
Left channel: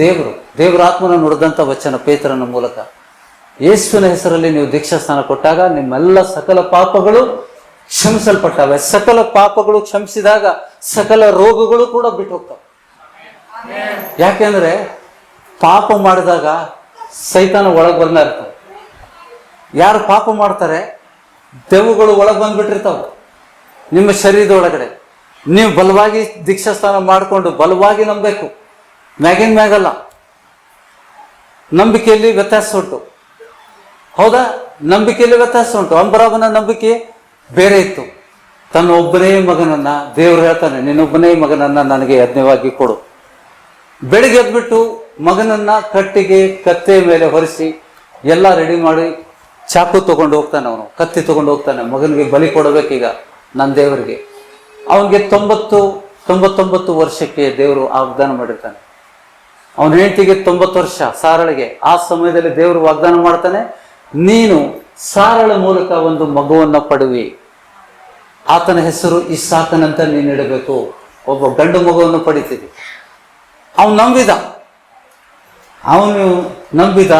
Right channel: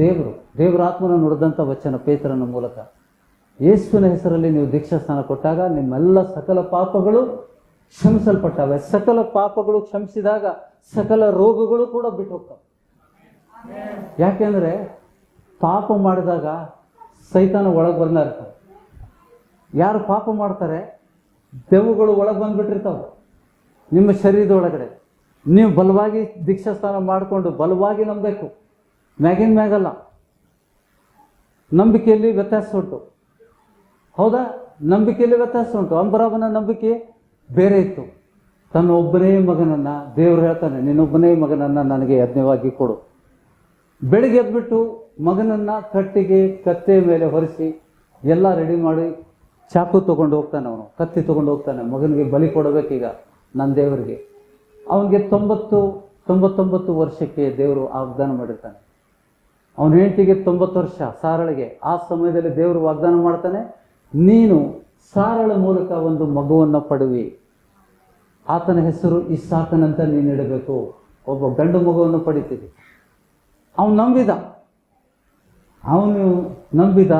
ದೇವರು. ದೇವರ ಆತ್ಮನ ನುಡಿದಂಥ ವಚನ ಪೇತ್ರನ ಮೂಲಕ. ಯೇಸುವಿನ ಹೆಸರಲ್ಲಿ ನೀವು ದೀಕ್ಷಾಸ್ನಾನ ಕೊಟ್ಟಾಗ ನಿಮ್ಮೆಲ್ಲ ಸಕಲ ಪಾಪಗಳು ಕ್ಷಮಿಸಲ್ಪಟ್ಟವೆ. ಸಕಲ ಪಾಪಗಳು ಕ್ಷಮಿಸಿದಾಗ ಸಕಲ ರೋಗಗಳು ಕೂಡ ಬಿಟ್ಟು ಹೋಗ್ತವೆ. ಯಾಕೆಂದ್ರೆ ಪಾಪ ಮಾಡಿದಾಗ ಸೈತಾನ ಒಳಗೆ ಬಂದ ಇರ್ತಾನೆ. ಯಾರು ಪಾಪ ಮಾಡ್ತಾರೆ ದೆವ್ವಗಳು ಒಳಗೆ ಬಂದ್ಬಿಟ್ಟಿರ್ತಾವೆ ನಿಮ್ಮ ಶರೀರದ ಒಳಗಡೆ. ನೀವು ಬಲವಾಗಿ ದೀಕ್ಷಾಸ್ನಾನ ಮಾಡಿಕೊಂಡು ಬಲವಾಗಿ ನಂಬಬೇಕು. ಮ್ಯಾಗಿನ ಮ್ಯಾಗಲ್ಲ. ನಂಬಿಕೆಯಲ್ಲಿ ವ್ಯತ್ಯಾಸ ಉಂಟು. ಹೌದಾ? ನಂಬಿಕೆಯಲ್ಲಿ ವ್ಯತ್ಯಾಸ ಉಂಟು. ಅಂಬರಾಮನ ನಂಬಿಕೆ ಬೇರೆ ಇತ್ತು. ತನ್ನ ಒಬ್ಬನೇ ಮಗನನ್ನ, ದೇವರು ಹೇಳ್ತಾನೆ, ನಿನ್ನೊಬ್ಬನೇ ಮಗನನ್ನ ನನಗೆ ಯಜ್ಞವಾಗಿ ಕೊಡು. ಬೆಳಿಗ್ಗೆ ಎದ್ಬಿಟ್ಟು ಮಗನನ್ನ ಕಟ್ಟಿಗೆ ಕತ್ತೆ ಮೇಲೆ ಹೊರಿಸಿ ಎಲ್ಲ ರೆಡಿ ಮಾಡಿ ಚಾಕು ತಗೊಂಡು ಹೋಗ್ತಾನೆ. ಅವನು ಕತ್ತಿ ತಗೊಂಡು ಹೋಗ್ತಾನೆ. ಮಗನಿಗೆ ಬಲಿ ಕೊಡಬೇಕೀಗ ನನ್ನ ದೇವರಿಗೆ. ಅವನಿಗೆ 99 ವರ್ಷಕ್ಕೆ ದೇವರು ವಾಗ್ದಾನ ಮಾಡಿರ್ತಾನೆ. ಅವನ ಹೆಂಡತಿಗೆ 90 ವರ್ಷ, ಸಾರಳಿಗೆ. ಆ ಸಮಯದಲ್ಲಿ ದೇವರು ವಾಗ್ದಾನ ಮಾಡ್ತಾನೆ, ನೀನು ಸಾರಳ ಮೂಲಕ ಒಂದು ಮಗುವನ್ನ ಪಡುವಿ, ಆತನ ಹೆಸರು ಇಸಾಕನಂತ ನೀನು ಇಡಬೇಕು. ಒಬ್ಬ ಗಂಡು ಮಗುವನ್ನು ಪಡಿತೀವಿ. ಅವನು ನಂಬಿದ.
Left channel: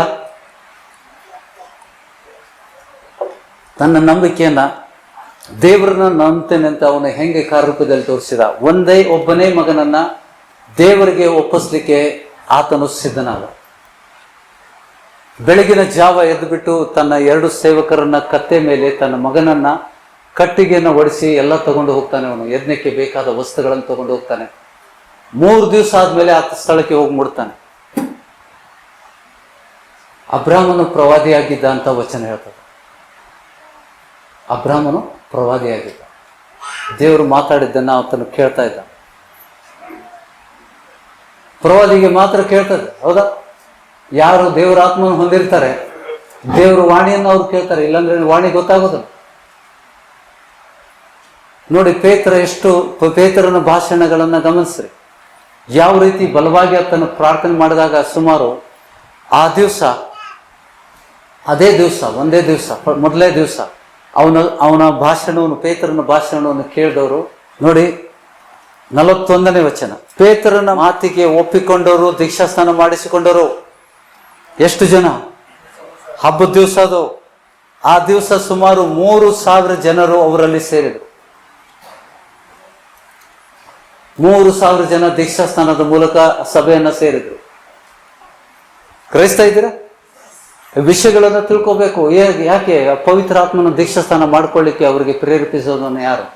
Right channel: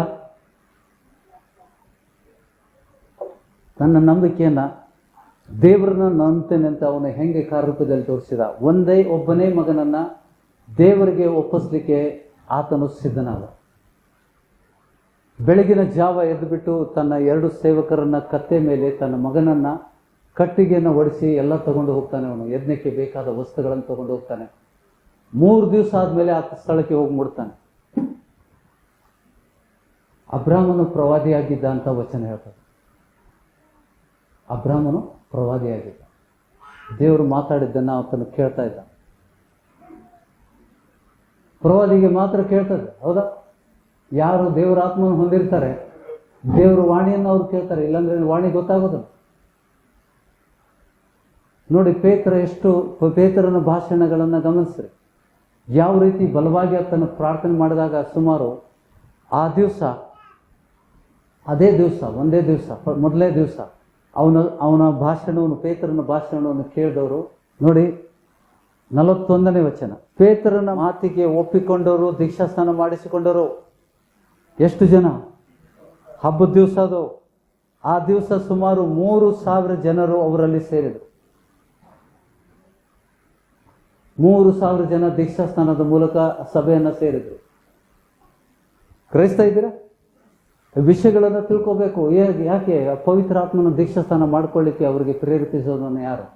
ತನ್ನ ನಂಬಿಕೆಯನ್ನ ದೇವರನ್ನ ನಂಬ್ತೇನೆ ಅಂತ ಅವನು ಹೆಂಗೆ ಕಾರ್ಯರೂಪದಲ್ಲಿ ತೋರಿಸಿದ. ಒಬ್ಬನೇ ಮಗನನ್ನ ದೇವರಿಗೆ ಒಪ್ಪಿಸ್ಲಿಕ್ಕೆ ಆತನು ಸಿದ್ಧನಾದ. ಬೆಳಗಿನ ಜಾವ ಎದ್ದುಬಿಟ್ಟು ತನ್ನ 2 ಸೇವಕರನ್ನ ಕತ್ತೆ ಮೇಲೆ ತನ್ನ ಮಗನನ್ನ ಕಟ್ಟಿಗೆಯನ್ನು ಒಡಿಸಿ ಎಲ್ಲ ತಗೊಂಡು ಹೋಗ್ತಾನೆ. ಅವನು ಯಜ್ಞಕ್ಕೆ ಬೇಕಾದ ವಸ್ತುಗಳನ್ನು ತಗೊಂಡು ಹೋಗ್ತಾನೆ. 3 ದಿವಸ ಆದ್ಮೇಲೆ ಆತ ಸ್ಥಳಕ್ಕೆ ಹೋಗಿ ಮುಡ್ತಾನೆ. ಅಬ್ರಾಮನು ಪ್ರವಾದಿಯಾಗಿದ್ದ ಅಂತ ವಚನ ಹೇಳ್ತದೆ. ಅಬ್ರಾಮನು ಪ್ರವಾದಿಯಾಗಿದ್ದ. ದೇವರು ಮಾತಾಡಿದ್ದನ್ನ ಆತನು ಕೇಳ್ತಾ ಇದ್ದ. ಪ್ರವಾದಿಗೆ ಮಾತ್ರ ಕೇಳ್ತದೆ, ಹೌದಾ? ಯಾರು ದೇವರ ಆತ್ಮವನ್ನು ಹೊಂದಿರ್ತಾರೆ, ದೇವರ ವಾಣಿಯನ್ನು ಅವ್ರು ಕೇಳ್ತಾರೆ, ಇಲ್ಲಾಂದ್ರೆ ವಾಣಿ ಗೊತ್ತಾಗೋದಿಲ್ಲ. ನೋಡಿ, ಪೇತ್ರನ ಭಾಷಣಗಳನ್ನ ಗಮನಿಸ್ರಿ. ಯಾವ ರೀತಿ ಬಲವಾಗಿ ಆತನು ಪ್ರಾರ್ಥನೆ ಮಾಡಿದಾಗ ಸುಮಾರು ಆ ದಿವಸ, ಒಂದೇ ದಿವಸ ಮೊದಲೇ ದಿವಸ ಅವನ ಭಾಷಣವನ್ನು, ಪೇತ್ರನ ಭಾಷಣವನ್ನು ಕೇಳಿದವರು ನೋಡಿ 41ನೇ ವಚನ. ಪೇತ್ರನ ಮಾತಿಗೆ ಒಪ್ಪಿಕೊಂಡವರು, ದೀಕ್ಷಾಸ್ನಾನ ಮಾಡಿಸಿಕೊಂಡವರು ಎಷ್ಟು ಜನ? ಹಬ್ಬದ ದಿವಸ ಅದು. ಆ ದಿವಸ ಸುಮಾರು 3,000 ಜನರು ಅವರಲ್ಲಿ ಸೇರಿದರು. 3,000 ಜನ ದೀಕ್ಷಾಸ್ನಾನದ ಮೂಲಕ ಸಭೆಯನ್ನ ಸೇರಿದ್ರು. ಗ್ರಹಿಸ್ತಾ ಇದ್ದೀರಾ? ವಿಷಯಗಳನ್ನು ತಿಳ್ಕೋಬೇಕು. ಯಾಕೆ ಪವಿತ್ರ ಆತ್ಮನ ದೀಕ್ಷಾಸ್ನಾನ ಮಾಡ್ಕೊಳ್ಳಿಕ್ಕೆ ಅವರಿಗೆ ಪ್ರೇರೇಪಿಸೋದನ್ನು ಯಾರು?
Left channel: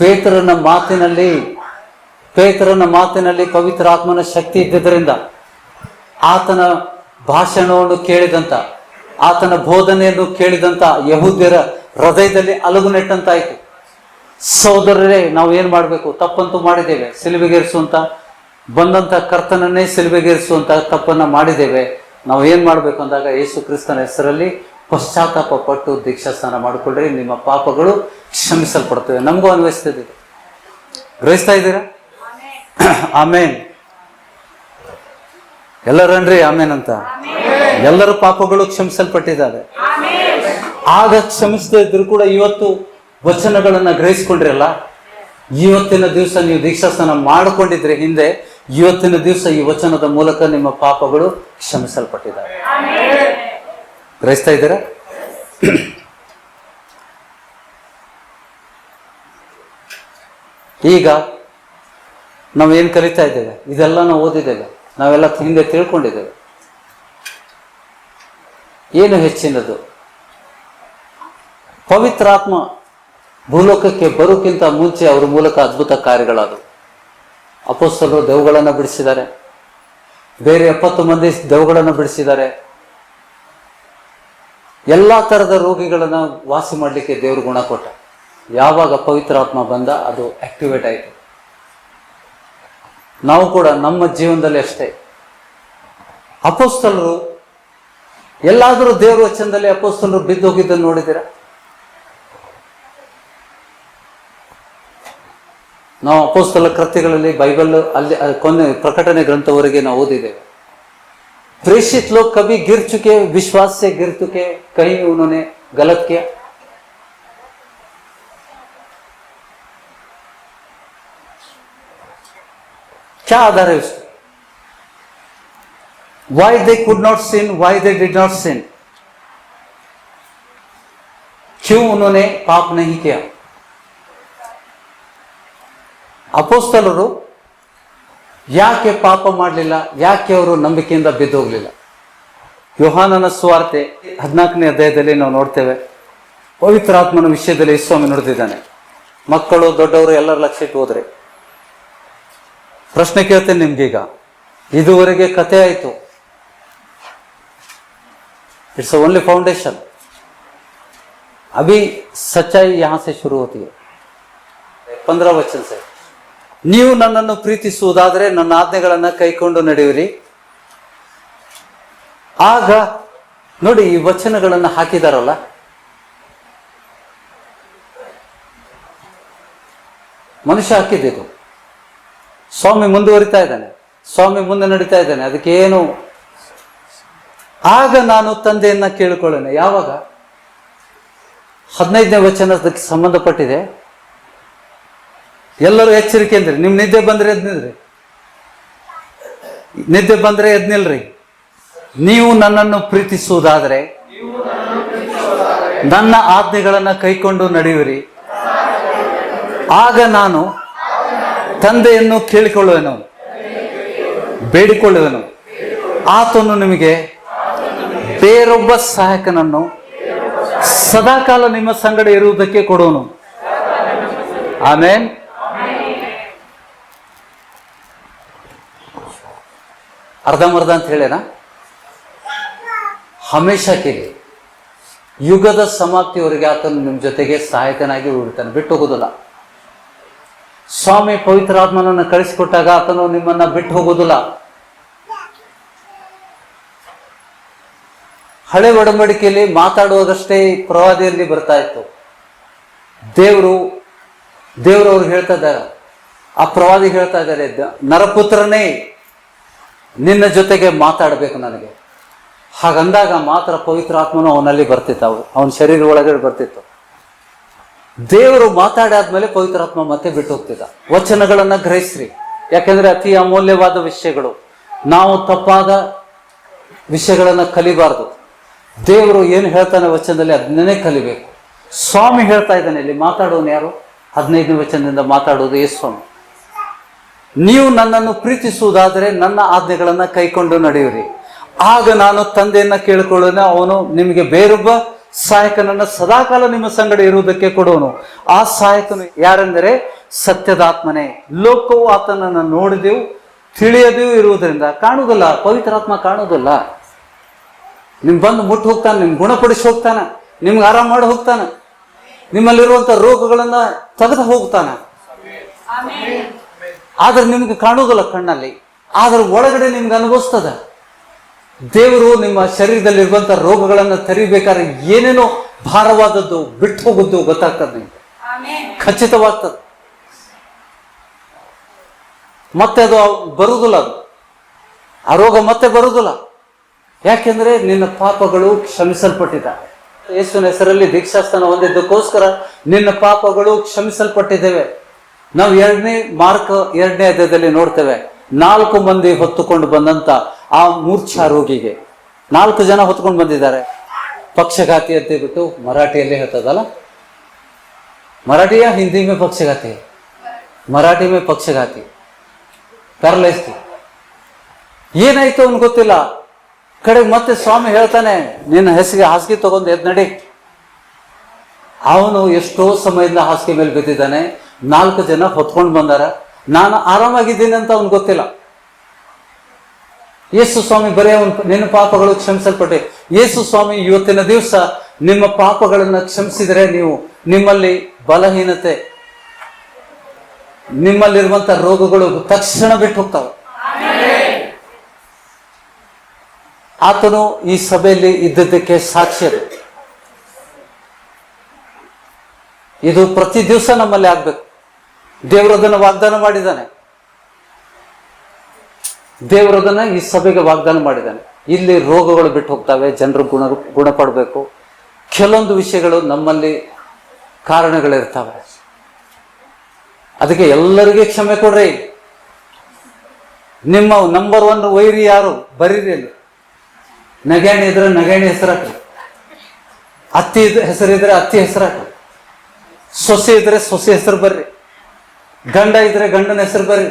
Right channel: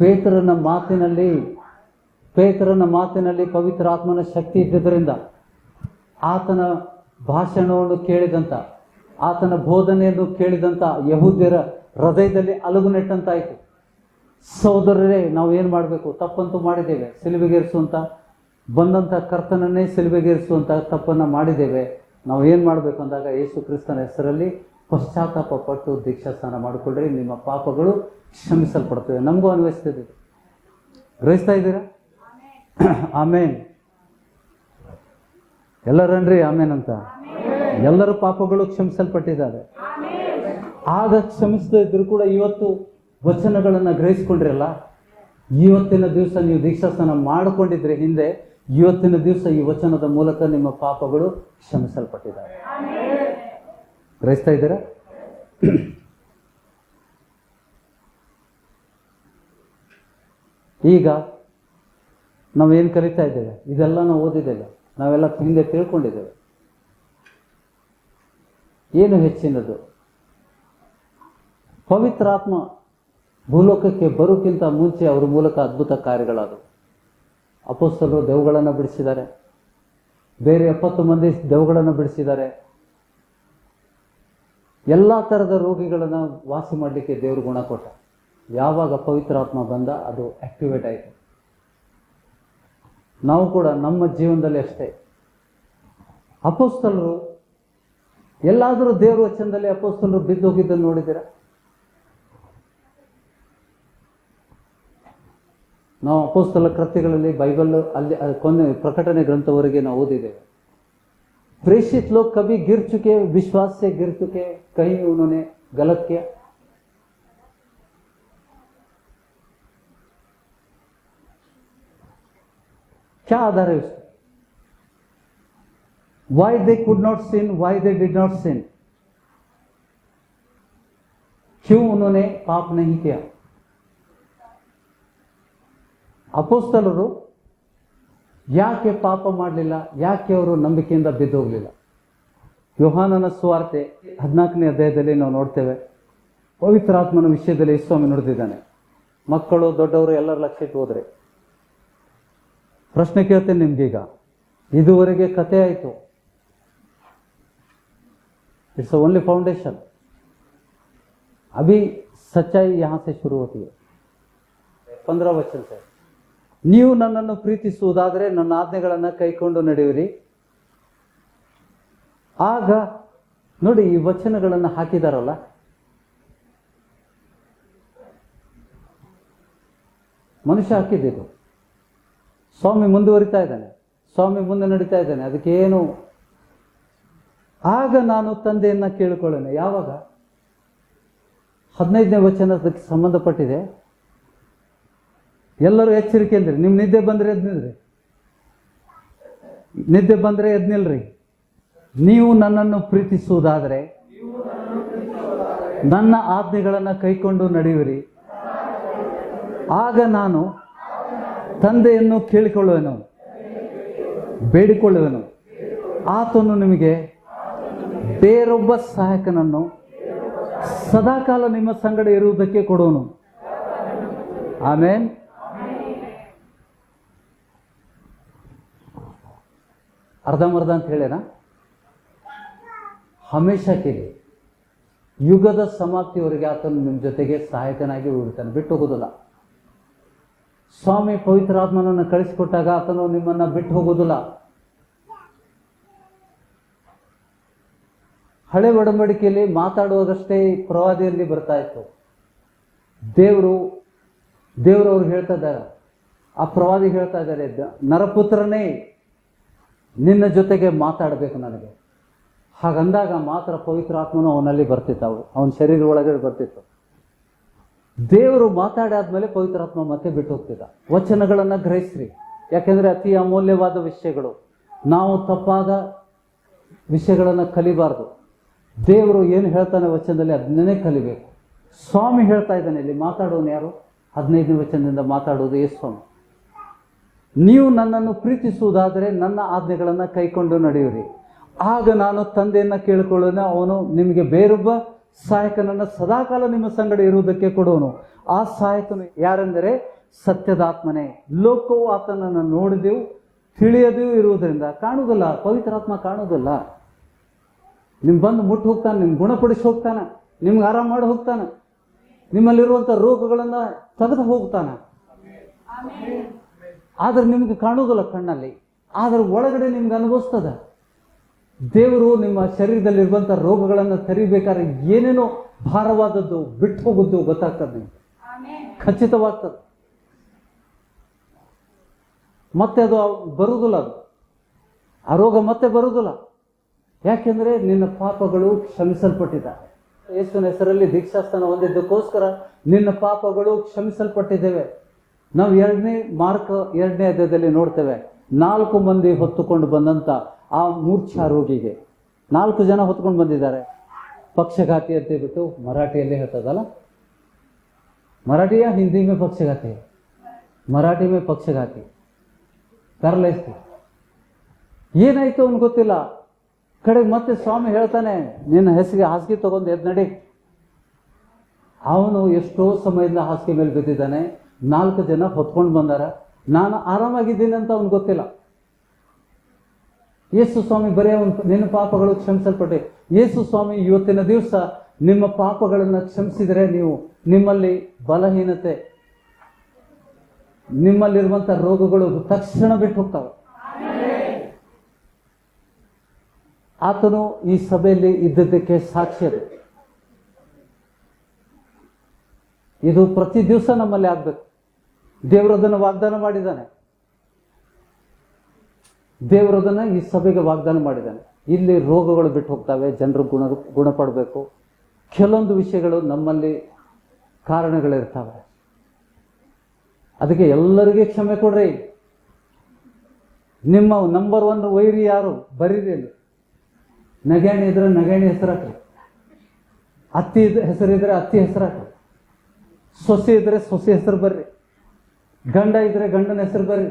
ಪೇತ್ರನ ಮಾತಿನಲ್ಲಿ ಪವಿತ್ರ ಆತ್ಮನ ಶಕ್ತಿ ಇದ್ದಿದ್ದರಿಂದ ಆತನ ಭಾಷಣವನ್ನು ಕೇಳಿದಂತ, ಆತನ ಬೋಧನೆಯನ್ನು ಕೇಳಿದಂತ ಯಹೂದ್ಯರ ಹೃದಯದಲ್ಲಿ ಅಲಗು ನೆಟ್ಟಂತಾಯ್ತು. ಸಹೋದರರೇ, ನಾವು ಏನ್ ಮಾಡಬೇಕು? ತಪ್ಪಂತೂ ಮಾಡಿದ್ದೇವೆ. ಸಿಲುಬೆಗೇರಿಸುವಂತ ಬಂದಂತ ಕರ್ತನನ್ನೇ ಸಿಲುಬೆಗೇರಿಸುವಂತ ತಪ್ಪನ್ನ ಮಾಡಿದ್ದೇವೆ. ನಾವು ಏನ್ ಮಾಡ್ಬೇಕು ಅಂದಾಗ, ಯೇಸು ಕ್ರಿಸ್ತನ ಹೆಸರಲ್ಲಿ ಪಶ್ಚಾತ್ತಾಪ ಪಟ್ಟು ದೀಕ್ಷಾಸ್ನಾನ ಮಾಡಿಕೊಂಡ್ರೆ ನಿಮ್ಮ ಪಾಪಗಳು ಕ್ಷಮಿಸಲ್ಪಡ್ತವೆ. ನಮಗೂ ಅನ್ವಯಿಸ್ತಿದೆ. ಗ್ರಹಿಸ್ತಾ ಇದ್ದೀರಾ? ಆಮೇನ್. ಎಲ್ಲರನ್ರಿ ಆಮೇನ್ ಅಂತ. ಎಲ್ಲರ ಪಾಪಗಳು ಕ್ಷಮಿಸಲ್ಪಟ್ಟಿದ್ದಾರೆ. ಆಗ ಕ್ಷಮಿಸದೇ ಇದ್ರು ಕೂಡ ಇವತ್ತು ವಚನಗಳನ್ನ ಗ್ರಹಿಸ್ಕೊಂಡ್ರಲ್ಲ, ಇವತ್ತಿನ ದಿವಸ ನೀವು ದೀಕ್ಷಾಸ್ನಾನ ಮಾಡಿಕೊಂಡಿದ್ರೆ ಹಿಂದೆ, ಇವತ್ತಿನ ದಿವಸ ಈ ವಚನದ ಮೂಲಕ ನಿಮ್ಮ ಪಾಪಗಳು ಕ್ಷಮಿಸಲ್ಪಟ್ಟಿದ್ದಾರೆ. ಗ್ರಹಿಸ್ತಾ ಇದ್ದೀರಾ? ಈಗ ನಾವೇನು ಕಲಿತಾ ಇದ್ದೇವೆ, ಇದೆಲ್ಲ ನಾವು ಓದಿದ್ದೇವೆ, ನಾವೆಲ್ಲ ಹಿಂದೆ ತಿಳ್ಕೊಂಡಿದ್ದೇವೆ. ಏನು ಹೆಚ್ಚಿನದು? ಪವಿತ್ರಾತ್ಮ ಭೂಲೋಕಕ್ಕೆ ಬರೋಕ್ಕಿಂತ ಮುಂಚೆ ಅವರ ಮೂಲಕ ಅದ್ಭುತ ಕಾರ್ಯಗಳಾದವು. ಅಪೊಸ್ತಲರು ದೆವ್ವಗಳನ್ನು ಬಿಡಿಸಿದ್ದಾರೆ, ಬೇರೆ 70 ಮಂದಿ ದೆವ್ವಗಳನ್ನು ಬಿಡಿಸಿದ್ದಾರೆ. ಎಲ್ಲ ಥರದ ರೋಗಿಗಳನ್ನು ವಾಸಿ ಮಾಡಲಿಕ್ಕೆ ದೇವರು ಗುಣ ಕೊಟ್ಟ. ಯಾವಾಗ ಪವಿತ್ರಾತ್ಮ ಬಂದ ಅದು ಆಕ್ಟಿವೇಟ್ ಆಯಿತು. ನಾವು ಕೂಡ ನಮ್ಮ ಜೀವನದಲ್ಲಿ ಅಷ್ಟೇ. ಅಪೊಸ್ತಲರು ಎಲ್ಲಾದರೂ ದೇವರ ವಚನದಲ್ಲಿ ಅಪೊಸ್ತಲರು ಬಿದ್ದೋಗಿದ್ದನ್ನು ನೋಡಿದ್ದೀರಾ? ನಾವು ಅಪೊಸ್ತಲ ಕೃತ್ಯಗಳಲ್ಲಿ ಬೈಬಲ್ ಅಲ್ಲಿ ಕೊನೆ ಪ್ರಕಟಣೆ ಗ್ರಂಥವರೆಗೆ ನಾವು ಓದಿದ್ದೇವೆ. प्रेषित लोग कभी गिर चुके, विश्वास से गिर चुके, कहीं उन्होंने गलत किया? क्या आधार है उसका? Why they could not sin, why they did not sin? क्यों उन्होंने पाप नहीं किया? ಅಪೊಸ್ತಲರು ಯಾಕೆ ಪಾಪ ಮಾಡಲಿಲ್ಲ? ಯಾಕೆ ಅವರು ನಂಬಿಕೆಯಿಂದ ಬಿದ್ದೋಗ್ಲಿಲ್ಲ? ಯೋಹಾನನ ಸುವಾರ್ತೆ 14ನೇ ಅಧ್ಯಾಯದಲ್ಲಿ ನಾವು ನೋಡ್ತೇವೆ. ಪವಿತ್ರಾತ್ಮನ ವಿಷಯದಲ್ಲಿ ಸ್ವಾಮಿ ನುಡಿದಿದ್ದಾನೆ. ಮಕ್ಕಳು ದೊಡ್ಡವರು ಎಲ್ಲರ ಲಕ್ಷ್ಯ ಇಟ್ಟು ಹೋದ್ರೆ ಪ್ರಶ್ನೆ ಕೇಳ್ತೇನೆ ನಿಮ್ಗೀಗ. ಇದುವರೆಗೆ ಕತೆ ಆಯಿತು. It's only foundation. अभी सच्चाई यहां से शुरू होती है. 15 वचन से, ನೀವು ನನ್ನನ್ನು ಪ್ರೀತಿಸುವುದಾದರೆ ನನ್ನ ಆಜ್ಞೆಗಳನ್ನು ಕೈಕೊಂಡು ನಡೆಯಿರಿ. ಆಗ ನೋಡಿ, ಈ ವಚನಗಳನ್ನು ಹಾಕಿದಾರಲ್ಲ, ಮನುಷ್ಯ ಹಾಕಿದ್ದು. ಸ್ವಾಮಿ ಮುಂದುವರಿತಾ ಇದ್ದಾನೆ, ಸ್ವಾಮಿ ಮುಂದೆ ನಡೀತಾ ಇದ್ದಾನೆ. ಅದಕ್ಕೇನು, ಆಗ ನಾನು ತಂದೆಯನ್ನ ಕೇಳಿಕೊಳ್ಳೋಣ. ಯಾವಾಗ? 15ನೇ ವಚನದಕ್ಕೆ ಸಂಬಂಧಪಟ್ಟಿದೆ. ಎಲ್ಲರೂ ಎಚ್ಚರಿಕೆ ಅಂದ್ರಿ. ನಿಮ್ ನಿದ್ದೆ ಬಂದ್ರೆ ಎದ್ ನಿಲ್ರಿ, ನಿದ್ದೆ ಬಂದ್ರೆ ಎದ್ ನಿಲ್ರಿ. ನೀವು ನನ್ನನ್ನು ಪ್ರೀತಿಸುವುದಾದರೆ ನನ್ನ ಆಜ್ಞೆಗಳನ್ನು ಕೈಕೊಂಡು ನಡೆಯುವಿರಿ, ಆಗ ನಾನು ತಂದೆಯನ್ನು ಕೇಳಿಕೊಳ್ಳುವೆನು, ಬೇಡಿಕೊಳ್ಳುವೆನು, ಆತನು ನಿಮಗೆ ಬೇರೊಬ್ಬ ಸಹಾಯಕನನ್ನು ಸದಾಕಾಲ ನಿಮ್ಮ ಸಂಗಡ ಇರುವುದಕ್ಕೆ ಕೊಡುವನು. ಆಮೇನ್. ಅರ್ಧಂಬರ್ಧ ಅಂತ ಹೇಳೇನ? ಹಮೇಶ ಕೇಳಿ, ಯುಗದ ಸಮಾಪ್ತಿಯವರೆಗೆ ಆತನು ನಿಮ್ಮ ಜೊತೆಗೆ ಸಹಾಯಕನಾಗಿ ಉಳಿತಾನೆ, ಬಿಟ್ಟು ಹೋಗೋದಿಲ್ಲ. ಸ್ವಾಮಿ ಪವಿತ್ರಾತ್ಮನನ್ನು ಕಳಿಸಿಕೊಟ್ಟಾಗ ಆತನು ನಿಮ್ಮನ್ನ ಬಿಟ್ಟು ಹೋಗೋದಿಲ್ಲ. ಹಳೆ ಒಡಂಬಡಿಕೆಯಲ್ಲಿ ಮಾತಾಡುವಾಗಷ್ಟೇ ಪ್ರವಾದಿಯಲ್ಲಿ ಬರ್ತಾ ಇತ್ತು. ದೇವರು ಹೇಳ್ತಾ ಇದ್ದಾರೆ, ಆ ಪ್ರವಾದಿ ಹೇಳ್ತಾ ಇದ್ದಾರೆ, ನರಪುತ್ರನೇ ನಿನ್ನ ಜೊತೆಗೆ ಮಾತಾಡಬೇಕು ನನಗೆ. ಹಾಗಂದಾಗ ಮಾತ್ರ ಪವಿತ್ರಾತ್ಮನು ಅವನಲ್ಲಿ ಬರ್ತಿತ್ತು, ಅವನ ಶರೀರ ಒಳಗಡೆ ಬರ್ತಿತ್ತು. ದೇವರು ಮಾತಾಡಾದ್ಮೇಲೆ ಪವಿತ್ರಾತ್ಮ ಮತ್ತೆ ಬಿಟ್ಟು ಹೋಗ್ತಿದ್ದ. ವಚನಗಳನ್ನ ಗ್ರಹಿಸ್ರಿ, ಯಾಕೆಂದ್ರೆ ಅತಿ ಅಮೂಲ್ಯವಾದ ವಿಷಯಗಳು. ನಾವು ತಪ್ಪಾದ ವಿಷಯಗಳನ್ನ ಕಲಿಬಾರ್ದು. ದೇವರು ಏನು ಹೇಳ್ತಾನೆ ವಚನದಲ್ಲಿ ಅದನ್ನೇ ಕಲಿಬೇಕು. ಸ್ವಾಮಿ ಹೇಳ್ತಾ ಇದ್ದಾನೆ, ಇಲ್ಲಿ ಮಾತಾಡೋನು ಯಾರು? 15ನೇ ವಚನದಿಂದ ಮಾತಾಡೋದು ಯೇಸು ಸ್ವಾಮಿ. ನೀವು ನನ್ನನ್ನು ಪ್ರೀತಿಸುವುದಾದರೆ ನನ್ನ ಆಜ್ಞೆಗಳನ್ನ ಕೈಕೊಂಡು ನಡೆಯಿರಿ, ಆಗ ನಾನು ತಂದೆಯನ್ನ ಕೇಳಿಕೊಳ್ಳೋಣ, ಅವನು ನಿಮಗೆ ಬೇರೊಬ್ಬ ಸಹಾಯಕನನ್ನ ಸದಾಕಾಲ ನಿಮ್ಮ ಸಂಗಡ ಇರುವುದಕ್ಕೆ ಕೊಡುವನು. ಆ ಸಹಾಯಕನು ಯಾರೆಂದರೆ ಸತ್ಯದಾತ್ಮನೇ. ಲೋಕವು ಆತನನ್ನು ನೋಡಿದೆವು ತಿಳಿಯದೆಯೂ ಇರುವುದರಿಂದ, ಕಾಣುವುದಿಲ್ಲ, ಪವಿತ್ರಾತ್ಮ ಕಾಣುವುದಿಲ್ಲ. ನಿಮ್ ಬಂದು ಮುಟ್ಟು ಹೋಗ್ತಾನೆ, ನಿಮ್ ಗುಣಪಡಿಸಿ ಹೋಗ್ತಾನ, ನಿಮ್ಗೆ ಆರಾಮ ಮಾಡಿ ಹೋಗ್ತಾನ, ನಿಮ್ಮಲ್ಲಿರುವಂತ ರೋಗಗಳನ್ನ ತೆಗೆದು ಹೋಗ್ತಾನ. ಆದ್ರೆ ನಿಮ್ಗೆ ಕಾಣುವುದಿಲ್ಲ ಕಣ್ಣಲ್ಲಿ, ಆದ್ರೆ ಒಳಗಡೆ ನಿಮ್ಗೆ ಅನುಭವಿಸ್ತದ. ದೇವರು ನಿಮ್ಮ ಶರೀರದಲ್ಲಿರುವಂತ ರೋಗಗಳನ್ನು ತೆರಿಬೇಕಾದ್ರೆ ಏನೇನೋ ಭಾರವಾದದ್ದು ಬಿಟ್ಟು ಹೋಗುದು ಗೊತ್ತಾಗ್ತದೆ, ನಿಮ್ಗೆ ಖಚಿತವಾಗ್ತದೆ. ಮತ್ತೆ ಅದು ಬರುವುದಿಲ್ಲ, ಅದು ಆ ರೋಗ ಮತ್ತೆ ಬರುವುದಿಲ್ಲ. ಯಾಕೆಂದ್ರೆ ನಿನ್ನ ಪಾಪಗಳು ಕ್ಷಮಿಸಲ್ಪಟ್ಟಿದ್ದಾವೆ. ಯೇಸುವಿನ ಹೆಸರಲ್ಲಿ ದೀಕ್ಷಾಸ್ಥಾನ ಹೊಂದಿದ್ದಕ್ಕೋಸ್ಕರ ನಿನ್ನ ಪಾಪಗಳು ಕ್ಷಮಿಸಲ್ಪಟ್ಟಿದ್ದೇವೆ. ನಾವು ಮಾರ್ಕ್ 2ನೇ ಅಧ್ಯಾಯದಲ್ಲಿ ನೋಡ್ತೇವೆ, 4 ಮಂದಿ ಹೊತ್ತುಕೊಂಡು ಬಂದಂತ ಆ ಮೂರ್ಛಾ ರೋಗಿಗೆ 4 ಜನ ಹೊತ್ಕೊಂಡು ಬಂದಿದ್ದಾರೆ. ಪಕ್ಷಘಾತಿ ಅಂತ ಬಿಟ್ಟು ಮರಾಠಿಯಲ್ಲಿ ಹೇಳ್ತದಲ್ಲ, ಮರಾಠಿಯ ಹಿಂದಿ ಮೇ ಪಕ್ಷಘಾತಿ, ಮರಾಠಿ ಮೇ ಪಕ್ಷಘಾತಿ, ಪ್ಯಾರಲೈಸ್. ಏನಾಯ್ತು ಅವ್ನು ಗೊತ್ತಿಲ್ಲ. ಕಡೆಗೆ ಮತ್ತೆ ಸ್ವಾಮಿ ಹೇಳ್ತಾನೆ, ನಿನ್ನ ಹೆಸರಿಗೆ ಹಾಸಿಗೆ ತಗೊಂಡು ಎದ್ ನಡಿ. ಅವನು ಎಷ್ಟೋ ಸಮಯದಿಂದ ಹಾಸಿಗೆ ಮೇಲೆ ಬಿದ್ದಿದ್ದಾನೆ. 4 ಜನ ಹೊತ್ಕೊಂಡು ಬಂದಾರ, ನಾನು ಆರಾಮಾಗಿದ್ದೀನಿ ಅಂತ ಅವ್ನು ಗೊತ್ತಿಲ್ಲ. ಯೇಸು ಸ್ವಾಮಿ ಬರೀ ನಿನ್ನ ಪಾಪಗಳು ಕ್ಷಮಿಸಲ್ಪಟ್ಟೆ. ಯೇಸು ಸ್ವಾಮಿ ಇವತ್ತಿನ ದಿವಸ ನಿಮ್ಮ ಪಾಪಗಳನ್ನ ಕ್ಷಮಿಸಿದರೆ ನಿಮ್ಮಲ್ಲಿ ಬಲಹೀನತೆ, ನಿಮ್ಮಲ್ಲಿರುವಂತ ರೋಗಗಳು ತಕ್ಷಣ ಬಿಟ್ಟು ಹೋಗ್ತಾವೆ. ಆತನು ಈ ಸಭೆಯಲ್ಲಿ ಇದ್ದದ್ದಕ್ಕೆ ಸಾಕ್ಷಿ ಅದು. ಇದು ಪ್ರತಿ ದಿವಸ ನಮ್ಮಲ್ಲಿ ಆಗ್ಬೇಕು. ದೇವರದನ್ನು ವಾಗ್ದಾನ ಮಾಡಿದ್ದಾನೆ, ದೇವರದನ್ನ ಈ ಸಭೆಗೆ ವಾಗ್ದಾನ ಮಾಡಿದ್ದಾನೆ. ಇಲ್ಲಿ ರೋಗಗಳು ಬಿಟ್ಟು ಹೋಗ್ತವೆ, ಜನರು ಗುಣಪಡಬೇಕು. ಕೆಲವೊಂದು ವಿಷಯಗಳು ನಮ್ಮಲ್ಲಿ ಕಾರಣಗಳಿರ್ತವೆ. ಅದಕ್ಕೆ ಎಲ್ಲರಿಗೆ ಕ್ಷಮೆ ಕೊಡ್ರಿ. ನಿಮ್ಮ ನಂಬರ್ 1 ವೈರಿ ಯಾರು? ಬರೀರಿ. ಅಲ್ಲಿ ನಗಾಣಿ ಇದ್ರೆ ನಗಾಣಿ ಹೆಸರಾಕ್ರಿ, ಅತ್ತಿ ಹೆಸರಿದ್ರೆ ಅತ್ತಿ ಹಾಕ್ರಿ, ಸೊಸೆ ಇದ್ರೆ ಸೊಸೆ ಹೆಸರು ಬರ್ರಿ, ಗಂಡ ಇದ್ರೆ ಗಂಡನ ಹೆಸರು ಬರ್ರಿ,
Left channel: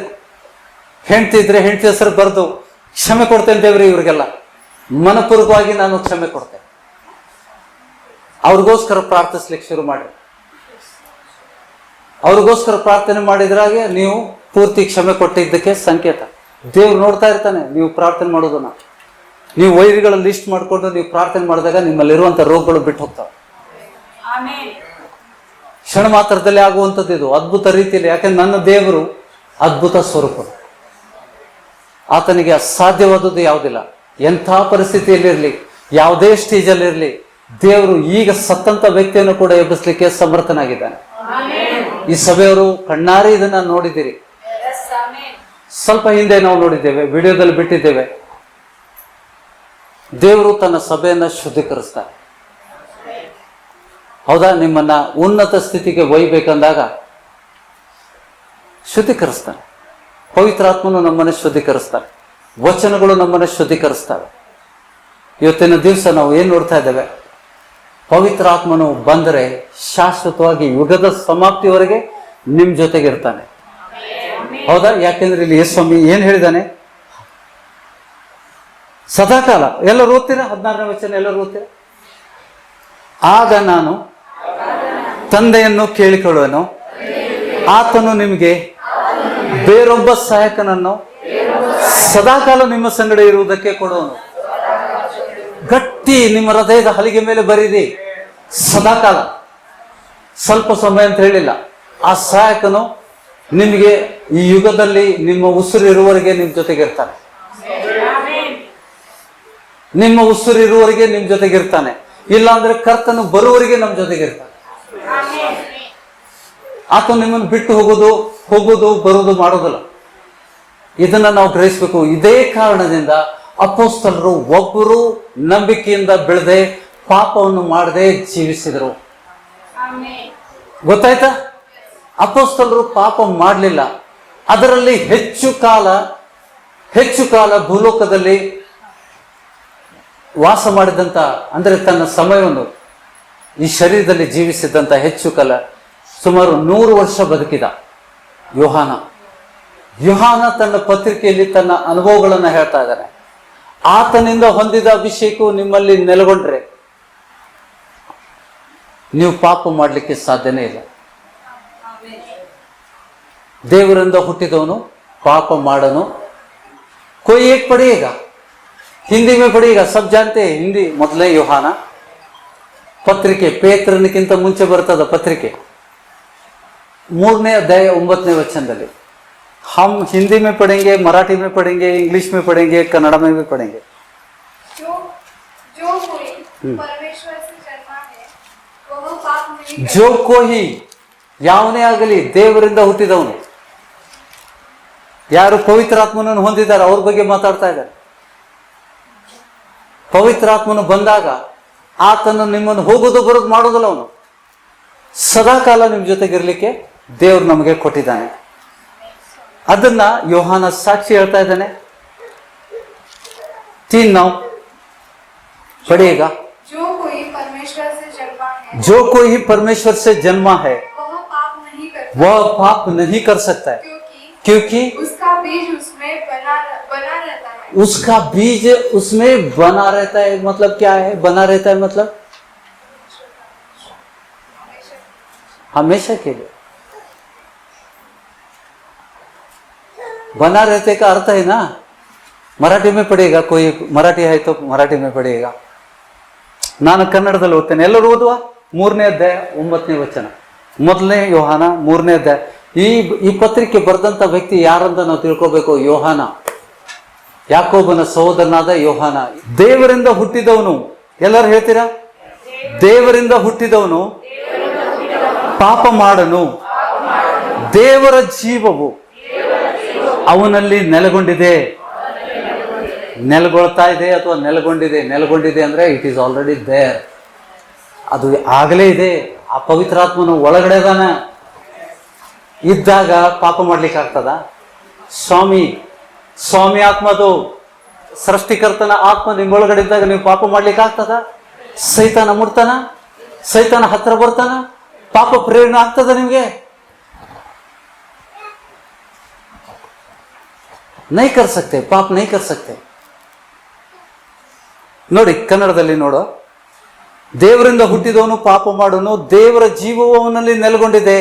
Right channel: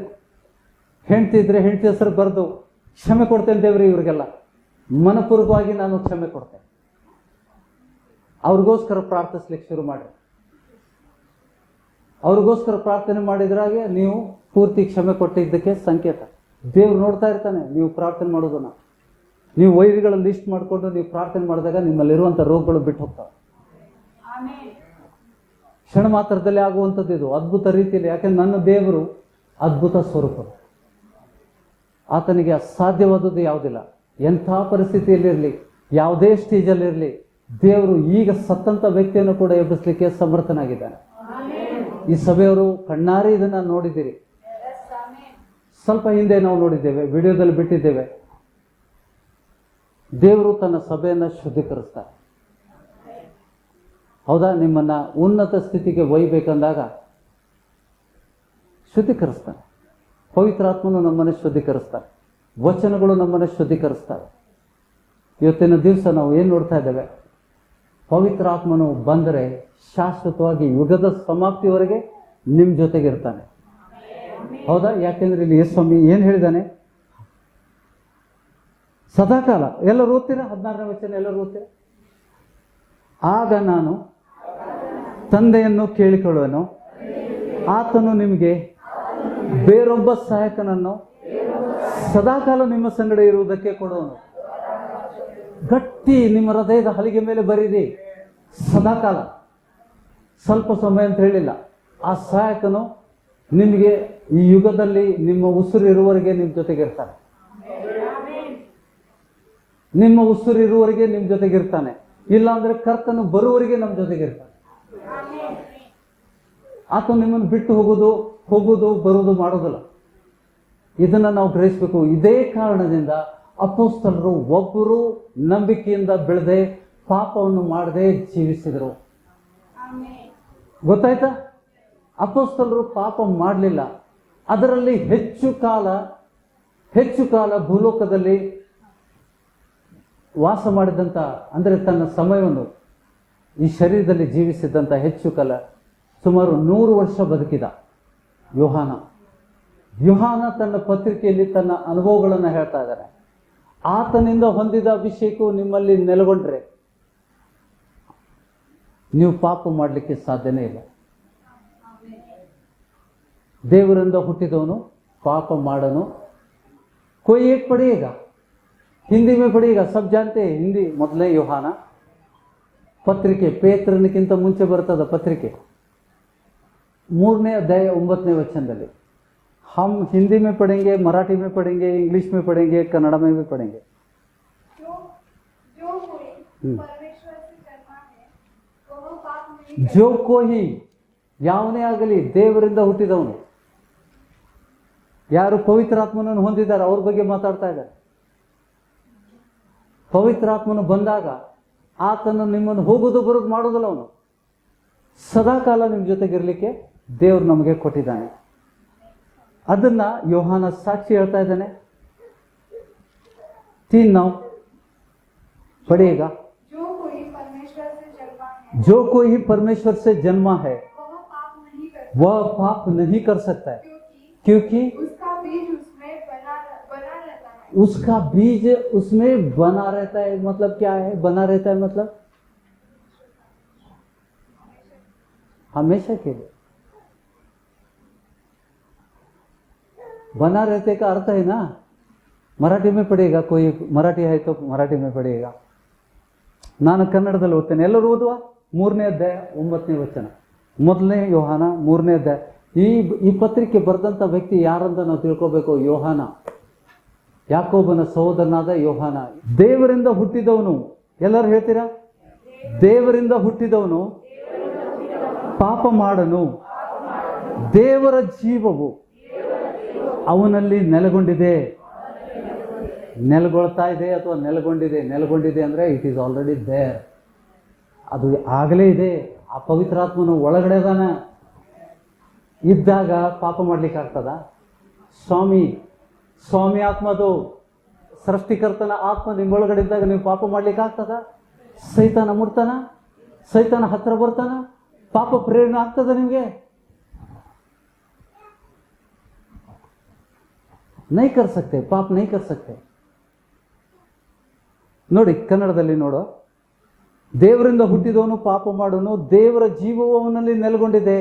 ಹೆಂಡತಿ ಇದ್ರೆ ಹೆಂಡತಿ ಹೆಸರು ಬರೆದು ಕ್ಷಮೆ ಕೊಡ್ತೇನೆ ದೇವ್ರಿ. ಇವ್ರಿಗೆಲ್ಲ ಮನಪೂರ್ವಕವಾಗಿ ನಾನು ಕ್ಷಮೆ ಕೊಡ್ತೇನೆ. ಅವ್ರಿಗೋಸ್ಕರ ಪ್ರಾರ್ಥಿಸ್ಲಿಕ್ಕೆ ಶುರು ಮಾಡಿ. ಅವ್ರಿಗೋಸ್ಕರ ಪ್ರಾರ್ಥನೆ ಮಾಡಿದ್ರಾಗೆ ನೀವು ಪೂರ್ತಿ ಕ್ಷಮೆ ಕೊಟ್ಟಿದ್ದಕ್ಕೆ ಸಂಕೇತ. ದೇವ್ರು ನೋಡ್ತಾ ಇರ್ತಾನೆ ನೀವು ಪ್ರಾರ್ಥನೆ ಮಾಡೋದನ್ನ. ನೀವು ವೈರಿಗಳ ಲಿಸ್ಟ್ ಮಾಡ್ಕೊಂಡು ನೀವು ಪ್ರಾರ್ಥನೆ ಮಾಡಿದಾಗ ನಿಮ್ಮಲ್ಲಿರುವಂತ ರೋಗಗಳು ಬಿಟ್ಟು ಹೋಗ್ತಾವೆ. ಕ್ಷಣ ಮಾತ್ರದಲ್ಲಿ ಆಗುವಂಥದ್ದು ಇದು, ಅದ್ಭುತ ರೀತಿಯಲ್ಲಿ. ಯಾಕಂದ್ರೆ ನನ್ನ ದೇವರು ಅದ್ಭುತ ಸ್ವರೂಪ, ಆತನಿಗೆ ಅಸಾಧ್ಯವಾದದ್ದು ಯಾವುದಿಲ್ಲ. ಎಂಥ ಪರಿಸ್ಥಿತಿಯಲ್ಲಿರಲಿ, ಯಾವುದೇ ಸ್ಟೇಜಲ್ಲಿರಲಿ, ದೇವರು ಈಗ ಸತ್ತಂತ ವ್ಯಕ್ತಿಯನ್ನು ಕೂಡ ಎಬ್ಬಿಸ್ಲಿಕ್ಕೆ ಸಮರ್ಥನಾಗಿದ್ದಾನೆ. ಈ ಸಭೆಯವರು ಕಣ್ಣಾರೆ ಇದನ್ನ ನೋಡಿದ್ದೀರಿ. ಸ್ವಲ್ಪ ಹಿಂದೆ ನಾವು ನೋಡಿದ್ದೇವೆ, ವಿಡಿಯೋದಲ್ಲಿ ಬಿಟ್ಟಿದ್ದೇವೆ. ದೇವರು ತನ್ನ ಸಭೆಯನ್ನ ಶುದ್ಧೀಕರಿಸ್ತಾರೆ. ಹೌದಾ? ನಿಮ್ಮನ್ನ ಉನ್ನತ ಸ್ಥಿತಿಗೆ ಒಯ್ಯಬೇಕಂದಾಗ ಶುದ್ಧೀಕರಿಸ್ತಾನೆ. ಪವಿತ್ರಾತ್ಮನು ನಮ್ಮನ್ನು ಶುದ್ಧೀಕರಿಸ್ತಾರೆ, ವಚನಗಳು ನಮ್ಮನ್ನು ಶುದ್ಧೀಕರಿಸ್ತವೆ. ಇವತ್ತಿನ ದಿವಸ ನಾವು ಏನು ನೋಡ್ತಾ ಇದ್ದೇವೆ? ಪವಿತ್ರಾತ್ಮನು ಬಂದರೆ ಶಾಶ್ವತವಾಗಿ ಯುಗದ ಸಮಾಪ್ತಿವರೆಗೆ ನಿಮ್ ಜೊತೆಗಿರ್ತಾನೆ. ಹೌದಾ? ಯಾಕೆಂದ್ರೆ ಇಲ್ಲಿ ಯೇಸು ಸ್ವಾಮಿ ಏನ್ ಹೇಳಿದಾನೆ? ಸದಾಕಾಲ. ಎಲ್ಲರೂ ಓದ್ತೀರಾ? 16ನೇ ವಚನ ಎಲ್ಲರೂ ಓದ್ತೀರಾ? ಆಗ ನಾನು ತಂದೆಯನ್ನು ಕೇಳಿಕೊಳ್ಳುವೆನು, ಆತನು ನಿಮಗೆ ಬೇರೊಬ್ಬ ಸಹಾಯಕನನ್ನು ಸದಾಕಾಲ ನಿಮ್ಮ ಸಂಗಡ ಇರುವುದಕ್ಕೆ ಕೊಡುವನು. ಗಟ್ಟಿ ನಿಮ್ಮ ಹೃದಯದ ಹಲಿಗೆ ಮೇಲೆ ಬರೀರಿ, ಸದಾಕಾಲ. ಸ್ವಲ್ಪ ಸಮಯ ಅಂತ ಹೇಳಿಲ್ಲ. ಆ ಸಹಾಯಕನು ನಿಮಗೆ ಈ ಯುಗದಲ್ಲಿ ನಿಮ್ಮ ಉಸಿರು ಇರುವವರೆಗೆ ನಿಮ್ ಜೊತೆಗಿರ್ತಾನೆ. ನಿಮ್ಮ ಉಸಿರು ಇರುವವರೆಗೆ ನಿಮ್ ಜೊತೆಗಿರ್ತಾನೆ. ಇಲ್ಲ ಅಂದ್ರೆ ಕರ್ತನು ಬರುವವರೆಗೆ ನಮ್ಮ ಜೊತೆಗಿರ್ತಾನೆ. ಆತ ನಿಮ್ಮನ್ನು ಬಿಟ್ಟು ಹೋಗೋದು ಬರುವುದು ಮಾಡೋದಿಲ್ಲ. ಇದನ್ನ ನಾವು ಗ್ರಹಿಸಬೇಕು. ಇದೇ ಕಾರಣದಿಂದ ಅಪೊಸ್ತಲರು ಒಬ್ಬರು ನಂಬಿಕೆಯಿಂದ ಬೆಳೆದೆ ಪಾಪವನ್ನು ಮಾಡದೆ ಜೀವಿಸಿದರು. ಗೊತ್ತಾಯ್ತಾ? ಅಪೊಸ್ತಲರು ಪಾಪ ಮಾಡಲಿಲ್ಲ. ಅದರಲ್ಲಿ ಹೆಚ್ಚು ಕಾಲ ಭೂಲೋಕದಲ್ಲಿ ವಾಸ ಮಾಡಿದಂತ, ಅಂದ್ರೆ ತನ್ನ ಸಮಯವನ್ನು ಈ ಶರೀರದಲ್ಲಿ ಜೀವಿಸಿದಂತ ಹೆಚ್ಚು ಕಾಲ, ಸುಮಾರು 100 ವರ್ಷ ಬದುಕಿದ ಯೋಹಾನ ತನ್ನ ಪತ್ರಿಕೆಯಲ್ಲಿ ತನ್ನ ಅನುಭವಗಳನ್ನು ಹೇಳ್ತಾ ಇದ್ದಾನೆ. ಆತನಿಂದ ಹೊಂದಿದ ಅಭಿಷೇಕವು ನಿಮ್ಮಲ್ಲಿ ನೆಲೆಗೊಂಡ್ರೆ ನೀವು ಪಾಪ ಮಾಡಲಿಕ್ಕೆ ಸಾಧ್ಯನೇ ಇಲ್ಲ. ದೇವರಿಂದ ಹುಟ್ಟಿದವನು ಪಾಪ ಮಾಡನು. कोई एक पढ़िएगा, हिंदी में पढ़िएगा, सब जानते हैं हिंदी. ಮೊದಲೇ ಯೋಹಾನ ಪತ್ರಿಕೆ, ಪೇತ್ರನಿಗಿಂತ ಮುಂಚೆ ಬರ್ತದ ಪತ್ರಿಕೆ, 3ನೇ ಅಧ್ಯಾಯ 9ನೇ ವಚನದಲ್ಲಿ. हम हिंदी में पढ़ेंगे, मराठी में पढ़ेंगे, इंग्लिश में पढ़ेंगे, कन्नड़ में भी पढ़ेंगे. जो कोई परमेश्वर से जन्मा है वह पाप नहीं करता. जो कोई ಯಾವನೇ ಆಗಲಿ ದೇವರಿಂದ ಹುಟ್ಟಿದವನು, ಯಾರು ಪವಿತ್ರಾತ್ಮನನ್ನು ಹೊಂದಿದ್ದಾರೆ ಅವ್ರ ಬಗ್ಗೆ ಮಾತಾಡ್ತಾ ಇದ್ದಾರೆ. ಪವಿತ್ರಾತ್ಮನು ಬಂದಾಗ ಆತನು ನಿಮ್ಮನ್ನು ಹೋಗೋದು ಬರೋದು ಮಾಡೋದಿಲ್ಲ. ಅವನು ಸದಾಕಾಲ ನಿಮ್ಮ ಜೊತೆಗಿರ್ಲಿಕ್ಕೆ ದೇವ್ರು ನಮಗೆ ಕೊಟ್ಟಿದ್ದಾನೆ. ಅದನ್ನ ಯೋಹಾನ ಸಾಕ್ಷಿ ಹೇಳ್ತಾ ಇದ್ದಾನೆ. 3 पढ़िएगा. जो कोई परमेश्वर से जन्मा है जो कोई परमेश्वर से जन्मा है वह पाप नहीं करता. वह पाप नहीं कर सकता है, क्योंकि उसका बीज उसमें बना रहता है. उसका बीज उसमें बना रहता है. मतलब क्या है बना रहता है? मतलब हमेशा के लिए. बना रहते का अर्थ है ना, मराठी में पढ़ेगा. कोई मराठी है तो मराठी में पढ़ेगा. ನಾನು ಕನ್ನಡದಲ್ಲಿ ಓದ್ತೇನೆ, ಎಲ್ಲರೂ ಓದುವ. 3ನೇ ಅಧ್ಯಾಯ 9ನೇ ವಚನ. ಮೊದಲನೇ ಯೋಹಾನ 3ನೇ ಅಧ್ಯಾಯ. ಈ ಪತ್ರಿಕೆ ಬರೆದಂತ ವ್ಯಕ್ತಿ ಯಾರಂತ ನಾವು ತಿಳ್ಕೋಬೇಕು. ಯೋಹಾನ, ಯಾಕೋಬನ ಸಹೋದರನಾದ ಯೋಹಾನ. ದೇವರಿಂದ ಹುಟ್ಟಿದವನು. ಎಲ್ಲರೂ ಹೇಳ್ತೀರಾ? ದೇವರಿಂದ ಹುಟ್ಟಿದವನು ಪಾಪ ಮಾಡನು. ದೇವರ ಜೀವವು ಅವನಲ್ಲಿ ನೆಲೆಗೊಂಡಿದೆ. ನೆಲೆಗೊಳ್ತಾ ಇದೆ ಅಥವಾ ನೆಲೆಗೊಂಡಿದೆ ಅಂದ್ರೆ ಇಟ್ ಈಸ್ ಆಲ್ರೆಡಿ ದೇರ್. ಅದು ಆಗಲೇ ಇದೆ. ಆ ಪವಿತ್ರಾತ್ಮನು ಒಳಗಡೆ ಇದ್ದಾಗ ಪಾಪ ಮಾಡ್ಲಿಕ್ಕೆ ಆಗ್ತದ? ಸ್ವಾಮಿ ಆತ್ಮದು, ಸೃಷ್ಟಿಕರ್ತನ ಆತ್ಮ ನಿಮ್ಮೊಳಗಡೆ ಇದ್ದಾಗ ನೀವು ಪಾಪ ಮಾಡ್ಲಿಕ್ಕೆ ಆಗ್ತದ? ಸೈತಾನ ಮುಡ್ತಾನ? ಸೈತಾನ ಹತ್ರ ಬರ್ತಾನ? ಪಾಪ ಪ್ರೇರಣೆ ಆಗ್ತದ ನಿಮ್ಗೆ? नहीं कर सकते, पाप नहीं कर सकते. ನೋಡಿ ಕನ್ನಡದಲ್ಲಿ ನೋಡು. ದೇವರಿಂದ ಹುಟ್ಟಿದವನು ಪಾಪ ಮಾಡೋನು, ದೇವರ ಜೀವವು ಅವನಲ್ಲಿ ನೆಲೆಗೊಂಡಿದೆ.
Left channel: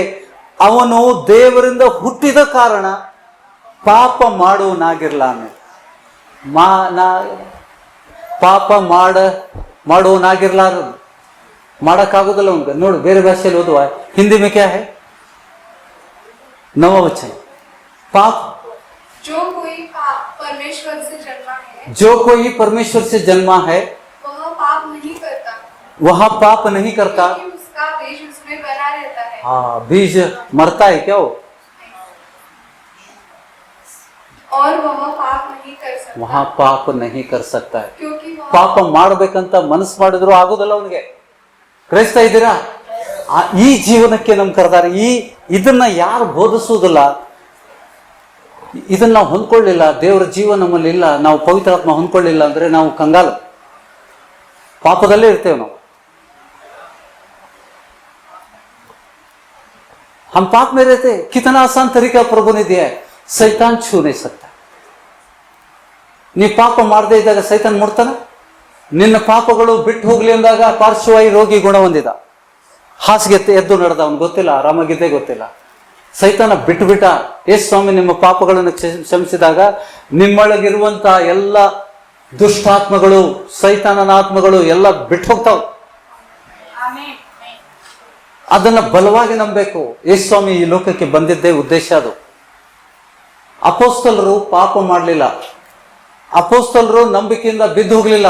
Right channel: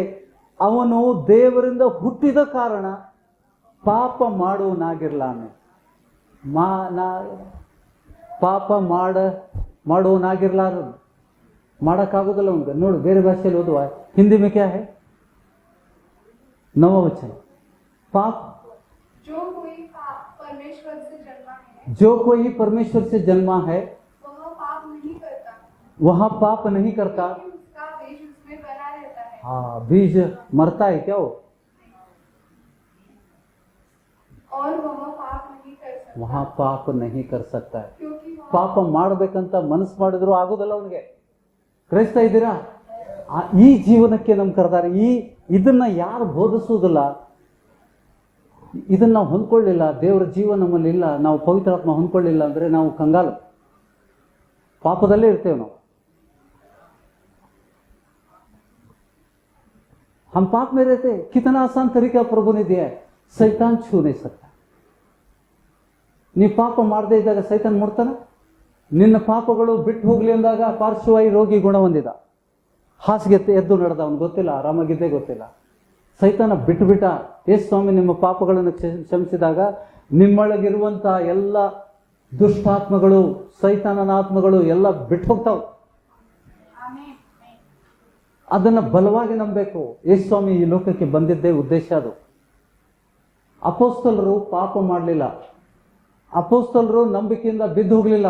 ಅವನು ದೇವರಿಂದ ಹುಟ್ಟಿದ ಕಾರಣ ಪಾಪ ಮಾಡುವನಾಗಿರ್ಲಾನೆ. ಪಾಪ ಮಾಡುವನಾಗಿರ್ಲಾರ, ಮಾಡಕ್ಕಾಗೋದಿಲ್ಲ ಅವನಿಗೆ. ನೋಡು ಬೇರೆ ಭಾಷೆಯಲ್ಲಿ ಓದುವ. ಹಿಂದಿ में क्या है? 9वां वचन. पाप जो कोई परमेश्वर से जन्मा है वह पाप नहीं करता. वह पाप नहीं करता. क्योंकि उसका बीज उसमें बना रहता है. हाँ, बीज मरता है क्या वो? और वह पाप नहीं कर सकता. वहाँ पाप नहीं कर सकता है. क्योंकि वह ಪಾಪ ಮಾಡ್ಬೇಕಂತ ಮನಸ್ಸು ಮಾಡಿದ್ರು ಆಗೋದಿಲ್ಲ ಅವನಿಗೆ. ಗ್ರಹಿಸ್ತಾ ಇದ್ದೀರಾ? ಈ ಜೀವನಕ್ಕೆ ನಮ್ ಕರೆದಾರೆ. ಇದನ್ನ ಯಾರು ಬೋಧಿಸುವುದಿಲ್ಲ, ಇದನ್ನ ನಾವು ಹೊಂದ್ಕೊಳ್ಳಿಲ್ಲ, ದೇವರ ಜೀವ ನಮ್ಮಲ್ಲಿ ಇಲ್ಲ, ನಾವು ಪವಿತ್ರಾತ್ಮ ಹೊಂದ್ಕೊಳ್ಳಿಲ್ಲ ಅಂದ್ರೆ ನಾವು ಕಂಗಾಲು, ಪಾಪದಲ್ಲೇ ಇರ್ತೇವೆ ನಾವು. हम पाप में रहते, कितना आसान तरीका प्रभु ने दिया है, सैतान छू नहीं सकता. ನೀ ಪಾಪ ಮಾಡದೇ ಇದ್ದಾಗ ಸೈತಾನ್ ಮುಡ್ತಾನ. ನಿನ್ನ ಪಾಪಗಳು ಬಿಟ್ಟು ಹೋಗ್ಲಿ ಅಂದಾಗ ಪಾರ್ಶ್ವವಾಯು ರೋಗಿ ಗುಣ ಹೊಂದಿದ, ಹಾಸಿಗೆ ಎದ್ದು ನಡೆದ, ಅವನು ಗೊತ್ತಿಲ್ಲ, ಆರಾಮಾಗಿದ್ದೇ ಗೊತ್ತಿಲ್ಲ. ಸೈತಾನ ಬಿಟ್ಟ. ಯೇಸು ಸ್ವಾಮಿ ನಿಮ್ಮ ಪಾಪಗಳನ್ನು ಕ್ಷಮಿಸಿದಾಗ ನಿಮ್ಮೊಳಗಿರುವಂತ ಎಲ್ಲ ದುಷ್ಟಾತ್ಮಗಳು, ಸೈತಾನನ ಆತ್ಮಗಳು ಎಲ್ಲ ಬಿಟ್ಟು ಹೋಗ್ತಾವ. ಅದನ್ನ ಬಲವಾಗಿ ನಂಬಬೇಕು. ಯೇಸು ಸ್ವಾಮಿ ಈ ಲೋಕಕ್ಕೆ ಬಂದಿದ್ದೇ ಉದ್ದೇಶ ಅದು. ಅಪೋಸ್ತಲರು ಪಾಪ ಮಾಡಲಿಲ್ಲ, ಅಪೋಸ್ತಲರು ನಂಬಿಕೆಯಿಂದ ಬಿದ್ದು ಹೋಗ್ಲಿಲ್ಲ,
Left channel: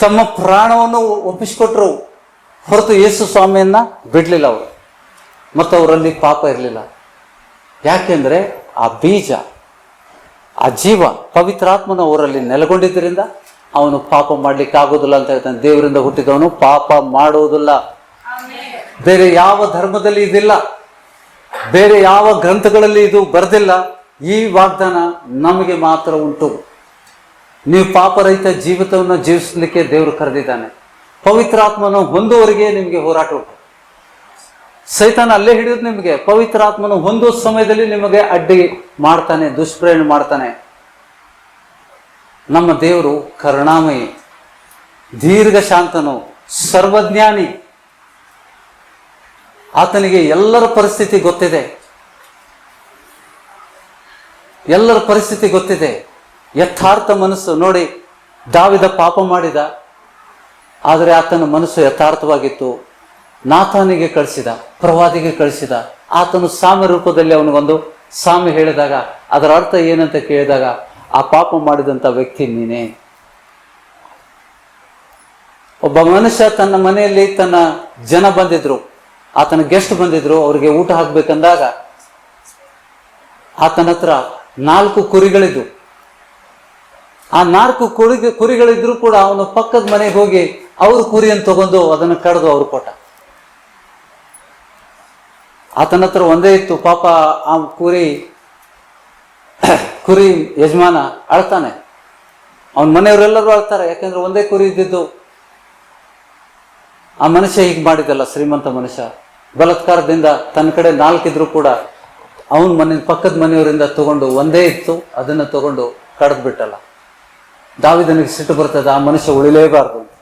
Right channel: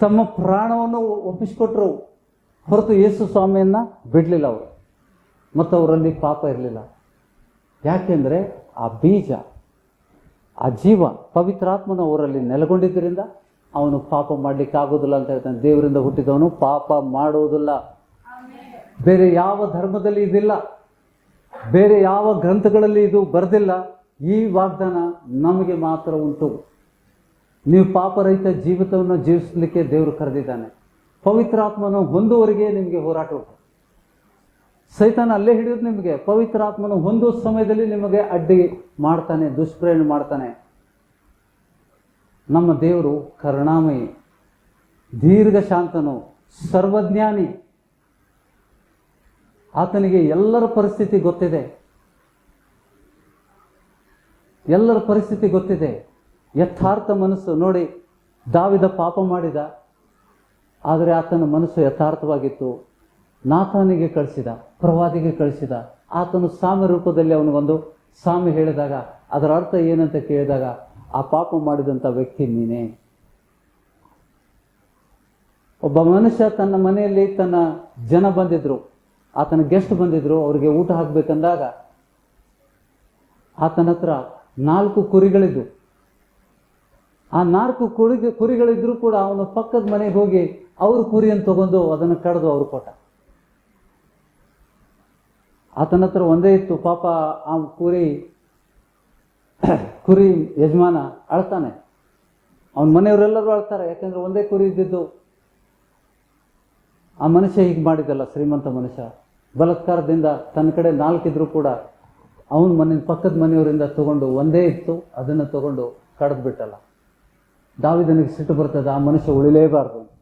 ತಮ್ಮ ಪ್ರಾಣವನ್ನು ಒಪ್ಪಿಸಿಕೊಟ್ರು ಹೊರತು ಯೇಸು ಸ್ವಾಮಿಯನ್ನ ಬಿಡ್ಲಿಲ್ಲ ಅವರು. ಮತ್ತು ಅವರಲ್ಲಿ ಪಾಪ ಇರಲಿಲ್ಲ. ಯಾಕೆಂದ್ರೆ ಆ ಬೀಜ, ಆ ಜೀವ, ಪವಿತ್ರಾತ್ಮನ ಅವರಲ್ಲಿ ನೆಲೆಗೊಂಡಿದ್ದರಿಂದ ಅವನು ಪಾಪ ಮಾಡ್ಲಿಕ್ಕೆ ಆಗೋದಿಲ್ಲ ಅಂತ ಹೇಳ್ತಾನೆ. ದೇವರಿಂದ ಹುಟ್ಟಿದವನು ಪಾಪ ಮಾಡುವುದಿಲ್ಲ. ಬೇರೆ ಯಾವ ಧರ್ಮದಲ್ಲಿ ಇದಿಲ್ಲ, ಬೇರೆ ಯಾವ ಗ್ರಂಥಗಳಲ್ಲಿ ಇದು ಬರೆದಿಲ್ಲ. ಈ ವಾಗ್ದಾನ ನಮಗೆ ಮಾತ್ರ ಉಂಟು. ನೀವು ಪಾಪರಹಿತ ಜೀವಿತವನ್ನು ಜೀವಿಸಲಿಕ್ಕೆ ದೇವರು ಕರೆದಿದ್ದಾನೆ. ಪವಿತ್ರಾತ್ಮನು ಹೊಂದುವವರೆಗೆ ನಿಮಗೆ ಹೋರಾಟ ಉಂಟು. ಸೈತಾನ ಅಲ್ಲೇ ಹಿಡಿಯೋದು ನಿಮಗೆ. ಪವಿತ್ರಾತ್ಮನು ಹೊಂದುವ ಸಮಯದಲ್ಲಿ ನಿಮಗೆ ಅಡ್ಡಿ ಮಾಡ್ತಾನೆ, ದುಷ್ಪ್ರೇರಣೆ ಮಾಡ್ತಾನೆ. ನಮ್ಮ ದೇವರು ಕರುಣಾಮಯಿ, ದೀರ್ಘ ಶಾಂತನು, ಸರ್ವಜ್ಞಾನಿ. ಆತನಿಗೆ ಎಲ್ಲರ ಪರಿಸ್ಥಿತಿ ಗೊತ್ತಿದೆ, ಎಲ್ಲರ ಪರಿಸ್ಥಿತಿ ಗೊತ್ತಿದೆ. ಯಥಾರ್ಥ ಮನಸ್ಸು ನೋಡಿ, ದಾವಿದ ಪಾಪ ಮಾಡಿದ, ಆದರೆ ಆತನ ಮನಸ್ಸು ಯಥಾರ್ಥವಾಗಿತ್ತು. ನಾಥಾನಿಗೆ ಕಳಿಸಿದ, ಪ್ರವಾದಿಗೆ ಕಳಿಸಿದ. ಆತನು ಸಾಮ್ಯ ರೂಪದಲ್ಲಿ ಅವನಿಗೊಂದು ಸಾಮ್ಯ ಹೇಳಿದಾಗ ಅದರ ಅರ್ಥ ಏನಂತ ಕೇಳಿದಾಗ, ಆ ಪಾಪ ಮಾಡಿದಂಥ ವ್ಯಕ್ತಿ ನೀನೇ. ಒಬ್ಬ ಮನುಷ್ಯ ತನ್ನ ಮನೆಯಲ್ಲಿ ತನ್ನ ಜನ ಬಂದಿದ್ರು, ಆತನ ಗೆಸ್ಟ್ ಬಂದಿದ್ರು, ಅವ್ರಿಗೆ ಊಟ ಹಾಕ್ಬೇಕಂದಾಗ ಆತನ ಹತ್ರ 4 ಕುರಿಗಳಿದ್ದು. ಆ 4 ಕುರಿಗಳಿದ್ರು ಕೂಡ ಅವನು ಪಕ್ಕದ ಮನೆಗೆ ಹೋಗಿ ಅವ್ರ ಕುರಿಯನ್ನು ತಗೊಂಡು ಅದನ್ನು ಕಡ್ದು ಅವ್ರು ಕೊಟ್ಟ. ಆತನ ಹತ್ರ ಒಂದೇ ಇತ್ತು. ಪಾಪ ಆ ಕುರಿ ಯಜಮಾನ ಅಳ್ತಾನೆ, ಅವನ ಮನೆಯವರೆಲ್ಲರೂ ಅಳ್ತಾರೆ. ಯಾಕಂದ್ರೆ ಒಂದೇ ಕುರಿ ಇದ್ದಿದ್ದು. ಆ ಮನುಷ್ಯ ಹೀಗೆ ಮಾಡಿದಲ್ಲ, ಶ್ರೀಮಂತ ಮನುಷ್ಯ ಬಲಾತ್ಕಾರದಿಂದ ತನ್ನ ಕಡೆ 4 ಇದ್ರು ಕೂಡ ಅವನ ಪಕ್ಕದ ಮನೆಯವರಿಂದ ತಗೊಂಡು, ಒಂದೇ ಇತ್ತು ಅದನ್ನು ತಗೊಂಡು ಕಡ್ದು ಬಿಟ್ಟಲ್ಲ. ದಾವಿದನಿಗೆ ಸಿಟ್ಟು ಬರ್ತದೆ, ಆ ಮನುಷ್ಯ ಉಳಿಲೇಬಾರ್ದು ಅಂತ.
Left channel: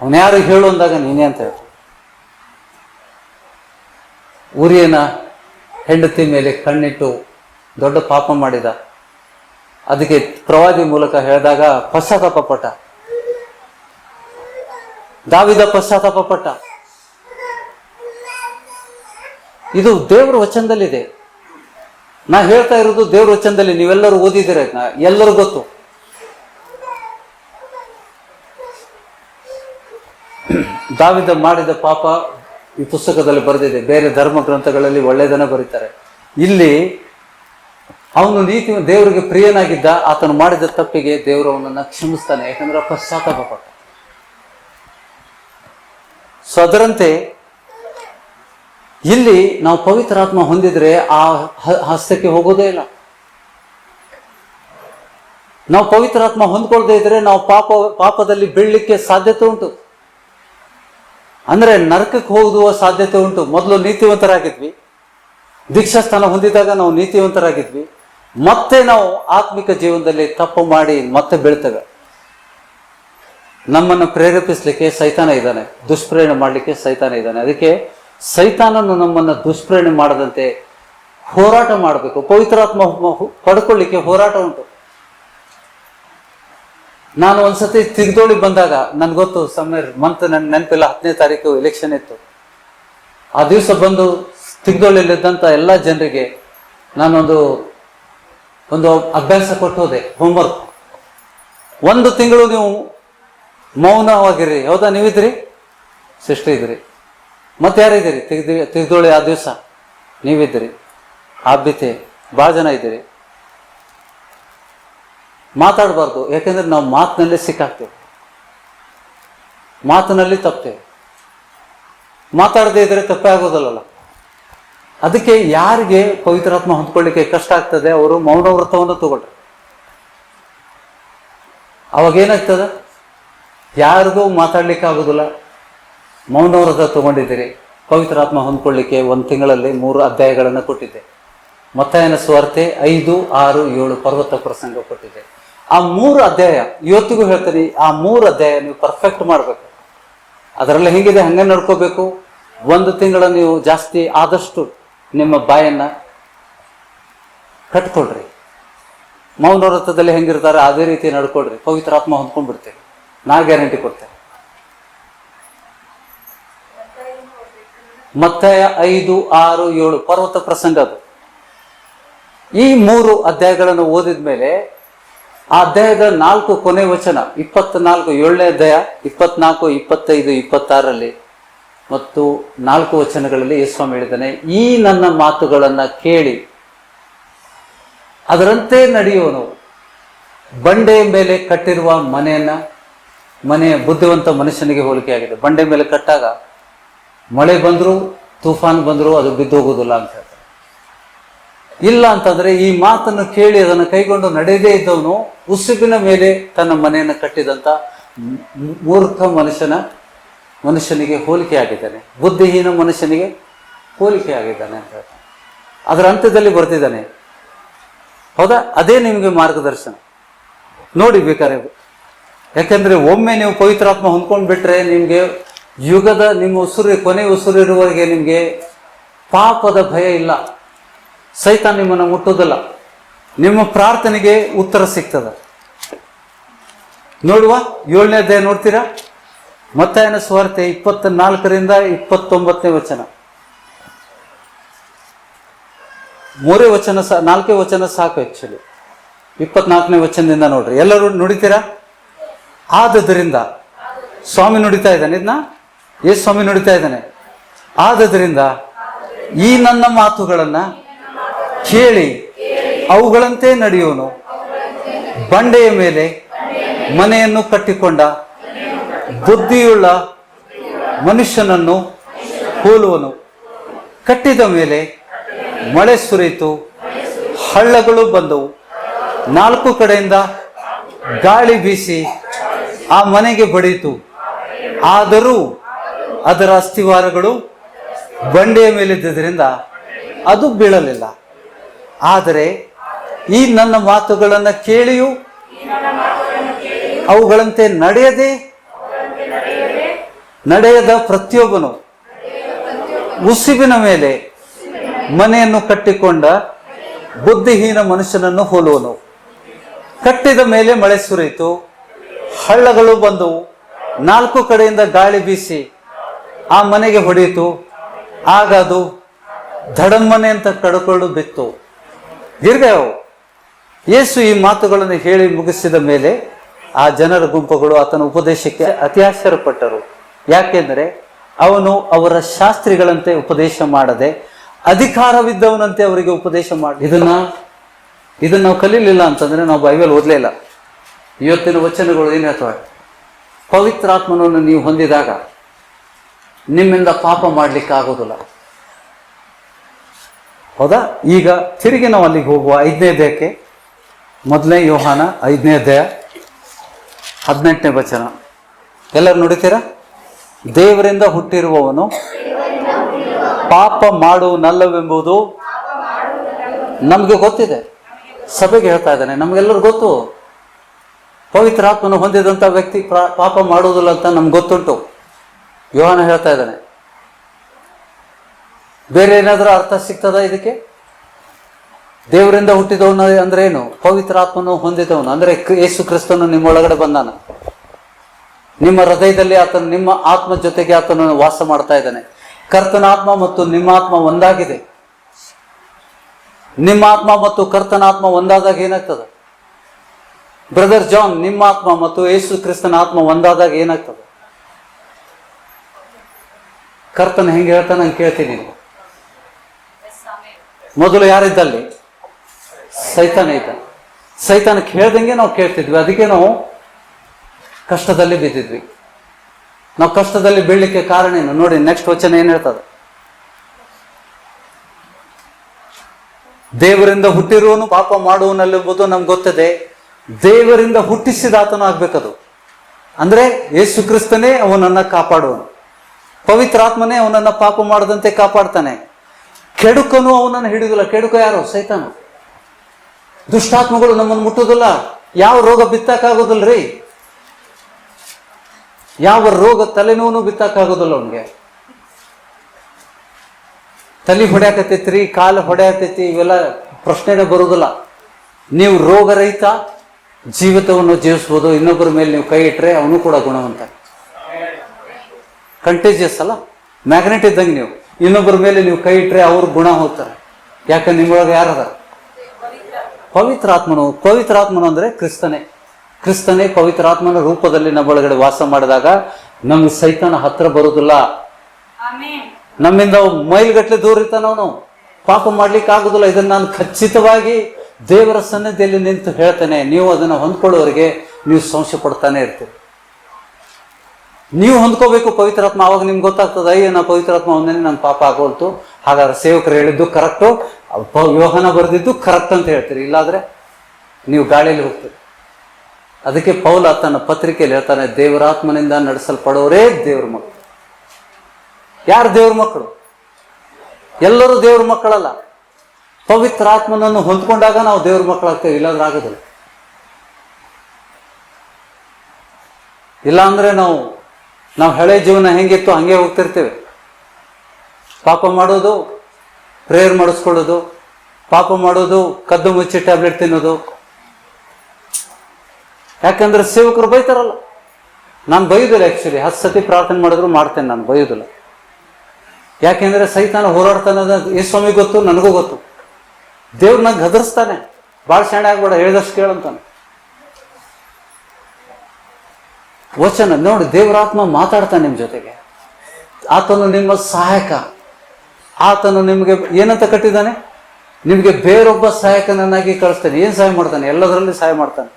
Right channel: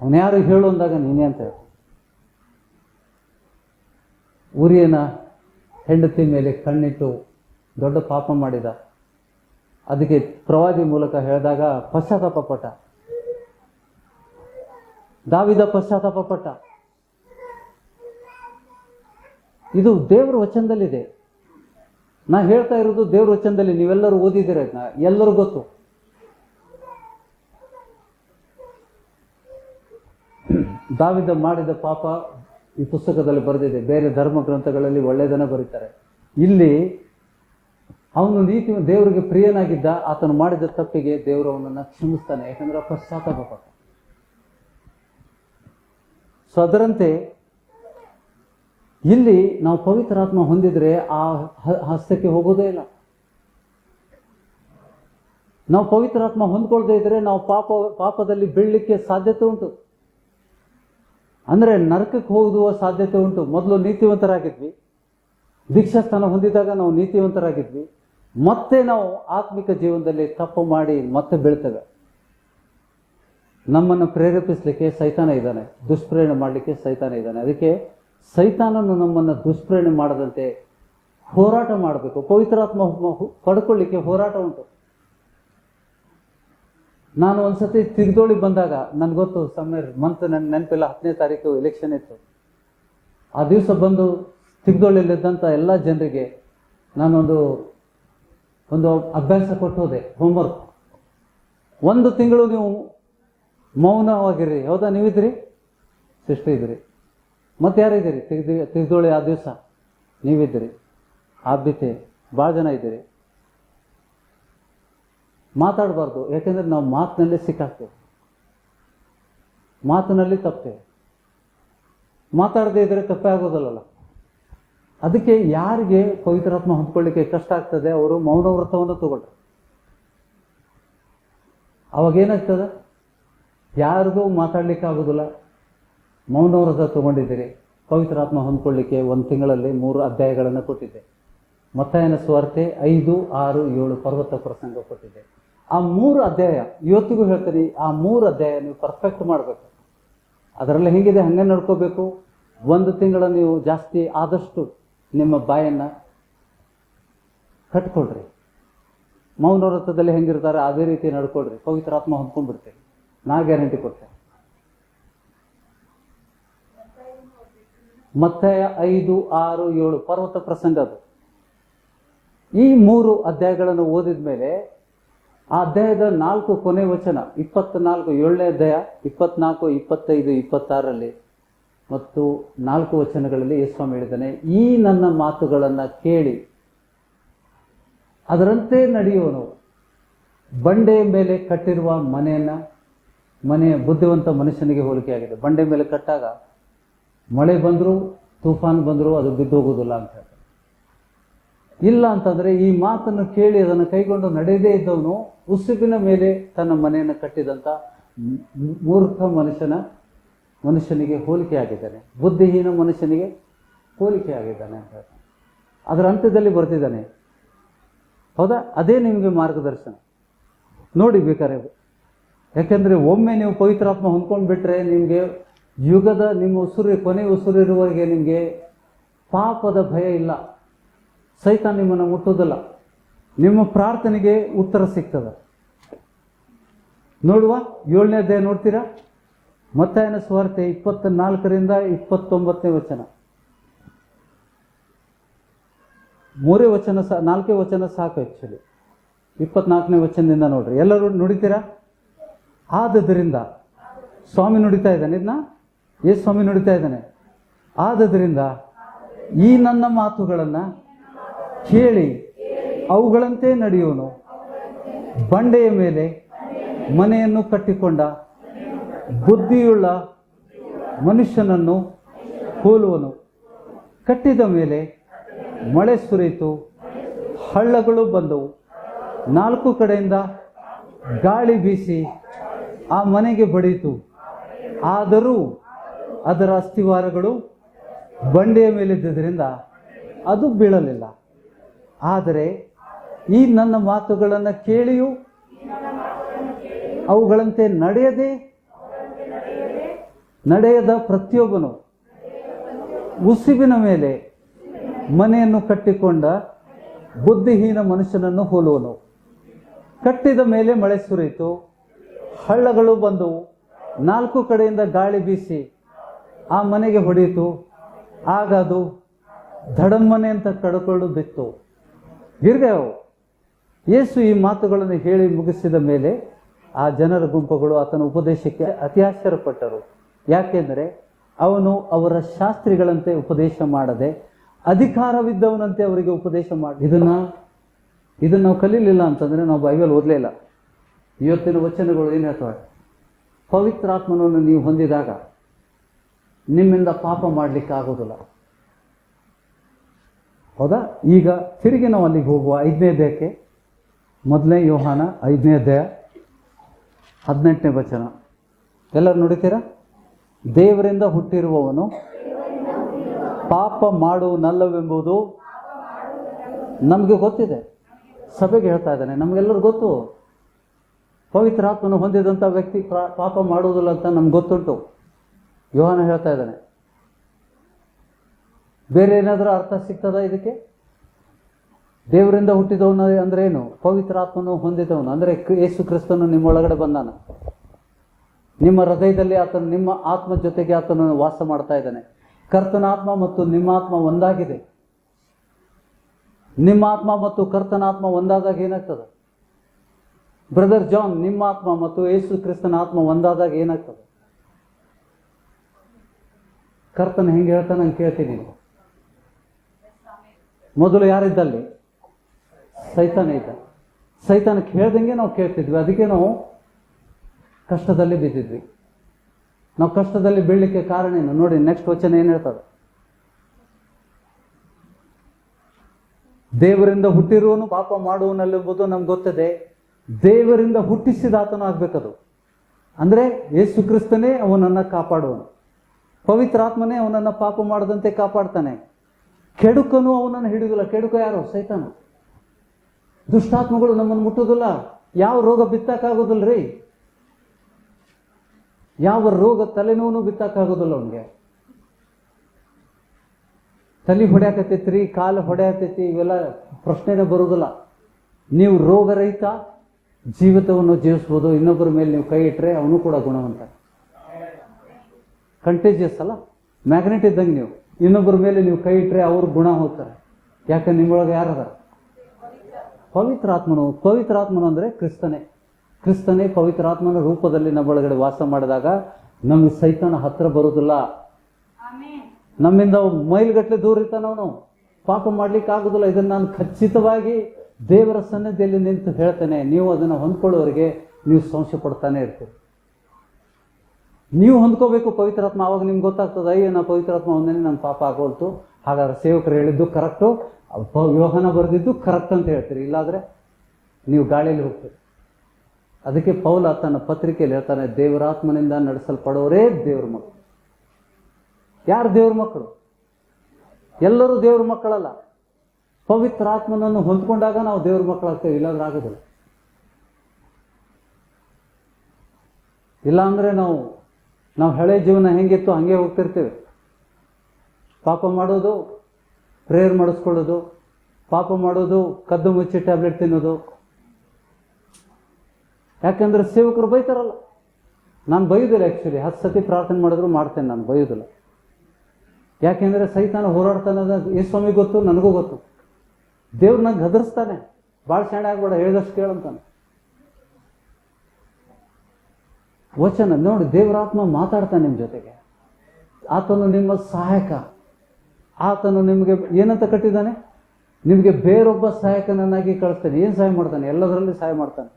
ಅವನು ಯಾರು ಹೇಳು ಅಂದಾಗ ನೀನೇ ಅಂತ ಹೇಳ್ತಾನೆ. ಊರಿಯನ ಹೆಂಡತಿ ಮೇಲೆ ಕಣ್ಣಿಟ್ಟು ದೊಡ್ಡ ಪಾಪ ಮಾಡಿದ. ಅದಕ್ಕೆ ಪ್ರವಾದಿ ಮೂಲಕ ಹೇಳಿದಾಗ ಪಶ್ಚಾತ್ತಾಪ ಪಟ್ಟ. ದಾವಿದ ಪಶ್ಚಾತ್ತಾಪ ಪಟ್ಟ. ಇದು ದೇವರ ವಚನದಲ್ಲಿದೆ. ನಾ ಹೇಳ್ತಾ ಇರೋದು ದೇವರ ವಚನದಲ್ಲಿ. ನೀವೆಲ್ಲರೂ ಓದಿದ್ದೀರ, ಎಲ್ಲರೂ ಗೊತ್ತು. ದಾವಿದ ಮಾಡಿದ ಪಾಪ ಈ ಪುಸ್ತಕದಲ್ಲಿ ಬರೆದಿದೆ. ಬೇರೆ ಧರ್ಮ ಗ್ರಂಥಗಳಲ್ಲಿ ಒಳ್ಳೆಯದನ್ನ ಬರೀತಾರೆ. ಇಲ್ಲಿ ಅವನು ದೇವರಿಗೆ ಪ್ರಿಯನಾಗಿದ್ದ. ಆತನು ಮಾಡಿದ ತಪ್ಪಿಗೆ ದೇವರು ಅವನನ್ನ ಕ್ಷಮಿಸ್ತಾನೆ, ಯಾಕಂದ್ರೆ ಪಶ್ಚಾತ್ತಾಪ ಪಟ್ಟ. ಸೊ ಅದರಂತೆ ಇಲ್ಲಿ ನಾವು ಪವಿತ್ರಾತ್ಮ ಹೊಂದಿದ್ರೆ ಆ ಹಸ್ತಕ್ಕೆ ಹೋಗೋದೇ ಇಲ್ಲ. ನಾವು ಪವಿತ್ರಾತ್ಮ ಹೊಂದ್ಕೊಳ್ದೇ ಇದ್ರೆ ನಾವು ಪಾಪದಲ್ಲಿ ಬೀಳಲಿಕ್ಕೆ ಸಾಧ್ಯತೆ ಉಂಟು. ಅಂದ್ರೆ ನರಕಕ್ಕೆ ಹೋಗುವ ಸಾಧ್ಯತೆ ಉಂಟು. ಮೊದಲು ನೀತಿವಂತರಾಗಿದ್ವಿ, ದೀಕ್ಷಾಸ್ಥಾನ ಹೊಂದಿದಾಗ ನಾವು ನೀತಿವಂತರಾಗಿದ್ವಿ. ಮತ್ತೆ ನಾವು ಆತ್ಮಿಕ ಜೀವನದಲ್ಲಿ ತಪ್ಪು ಮಾಡಿ ಮತ್ತೆ ಬೀಳ್ತೇವೆ. ನಮ್ಮನ್ನು ಪ್ರೇರೇಪಿಸಲಿಕ್ಕೆ ಸೈತಾನ ಇದ್ದಾನೆ, ದುಷ್ಪ್ರೇರಣೆ ಮಾಡಲಿಕ್ಕೆ ಸೈತಾನ ಇದ್ದಾನೆ. ಅದಕ್ಕೆ ಸೈತಾನನ್ನು ನಮ್ಮನ್ನು ದುಷ್ಪ್ರೇರಣೆ ಮಾಡದಂತೆ ಹೋರಾಟ ಮಾಡಬೇಕು. ಪವಿತ್ರಾತ್ಮ ಪಡ್ಕೊಳ್ಳಿಕ್ಕೆ ಹೋರಾಟ ಉಂಟು. ನಾನು ಒಂದ್ಸತಿ ತಿಗ್ದೋಳಿ ಬಂದಾಗ ನನ್ಗೆ ಗೊತ್ತು, ಸಮೀರ್ ಮಂತ್ ನನ್ನ ನೆನಪಿಲ್ಲ, 10ನೇ ತಾರೀಕು ಎಲೆಕ್ಷನ್ ಇತ್ತು. ಆ ದಿವಸ ಬಂದು ತಿಗ್ದೋಳಿಯಲ್ಲಿದ್ದಂಥ ಎಲ್ಲ ಜನರಿಗೆ ನಾನೊಂದು ಅಭ್ಯಾಸ ಕೊಟ್ಟು ಹೋದೆ, ಹೋಮ್ವರ್ಕ್. 1 ತಿಂಗಳು ನೀವು ಮೌನವಾಗಿರಿ. ಹೌದಾ? ನೀವಿದ್ರಿ, ಸಿಸ್ಟರ್ ಇದ್ರಿ, ಮತ್ತೆ ಯಾರಿದ್ದೀರಿ? ತಿಗ್ದೋಳಿ ಆ ದಿವಸ ನೀವಿದ್ದೀರಿ, ಆಬ್ಯತೆ ಭಾಳ ಜನ ಇದ್ದೀರಿ. ಮಾತಾಡಬಾರ್ದು, ಯಾಕೆಂದ್ರೆ ನಾವು ಮಾತಿನಲ್ಲೇ ಸಿಕ್ಕಾಗ್ತೇವೆ, ಮಾತಿನಲ್ಲಿ ತಪ್ಪೇವೆ. ಮಾತಾಡದೇ ಇದ್ರೆ ತಪ್ಪೇ ಆಗೋದಲ್ಲ. ಅದಕ್ಕೆ ಯಾರಿಗೆ ಪವಿತ್ರಾತ್ಮ ಹೊಂದ್ಕೊಳ್ಳಿಕ್ಕೆ ಕಷ್ಟ ಆಗ್ತದೆ ಅವರು ಮೌನ ವ್ರತವನ್ನು ತಗೊಳ್ರಿ. ಅವಾಗೇನಾಗ್ತದೆ? ಯಾರಿಗೂ ಮಾತಾಡ್ಲಿಕ್ಕೆ ಆಗೋದಿಲ್ಲ. ಮೌನ ವ್ರತ ತಗೊಂಡಿದ್ದೀರಿ, ಪವಿತ್ರಾತ್ಮ ಹೊಂದ್ಕೊಳ್ಳಿಕ್ಕೆ 1 ತಿಂಗಳಲ್ಲಿ 3 ಅಧ್ಯಾಯಗಳನ್ನು ಕೊಟ್ಟಿದ್ದೆ. ಮತ್ತಾಯನ ಸುವಾರ್ತೆ 5, 6, 7 ಪರ್ವತ ಪ್ರಸಂಗ ಕೊಟ್ಟಿದ್ದೆ. ಆ 3 ಅಧ್ಯಾಯ ಇವತ್ತಿಗೂ ಹೇಳ್ತೀನಿ, ಆ 3 ಅಧ್ಯಾಯ ನೀವು ಪರ್ಫೆಕ್ಟ್ ಮಾಡಬೇಕು. ಅದರಲ್ಲಿ ಹೆಂಗಿದೆ ಹಂಗೆ ನಡ್ಕೋಬೇಕು. 1 ತಿಂಗಳ ನೀವು ಜಾಸ್ತಿ ಆದಷ್ಟು ನಿಮ್ಮ ಬಾಯನ್ನ ಕಟ್ಕೊಳ್ರಿ. ಮೌನ ವ್ರತದಲ್ಲಿ ಹೆಂಗಿರ್ತಾರೆ ಅದೇ ರೀತಿ ನಡ್ಕೊಳ್ರಿ. ಪವಿತ್ರಾತ್ಮ ಹೊಂದ್ಕೊಂಡ್ಬಿಡ್ತೇವೆ, ನಾ ಗ್ಯಾರಂಟಿ ಕೊಡ್ತೇನೆ. ಮತ್ತಾಯ 5, 6, 7 ಪರ್ವತ ಪ್ರಸಂಗ ಅದು. ಈ 3 ಅಧ್ಯಾಯಗಳನ್ನು ಓದಿದ ಮೇಲೆ ಆ ಅಧ್ಯಾಯದ 4 ಕೊನೆ ವಚನ 24, 7ನೇ ಅಧ್ಯಾಯ 24, 25, 26ರಲ್ಲಿ ಮತ್ತು 4 ವಚನಗಳಲ್ಲಿ ಯೇಸುಸ್ವಾಮಿ ಹೇಳಿದ್ದಾನೆ, ಈ ನನ್ನ ಮಾತುಗಳನ್ನ ಕೇಳಿ ಅದರಂತೆ ನಡೆಯುವನು ಬಂಡೆಯ ಮೇಲೆ ಕಟ್ಟಿರುವ ಮನೆಯ ಬುದ್ಧಿವಂತ ಮನುಷ್ಯನಿಗೆ ಹೋಲಿಕೆಯಾಗಿದೆ. ಬಂಡೆ ಮೇಲೆ ಕಟ್ಟಾಗ ಮಳೆ ಬಂದ್ರು ತೂಫಾನ್ ಬಂದ್ರು ಅದು ಬಿದ್ದೋಗೋದಿಲ್ಲ ಅಂತ ಹೇಳ್ತಾರೆ. ಇಲ್ಲ ಅಂತಂದ್ರೆ ಈ ಮಾತನ್ನು ಕೇಳಿ ಅದನ್ನು ಕೈಗೊಂಡು ನಡೆಯದೇ ಇದ್ದವನು ಉಸುಬಿನ ಮೇಲೆ ತನ್ನ ಮನೆಯನ್ನು ಕಟ್ಟಿದಂತ ಮೂರ್ಖ ಮನುಷ್ಯನಿಗೆ ಹೋಲಿಕೆಯಾಗಿದ್ದಾನೆ, ಬುದ್ಧಿಹೀನ ಮನುಷ್ಯನಿಗೆ ಹೋಲಿಕೆಯಾಗಿದ್ದಾನೆ ಅಂತ ಹೇಳ್ತಾನೆ. ಅದರ ಅಂತ್ಯದಲ್ಲಿ ಬರ್ತಿದ್ದಾನೆ. ಹೌದಾ? ಅದೇ ನಿಮಗೆ ಮಾರ್ಗದರ್ಶನ ನೋಡಿ ಬೇಕಾರೆ. ಯಾಕಂದ್ರೆ ಒಮ್ಮೆ ನೀವು ಪವಿತ್ರಾತ್ಮ ಹೊಂದ್ಕೊಂಡು ಬಿಟ್ರೆ ನಿಮ್ಗೆ ಯುಗದ ನಿಮ್ಮ ಕೊನೆ ಉಸಿರಿರುವವರೆಗೆ ನಿಮ್ಗೆ ಪಾಪದ ಭಯ ಇಲ್ಲ. ಸೈತಾನ್ ನಿಮ್ಮನ್ನು ಮುಟ್ಟುವುದಿಲ್ಲ. ನಿಮ್ಮ ಪ್ರಾರ್ಥನೆಗೆ ಉತ್ತರ ಸಿಗ್ತದ. ನೋಡುವ 7ನೇ ಅಧ್ಯಾಯ ನೋಡ್ತೀರಾ? ಮತ್ತಾಯನ ಸುವಾರ್ತೆ 24ರಿಂದ 29ನೇ ವಚನ. 3 ವಚನ 4 ವಚನ ಸಾಕು. ಆಕ್ಚುಲಿ 24ನೇ ವಚನದಿಂದ ನೋಡ್ರಿ. ಎಲ್ಲರೂ ನುಡಿತೀರಾ? ಆದದರಿಂದ ಸ್ವಾಮಿ ನುಡಿತಾ ಇದ್ದಾನೆ, ಇದನ್ನ ಯೇಸು ಸ್ವಾಮಿ ನುಡಿತಾ ಇದ್ದಾನೆ. ಆದದರಿಂದ ಈ ನನ್ನ ಮಾತುಗಳನ್ನ ಕೇಳಿ ಅವುಗಳಂತೆ ನಡೆಯುವನು ಬಂಡೆಯ ಮೇಲೆ ಮನೆಯನ್ನು ಕಟ್ಟಿಕೊಂಡ ಬುದ್ಧಿಯುಳ್ಳ ಮನುಷ್ಯನನ್ನು ಹೋಲುವನು. ಕಟ್ಟಿದ ಮೇಲೆ ಮಳೆ ಸುರಿಯಿತು, ಹಳ್ಳಗಳು ಬಂದವು, 4 ಕಡೆಯಿಂದ ಗಾಳಿ ಬೀಸಿ ಆ ಮನೆಗೆ ಬಡಿಯಿತು. ಆದರೂ ಅದರ ಅಸ್ಥಿವಾರಗಳು ಬಂಡೆಯ ಮೇಲಿದ್ದರಿಂದ ಅದು ಬೀಳಲಿಲ್ಲ. ಆದರೆ ಈ ನನ್ನ ಮಾತುಗಳನ್ನು ಕೇಳಿಯೂ ಅವುಗಳಂತೆ ನಡೆಯದ ಪ್ರತಿಯೊಬ್ಬನು ಉಸಿಬಿನ ಮೇಲೆ ಮನೆಯನ್ನು ಕಟ್ಟಿಕೊಂಡ ಬುದ್ಧಿಹೀನ ಮನುಷ್ಯನನ್ನು ಹೋಲುವನು. ಕಟ್ಟಿದ ಮೇಲೆ ಮಳೆ ಸುರಿಯಿತು, ಹಳ್ಳಗಳು ಬಂದವು, 4 ಕಡೆಯಿಂದ ಗಾಳಿ ಬೀಸಿ ಆ ಮನೆಗೆ ಹೊಡೆಯಿತು. ಆಗ ಅದು ಧಡಮ್ಮನೆ ಅಂತ ಕಡ್ಕೊಂಡು ಬಿತ್ತು. ದೀರ್ಘವು. ಯೇಸು ಈ ಮಾತುಗಳನ್ನು ಹೇಳಿ ಮುಗಿಸಿದ ಮೇಲೆ ಆ ಜನರ ಗುಂಪುಗಳು ಆತನ ಉಪದೇಶಕ್ಕೆ ಅತಿ ಆಶ್ಚರ್ಯಪಟ್ಟರು. ಯಾಕೆಂದರೆ ಅವನು ಅವರ ಶಾಸ್ತ್ರಿಗಳಂತೆ ಉಪದೇಶ ಮಾಡದೆ ಅಧಿಕಾರವಿದ್ದವನಂತೆ ಅವರಿಗೆ ಉಪದೇಶ ಮಾಡಿ. ಇದನ್ನ ನಾವು ಕಲೀಲಿಲ್ಲ ಅಂತಂದ್ರೆ ನಾವು ಬೈಬಲ್ ಓದಲೇ ಇಲ್ಲ. ಇವತ್ತಿನ ವಚನಗಳು ಏನು ಹೇಳ್ತವೆ? ಪವಿತ್ರಾತ್ಮನನ್ನು ನೀವು ಹೊಂದಿದಾಗ ನಿಮ್ಮಿಂದ ಪಾಪ ಮಾಡ್ಲಿಕ್ಕೆ ಆಗೋದಿಲ್ಲ. ಹೌದಾ? ಈಗ ತಿರುಗಿ ನಾವು ಅಲ್ಲಿಗೆ ಹೋಗುವ 5ನೇ ಅಧ್ಯಾಯಕ್ಕೆ. 1ನೇ ಯೋಹಾನ 5ನೇ ಅಧ್ಯಾಯ 18ನೇ ವಚನ. ಎಲ್ಲರೂ ನೋಡಿತೀರಾ? ದೇವರಿಂದ ಹುಟ್ಟಿರುವವನು ಪಾಪ ಮಾಡುವನಲ್ಲವೆಂಬುದು ನಮ್ಗೆ ಗೊತ್ತಿದೆ. ಸಭೆಗೆ ಹೇಳ್ತಾ ಇದ್ದಾನೆ, ನಮ್ಗೆಲ್ಲರೂ ಗೊತ್ತು. ಪವಿತ್ರಾತ್ಮನ ಹೊಂದಿದಂಥ ವ್ಯಕ್ತಿ ಪಾಪ ಮಾಡುವುದಿಲ್ಲ ಅಂತ ನಮ್ಗೆ ಗೊತ್ತುಂಟು. ಯೋಹಾನ ಹೇಳ್ತಾ ಇದ್ದಾನೆ. ಬೇರೆ ಏನಾದರೂ ಅರ್ಥ ಸಿಗ್ತದ ಇದಕ್ಕೆ? ದೇವರಿಂದ ಹುಟ್ಟಿದವನು ಅಂದ್ರೆ ಏನು? ಪವಿತ್ರಾತ್ಮನು ಹೊಂದಿದವನು ಅಂದ್ರೆ ಯೇಸು ಕ್ರಿಸ್ತನು ನಿಮ್ಮೊಳಗಡೆ ಬಂದಾನ. ನಿಮ್ಮ ಹೃದಯದಲ್ಲಿ ಆತನು, ನಿಮ್ಮ ಆತ್ಮ ಜೊತೆಗೆ ಆತನು ವಾಸ ಮಾಡ್ತಾ ಇದ್ದಾನೆ. ಕರ್ತನ ಆತ್ಮ ಮತ್ತು ನಿಮ್ಮ ಆತ್ಮ ಒಂದಾಗಿದೆ. ನಿಮ್ಮ ಆತ್ಮ ಮತ್ತು ಕರ್ತನ ಆತ್ಮ ಒಂದಾದಾಗ ಏನಾಗ್ತದೆ? ಬ್ರದರ್ ಜಾನ್, ನಿಮ್ಮ ಆತ್ಮ ಮತ್ತು ಯೇಸು ಕ್ರಿಸ್ತನ ಆತ್ಮ ಒಂದಾದಾಗ ಏನಾಗ್ತದೆ? ಕರ್ತನ ಹೆಂಗೆ ಹೇಳ್ತಾನೆ ನಾನು ಕೇಳ್ತೀನಿ. ಮೊದಲು ಯಾರಿದ್ದಲ್ಲಿ? ಸೈತಾನ ಇದ್ದ. ಸೈತಾನಕ್ಕೆ ಹೇಳ್ದಂಗೆ ನಾವು ಕೇಳ್ತಿದ್ವಿ. ಅದಕ್ಕೆ ನಾವು ಕಷ್ಟದಲ್ಲಿ ಬಿದ್ದಿದ್ವಿ. ನಾವು ಕಷ್ಟದಲ್ಲಿ ಬೀಳಲಿಕ್ಕೆ ಕಾರಣ ಏನು ನೋಡಿ. ನೆಕ್ಸ್ಟ್ ವಚನ ಏನ್ ಹೇಳ್ತದೆ? ದೇವರಿಂದ ಹುಟ್ಟಿರುವನು ಪಾಪ ಮಾಡುವನಲ್ಲೆಂಬುದು ನಮ್ಗೆ ಗೊತ್ತದೆ. ದೇವರಿಂದ ಹುಟ್ಟಿಸಿದ ಆತನು ಆಗ್ಬೇಕದು. ಅಂದ್ರೆ ಯೇಸು ಕ್ರಿಸ್ತನೇ ಅವನನ್ನ ಕಾಪಾಡುವನು. ಪವಿತ್ರಾತ್ಮನೇ ಅವನನ್ನ ಪಾಪ ಮಾಡದಂತೆ ಕಾಪಾಡ್ತಾನೆ. ಕೆಡುಕನು ಅವನನ್ನು ಹಿಡಿದಿಲ್ಲ. ಕೆಡುಕ ಯಾರು? ಸೈತಾನ. ದುಷ್ಟಾತ್ಮಗಳು ನಮ್ಮನ್ನು ಮುಟ್ಟುದಿಲ್ಲ. ಯಾವ ರೋಗ ಬಿತ್ತಕ್ಕಾಗೋದಿಲ್ರಿ. ಯಾವ ರೋಗ, ತಲೆನೋವು ಬಿತ್ತಕ್ಕಾಗೋದಿಲ್ಲ ಅವನಿಗೆ. ತಲೆ ಹೊಡ್ಯಾಕತೈತ್ರಿ, ಕಾಲು ಹೊಡ್ಯಾಕತೈತಿ, ಇವೆಲ್ಲ ಪ್ರಶ್ನೆನೇ ಬರುವುದಿಲ್ಲ. ನೀವು ರೋಗರಹಿತ ಜೀವಿತವನ್ನು ಜೀವಿಸ್ಬೋದು. ಇನ್ನೊಬ್ಬರ ಮೇಲೆ ನೀವು ಕೈ ಇಟ್ಟರೆ ಅವನು ಕೂಡ ಗುಣವಂತ. ಕಂಟೇಜಿಯಸ್ ಅಲ್ಲ, ಮ್ಯಾಗ್ನೆಟ್ ಇದ್ದಂಗೆ. ನೀವು ಇನ್ನೊಬ್ಬರ ಮೇಲೆ ನೀವು ಕೈ ಇಟ್ಟರೆ ಅವ್ರು ಗುಣ ಹೋಗ್ತಾರೆ. ಯಾಕಂದ್ರೆ ನಿಮ್ಮೊಳಗೆ ಯಾರದ? ಪವಿತ್ರಾತ್ಮನು. ಪವಿತ್ರಾತ್ಮನು ಅಂದ್ರೆ ಕ್ರಿಸ್ತನೇ. ಕ್ರಿಸ್ತನೇ ಪವಿತ್ರಾತ್ಮನ ರೂಪದಲ್ಲಿ ನಮ್ಮೊಳಗಡೆ ವಾಸ ಮಾಡಿದಾಗ ನಮ್ಗೆ ಸೈತಾನ ಹತ್ರ ಬರುವುದಿಲ್ಲ. ನಮ್ಮಿಂದ ಮೈಲ್ಗಟ್ಲೆ ದೂರ ಇರ್ತಾನ ಅವನು. ಪಾಪ ಮಾಡ್ಲಿಕ್ಕೆ ಆಗುದಿಲ್ಲ. ಇದನ್ನು ನಾನು ಖಚಿತವಾಗಿ ದೇವರ ಸನ್ನಿಧಿಯಲ್ಲಿ ನಿಂತು ಹೇಳ್ತೇನೆ. ನೀವು ಅದನ್ನು ಹೊಂದ್ಕೊಳ್ಳೋರಿಗೆ ನೀವು ಸಂಶಯ ಪಡ್ತಾನೆ ಇರ್ತೀರಿ. ನೀವು ಹೊಂದ್ಕೋಬೇಕು ಪವಿತ್ರಾತ್ಮ. ಆವಾಗ ನಿಮ್ಗೆ ಗೊತ್ತಾಗ್ತದೆ, ಅಯ್ಯ ನಾ ಪವಿತ್ರಾತ್ಮ ಹೊಂದೇನೆ, ನನ್ನ ಪಾಪ ಆಗೋಲ್ತು. ಹಾಗಾದ್ರೆ ಸೇವಕರು ಹೇಳಿದ್ದು ಕರೆಕ್ಟು, ಯೋಹಾನ ಬರೆದಿದ್ದು ಕರೆಕ್ಟ್ ಅಂತ ಹೇಳ್ತೀರಿ. ಇಲ್ಲಾದ್ರೆ ನೀವು ಗಾಳಿಯಲ್ಲಿ ಹೋಗ್ತೀರಿ. ಅದಕ್ಕೆ ಪೌಲ ತನ್ನ ಪತ್ರಿಕೆಯಲ್ಲಿ ಹೇಳ್ತಾನೆ, ದೇವರಾತ್ಮನಿಂದ ನಡೆಸಲ್ಪಡೋರೇ ದೇವ್ರ ಮಕ್ಕಳು. ಯಾರು ದೇವ್ರ ಮಕ್ಕಳು? ಎಲ್ಲರೂ ದೇವ್ರ ಮಕ್ಕಳಲ್ಲ. ಪವಿತ್ರಾತ್ಮನನ್ನು ಹೊಂದ್ಕೊಂಡಾಗ ನಾವು ದೇವ್ರ ಮಕ್ಕಳಾಗ್ತೇವೆ. ಇಲ್ಲಾಂದ್ರೆ ಆಗೋದಿಲ್ಲ. ಇಲ್ಲ ಅಂದ್ರೆ ನಾವು ಹಳೆ ಜೀವನ ಹೆಂಗಿತ್ತು ಹಂಗೆ ಹೋಗ್ತಿರ್ತೇವೆ. ಪಾಪ ಮಾಡೋದು, ಪ್ರೇಯರ್ ಮಾಡಿಸ್ಕೊಳ್ಳೋದು, ಪಾಪ ಮಾಡೋದು, ಕದ್ದು ಮುಚ್ಚಿ ಟ್ಯಾಬ್ಲೆಟ್ ತಿನ್ನೋದು. ಯಾಕಂದ್ರೆ ಸೇವಕರು ಬೈತಾರಲ್ಲ. ನಾನು ಬೈಯೋದಿಲ್ಲ. ಆ್ಯಕ್ಚುಲಿ 10 ಸತಿ ಪ್ರಾರ್ಥನೆ ಮಾಡಿದ್ರು ಮಾಡ್ತೇನೆ, ನಾನು ಬೈಯೋದಿಲ್ಲ. ಯಾಕೆಂದ್ರೆ ಸೈತಾನ ಹೋರಾಡ್ತಾನೆ. ಯೇಸ್ವಾಮಿ ಗೊತ್ತು, ನನಗೂ ಗೊತ್ತು. ದೇವ್ರು ನಂಗೆ ಗದರಿಸ್ತಾನೆ. ಭಾಳ ಶಾಣೆ ಆಗ್ಬೇಡ, ಹೇಳಿದಷ್ಟು ಕೇಳಂತಾನೆ. ವಚನ ನೋಡಿ, ದೇವರಾತ್ಮ ಮಾತಾಡ್ತಾನೆ ನಿಮ್ಮ ಜೊತೆಗೆ. ಆತನು ನಿಮ್ಮ ಸಹಾಯಕ. ಆತನು ನಿಮಗೆ ಏನಂತ ಕಟ್ಟಿದ್ದಾನೆ? ನಿಮಗೆ ಬೇರೊಬ್ಬ ಸಹಾಯಕನನ್ನಾಗಿ ಕಳಿಸ್ತಾನೆ. ಏನು ಸಹಾಯ ಮಾಡ್ತಾನೆ? ಎಲ್ಲದರಲ್ಲಿ ಸಹಾಯ ಮಾಡ್ತಾನೆ.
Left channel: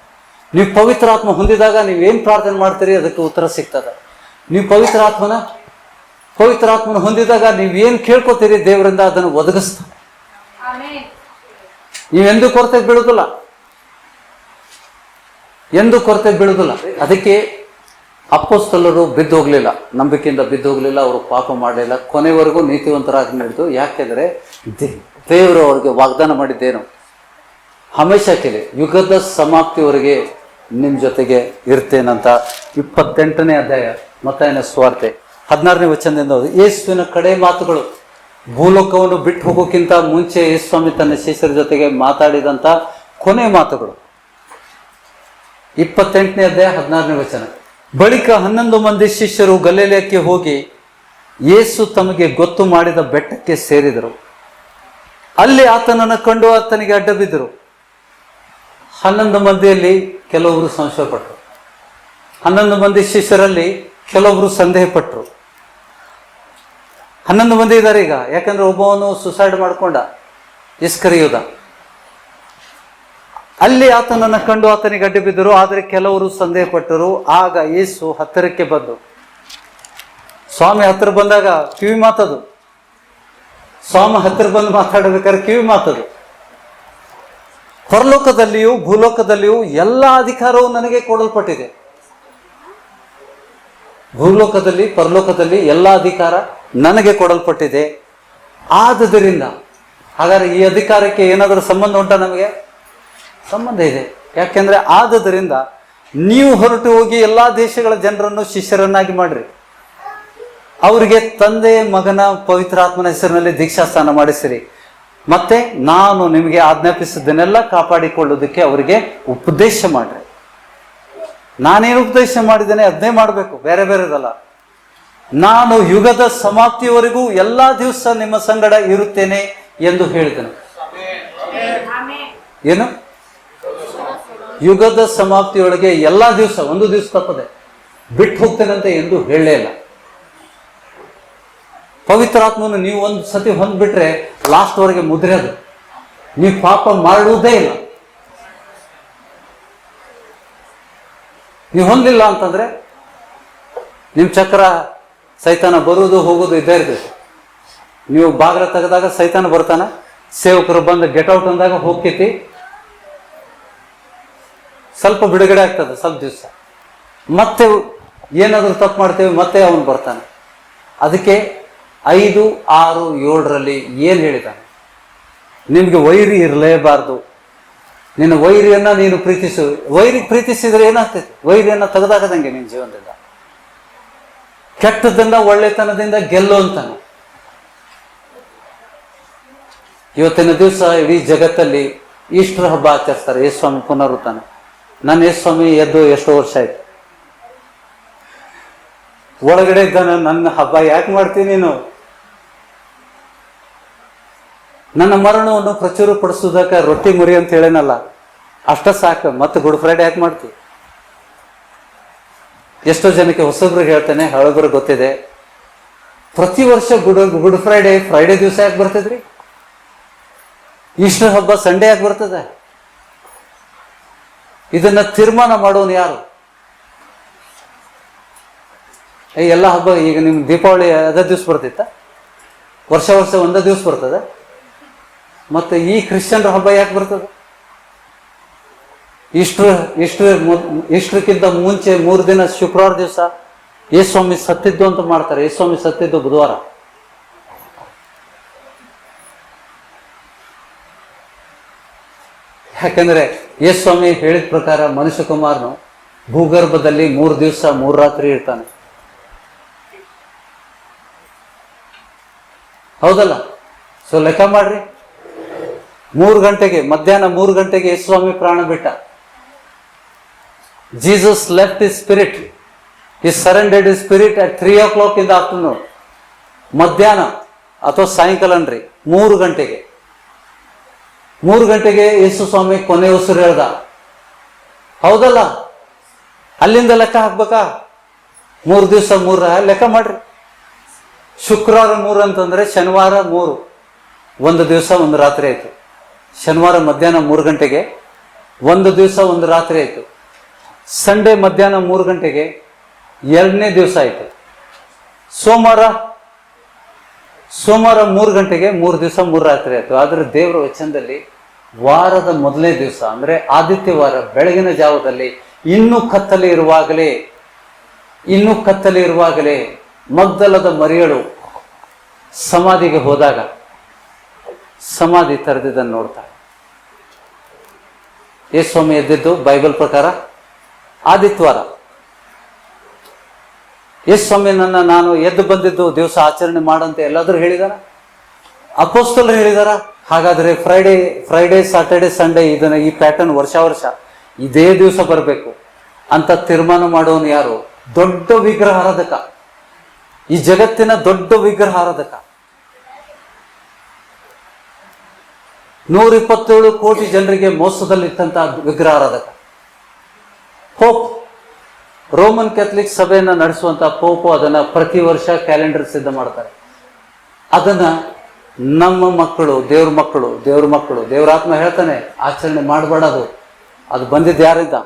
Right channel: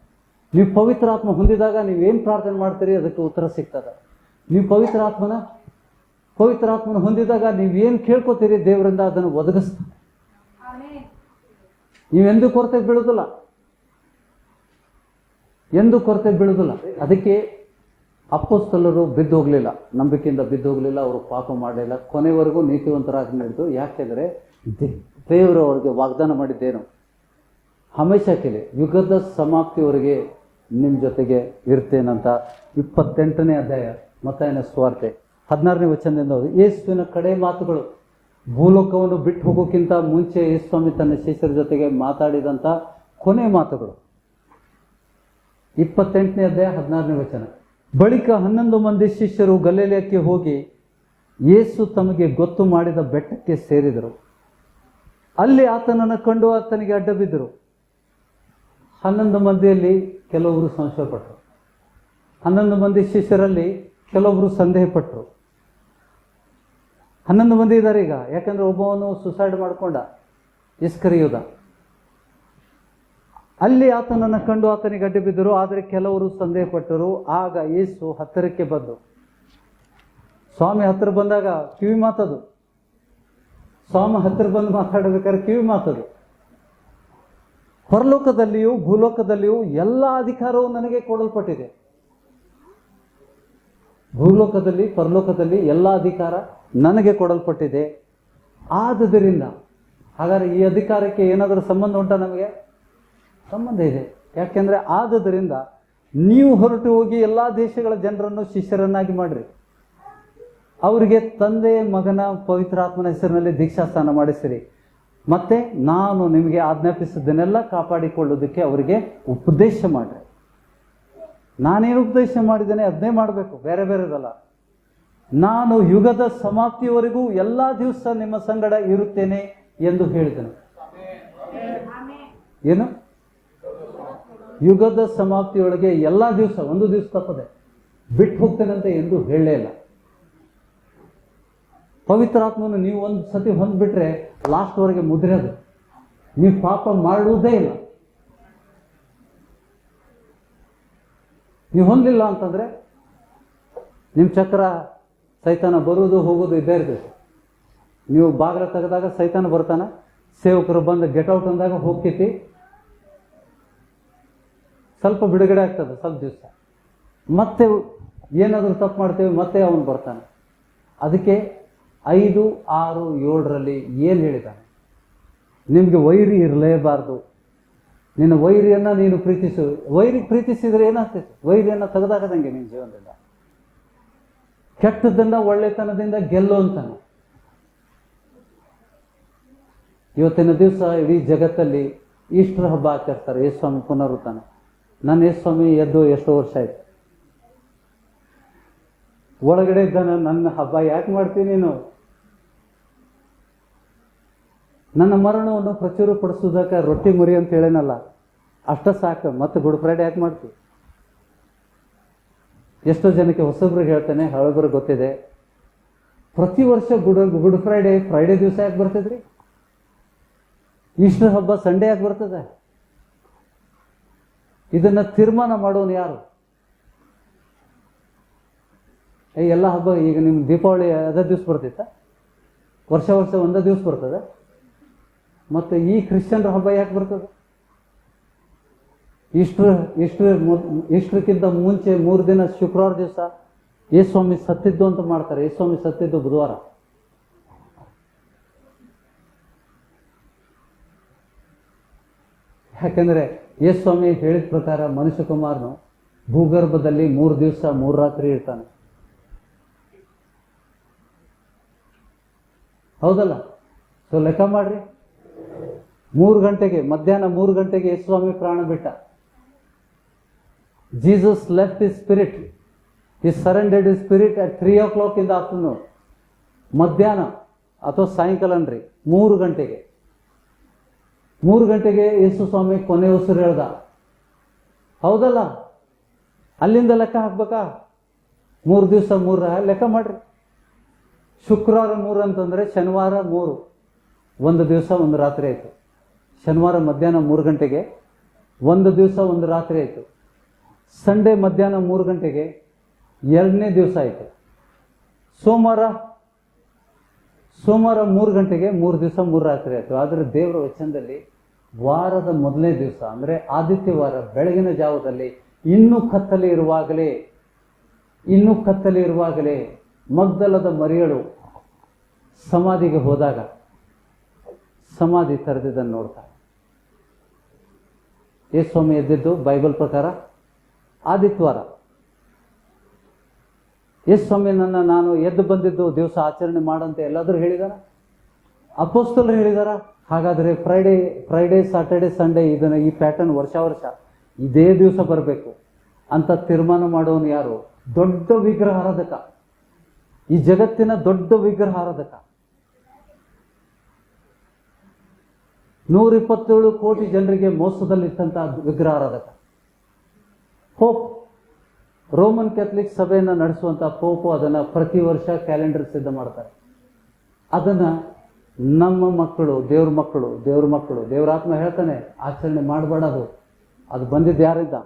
ನೀವು ಪವಿತ್ರಾತ್ಮ ಹೊಂದಿದಾಗ ನೀವೇನು ಪ್ರಾರ್ಥನೆ ಮಾಡ್ತೀರಿ ಅದಕ್ಕೆ ಉತ್ತರ ಸಿಗ್ತದೆ. ನೀವು ಪವಿತ್ರಾತ್ಮನ ಹೊಂದಿದಾಗ ನೀವೇನು ಕೇಳ್ಕೊತೀರಿ ದೇವರಿಂದ ಅದನ್ನು ಒದಗಿಸ್ತಾನೆ. ನೀವೆಂದೂ ಕೊರತೆ ಬೀಳುವುದಿಲ್ಲ. ಎಂದು ಕೊರತೆ ಬೀಳುವುದಿಲ್ಲ. ಅದಕ್ಕೆ ಅಪೊಸ್ತಲರು ಬಿದ್ದು ಹೋಗ್ಲಿಲ್ಲ, ನಂಬಿಕೆಯಿಂದ ಬಿದ್ದು ಹೋಗ್ಲಿಲ್ಲ. ಅವರು ಪಾಪ ಮಾಡಲಿಲ್ಲ, ಕೊನೆವರೆಗೂ ನೀತಿವಂತರಾಗಿ ನಡೆದು. ಯಾಕೆಂದ್ರೆ ದೇವರು ಅವ್ರಿಗೆ ವಾಗ್ದಾನ ಮಾಡಿದ್ದೇನು? ಹಮೇಶ ಕೇಳಿ, ಯುಗದ ಸಮಾಪ್ತಿಯವರೆಗೆ ನಿಮ್ಮ ಜೊತೆಗೆ ಇರ್ತೇನಂತ. 28ನೇ ಅಧ್ಯಾಯ ಮತ್ತಾಯನ ಸುವಾರ್ತೆ 16ನೇ ವಚನದಿಂದ ಓದಿ. ಯೇಸುವಿನ ಕಡೆ ಮಾತುಗಳು. ಭೂಲೋಕವನ್ನು ಬಿಟ್ಟು ಹೋಗೋಕ್ಕಿಂತ ಮುಂಚೆ ಯೇಸ್ವಾಮಿ ತನ್ನ ಶಿಷ್ಯರ ಜೊತೆಗೆ ಮಾತಾಡಿದಂಥ ಕೊನೆ ಮಾತುಗಳು. 28ನೇ ಅಧ್ಯಾಯ 16ನೇ ವಚನ. ಬಳಿಕ 11 ಮಂದಿ ಶಿಷ್ಯರು ಗಲಿಲಾಯಕ್ಕೆ ಹೋಗಿ ಯೇಸು ತಮಗೆ ಗೊತ್ತು ಮಾಡಿದ ಬೆಟ್ಟಕ್ಕೆ ಸೇರಿದರು. ಅಲ್ಲಿ ಆತನನ್ನು ಕಂಡು ಆತನಿಗೆ ಅಡ್ಡ ಬಿದ್ದರು. 11 ಮಂದಿಯಲ್ಲಿ ಕೆಲವರು ಸಂಶಯಪಟ್ಟರು. 11 ಮಂದಿ ಶಿಷ್ಯರಲ್ಲಿ ಕೆಲವರು ಸಂದೇಹ ಪಟ್ಟರು. 11 ಮಂದಿ ಇದ್ದಾರೆ ಈಗ. ಯಾಕಂದ್ರೆ ಒಬ್ಬವನು ಸುಸೈಡ್ ಮಾಡ್ಕೊಂಡ, ಇಸ್ಕರಿಯೋದ. ಅಲ್ಲಿ ಆತನನ್ನು ಕಂಡು ಆತನಿಗೆ ಅಡ್ಡ ಬಿದ್ದರು. ಆದರೆ ಕೆಲವರು ಸಂದೇಹ ಪಟ್ಟರು. ಆಗ ಯೇಸು ಹತ್ತಿರಕ್ಕೆ ಬಂದು, ಸ್ವಾಮಿ ಹತ್ತಿರ ಬಂದಾಗ ಕಿವಿ ಮಾತದು. ಸ್ವಾಮಿ ಹತ್ತಿರ ಬಂದು ಮಾತಾಡಬೇಕಾದ್ರೆ ಕಿವಿ ಮಾತದು. ಪರಲೋಕದಲ್ಲಿಯೂ ಭೂಲೋಕದಲ್ಲಿಯೂ ಎಲ್ಲ ಅಧಿಕಾರವು ನನಗೆ ಕೊಡಲ್ಪಟ್ಟಿದೆ. ಭೂಲೋಕದಲ್ಲಿ ಪರಲೋಕದಲ್ಲಿ ಎಲ್ಲ ಅಧಿಕಾರ ನನಗೆ ಕೊಡಲ್ಪಟ್ಟಿದೆ. ಆದುದರಿಂದ ಹಾಗಾದ್ರೆ ಈ ಅಧಿಕಾರಕ್ಕೆ ಏನಾದರೂ ಸಂಬಂಧ ಉಂಟಾ? ನಮಗೆ ಸಂಬಂಧ ಇದೆ. ಯಾಕೆಂದ್ರೆ ಆದುದರಿಂದ ನೀವು ಹೊರಟು ಹೋಗಿ ಎಲ್ಲ ದೇಶಗಳ ಜನರನ್ನು ಶಿಷ್ಯರನ್ನಾಗಿ ಮಾಡ್ರಿ. ಅವರಿಗೆ ತಂದೆ ಮಗನ ಪವಿತ್ರಾತ್ಮನ ಹೆಸರಿನಲ್ಲಿ ದೀಕ್ಷಾಸ್ನಾನ ಮಾಡಿಸಿರಿ. ಮತ್ತೆ ನಾನು ನಿಮಗೆ ಆಜ್ಞಾಪಿಸಿದ್ದನ್ನೆಲ್ಲ ಕಾಪಾಡಿಕೊಳ್ಳೋದಕ್ಕೆ ಅವರಿಗೆ ಉಪದೇಶ ಮಾಡ್ರಿ. ನಾನೇನು ಉಪದೇಶ ಮಾಡಿದ್ದೇನೆ ಅದನ್ನೇ ಮಾಡಬೇಕು, ಬೇರೆ ಬೇರೆದಲ್ಲ. ನಾನು ಯುಗದ ಸಮಾಪ್ತಿಯವರೆಗೂ ಎಲ್ಲ ದಿವಸ ನಿಮ್ಮ ಸಂಗಡ ಇರುತ್ತೇನೆ ಎಂದು ಹೇಳಿದನು. ಏನು? ಯುಗದ ಸಮಾಪ್ತಿಯೊಳಗೆ ಎಲ್ಲ ದಿವಸ, ಒಂದು ದಿವಸ ತಪ್ಪದೆ ಬಿಟ್ಟು ಹೋಗ್ತೇನಂತ ಎಂದು ಹೇಳಲೇ ಇಲ್ಲ. ಪವಿತ್ರಾತ್ಮನು ನೀವು ಒಂದು ಸತಿ ಹೊಂದ್ಬಿಟ್ರೆ ಲಾಸ್ಟ್ವರೆಗೆ ಮುದ್ರೆ ಅದು. ನೀವು ಪಾಪ ಮಾಡುವುದೇ ಇಲ್ಲ. ನೀವು ಹೊಂದಿಲ್ಲ ಅಂತಂದ್ರೆ ನಿಮ್ಮ ಚಕ್ರ ಸೈತಾನ ಬರುವುದು ಹೋಗೋದು ಇದ್ದೇ ಇರ್ತದೆ. ನೀವು ಬಾಗಿಲ ತೆಗೆದಾಗ ಸೈತಾನ ಬರ್ತಾನ, ಸೇವಕರು ಬಂದು ಗೆಟ್ ಔಟ್ ಅಂದಾಗ ಹೋಗ್ತೈತಿ. ಸ್ವಲ್ಪ ಬಿಡುಗಡೆ ಆಗ್ತದೆ ಸ್ವಲ್ಪ ದಿವಸ. ಮತ್ತೆ ಏನಾದರೂ ತಪ್ಪು ಮಾಡ್ತೇವೆ, ಮತ್ತೆ ಅವನು ಬರ್ತಾನೆ. ಅದಕ್ಕೆ 5, 6, 7ರಲ್ಲಿ ಏನು ಹೇಳಿದ್ದಾನೆ? ನಿನಗೆ ವೈರಿ ಇರಲೇಬಾರ್ದು, ನಿನ್ನ ವೈರಿಯನ್ನ ನೀನು ಪ್ರೀತಿಸು. ವೈರಿ ಪ್ರೀತಿಸಿದ್ರೆ ಏನಾಗ್ತೈತಿ? ವೈರಿಯನ್ನ ತೆಗೆದಾಕದಂಗೆ ನಿನ್ನ ಜೀವನದಿಂದ. ಕೆಟ್ಟದನ್ನ ಒಳ್ಳೆತನದಿಂದ ಗೆಲ್ಲು ಅಂತಾನೆ. ಇವತ್ತಿನ ದಿವಸ ಇಡೀ ಜಗತ್ತಲ್ಲಿ ಈಸ್ಟರ್ ಹಬ್ಬ ಆಚರಿಸ್ತಾರೆ, ಯೇಸುಸ್ವಾಮಿ ಪುನರುತ್ಥಾನ. ನನ್ನ ಯೇಸುಸ್ವಾಮಿ ಎದ್ದು ಎಷ್ಟೋ ವರ್ಷ ಆಯ್ತು. ಒಳಗಡೆ ಇದ್ದಾನ, ನನ್ನ ಹಬ್ಬ ಯಾಕೆ ಮಾಡ್ತೀನಿ ನೀನು? ನನ್ನ ಮರಣವನ್ನು ಪ್ರಚುರಪಡಿಸೋದಕ್ಕೆ ರೊಟ್ಟಿ ಮುರಿ ಅಂತ ಹೇಳೇನಲ್ಲ, ಅಷ್ಟ ಸಾಕು. ಮತ್ತೆ ಗುಡ್ ಫ್ರೈಡೆ ಯಾಕೆ ಮಾಡ್ತೀವಿ? ಎಷ್ಟೋ ಜನಕ್ಕೆ ಹೊಸಬ್ರಿಗೆ ಹೇಳ್ತೇನೆ, ಹಳಬ್ರಿಗೆ ಗೊತ್ತಿದೆ. ಪ್ರತಿ ವರ್ಷ ಗುಡ್ ಫ್ರೈಡೆ ದಿವಸ ಯಾಕೆ ಬರ್ತದ್ರಿ? ಈಸ್ಟರ್ ಹಬ್ಬ ಸಂಡೇ ಯಾಕೆ ಬರ್ತದೆ? ಇದನ್ನ ತೀರ್ಮಾನ ಮಾಡೋನು ಯಾರು? ಎಲ್ಲ ಹಬ್ಬ ಈಗ ನಿಮ್ ದೀಪಾವಳಿ ಅದೇ ದಿವ್ಸ ಬರ್ತಿತ್ತ? ವರ್ಷ ಒಂದೇ ದಿವ್ಸ ಬರ್ತದೆ. ಮತ್ತೆ ಈ ಕ್ರಿಶ್ಚಿಯನ್ರ ಹಬ್ಬ ಯಾಕೆ ಬರ್ತದೆ? ಇಷ್ಟಕ್ಕಿಂತ ಮುಂಚೆ 3 ದಿನ ಶುಕ್ರವಾರ ದಿವಸ ಯೇಸುಸ್ವಾಮಿ ಸತ್ತಿದ್ದು ಅಂತ ಮಾಡ್ತಾರೆ. ಯೇಸುಸ್ವಾಮಿ ಸತ್ತಿದ್ದು ಬುಧವಾರ. ಯಾಕಂದ್ರೆ ಯೇಸುಸ್ವಾಮಿ ಹೇಳಿದ ಪ್ರಕಾರ ಮನುಷ್ಯ ಕುಮಾರನು ಭೂಗರ್ಭದಲ್ಲಿ 3 ದಿವಸ 3 ರಾತ್ರಿ ಇರ್ತಾನೆ. ಹೌದಲ್ಲ? ಸೊ ಲೆಕ್ಕ ಮಾಡ್ರಿ. 3 ಗಂಟೆಗೆ, ಮಧ್ಯಾಹ್ನ 3 ಗಂಟೆಗೆ ಯೇಸುಸ್ವಾಮಿ ಪ್ರಾಣ ಬಿಟ್ಟ. Jesus left his spirit, his surrendered his spirit at 3 o'clock in the afternoon. ಮಧ್ಯಾಹ್ನ ಅಥವಾ ಸಾಯಂಕಾಲ ಅನ್ರಿ, 3 ಗಂಟೆಗೆ. 3 ಗಂಟೆಗೆ ಯೇಸುಸ್ವಾಮಿ ಕೊನೆ ಉಸಿರು ಹೇಳ್ದ. ಹೌದಲ್ಲ? ಅಲ್ಲಿಂದ ಲೆಕ್ಕ ಹಾಕ್ಬೇಕಾ? 3 ದಿವಸ 3 ಲೆಕ್ಕ ಮಾಡ್ರಿ. ಶುಕ್ರವಾರ 3 ಅಂತಂದ್ರೆ ಶನಿವಾರ 3, 1 ದಿವಸ 1 ರಾತ್ರಿ ಆಯ್ತು. ಶನಿವಾರ ಮಧ್ಯಾಹ್ನ 3 ಗಂಟೆಗೆ 1 ದಿವಸ 1 ರಾತ್ರಿ ಆಯ್ತು. ಸಂಡೇ ಮಧ್ಯಾಹ್ನ 3 ಗಂಟೆಗೆ 2ನೇ ದಿವಸ ಆಯ್ತು. ಸೋಮವಾರ 3 ಗಂಟೆಗೆ 3 ದಿವಸ 3 ರಾತ್ರಿ ಆಯ್ತು. ಆದ್ರೆ ದೇವರ ವಚನದಲ್ಲಿ ವಾರದ ಮೊದಲನೇ ದಿವಸ ಅಂದ್ರೆ ಆದಿತ್ಯವಾರ ಬೆಳಗಿನ ಜಾವದಲ್ಲಿ ಇನ್ನೂ ಕತ್ತಲೆ ಇರುವಾಗಲೇ ಮಗ್ದಲದ ಮರಿಯಳು ಸಮಾಧಿಗೆ ಹೋದಾಗ ಸಮಾಧಿ ತೆರೆದಿದ್ದನ್ನು ನೋಡ್ತಾಳೆ. ಯೇಸುಸ್ವಾಮಿ ಎದ್ದಿದ್ದು ಬೈಬಲ್ ಪ್ರಕಾರ ಆದಿತ್ಯವಾರ. ಯೇಸುಸ್ವಾಮಿ ನಾನು ಎದ್ದು ಬಂದಿದ್ದು ದಿವಸ ಆಚರಣೆ ಮಾಡಂತೆ ಎಲ್ಲಾದ್ರೂ ಹೇಳಿದಾರ? ಅಪೊಸ್ತಲರು ಹೇಳಿದಾರ? ಹಾಗಾದ್ರೆ ಫ್ರೈಡೆ ಸಾಟರ್ಡೆ ಸಂಡೇ ಇದನ್ನ ಈ ಪ್ಯಾಟರ್ನ್ ವರ್ಷ ಇದೇ ದಿವಸ ಬರಬೇಕು ಅಂತ ತೀರ್ಮಾನ ಮಾಡೋನು ಯಾರು? ದೊಡ್ಡ ವಿಗ್ರಹಾರಾಧಕ, ಈ ಜಗತ್ತಿನ ದೊಡ್ಡ ವಿಗ್ರಹಾರಾಧಕ. 127 ಕೋಟಿ ಜನರಿಗೆ ಮೋಸದಲ್ಲಿಟ್ಟಂತ ವಿಗ್ರಹಾರಾಧಕ ಪೋಪ್. ರೋಮನ್ ಕ್ಯಾಥಲಿಕ್ ಸಭೆಯನ್ನ ನಡೆಸುವಂತ ಪೋಪು ಅದನ್ನ ಪ್ರತಿ ವರ್ಷ ಕ್ಯಾಲೆಂಡರ್ ಸಿದ್ಧ ಮಾಡ್ತಾರೆ. ಅದನ್ನ ನಮ್ಮ ಮಕ್ಕಳು, ದೇವ್ರ ಮಕ್ಕಳು ದೇವರಾತ್ಮ ಹೇಳ್ತಾನೆ ಆಚರಣೆ ಮಾಡಬಾರದು. ಅದು ಬಂದಿದ್ದು ಯಾರಿಂದ?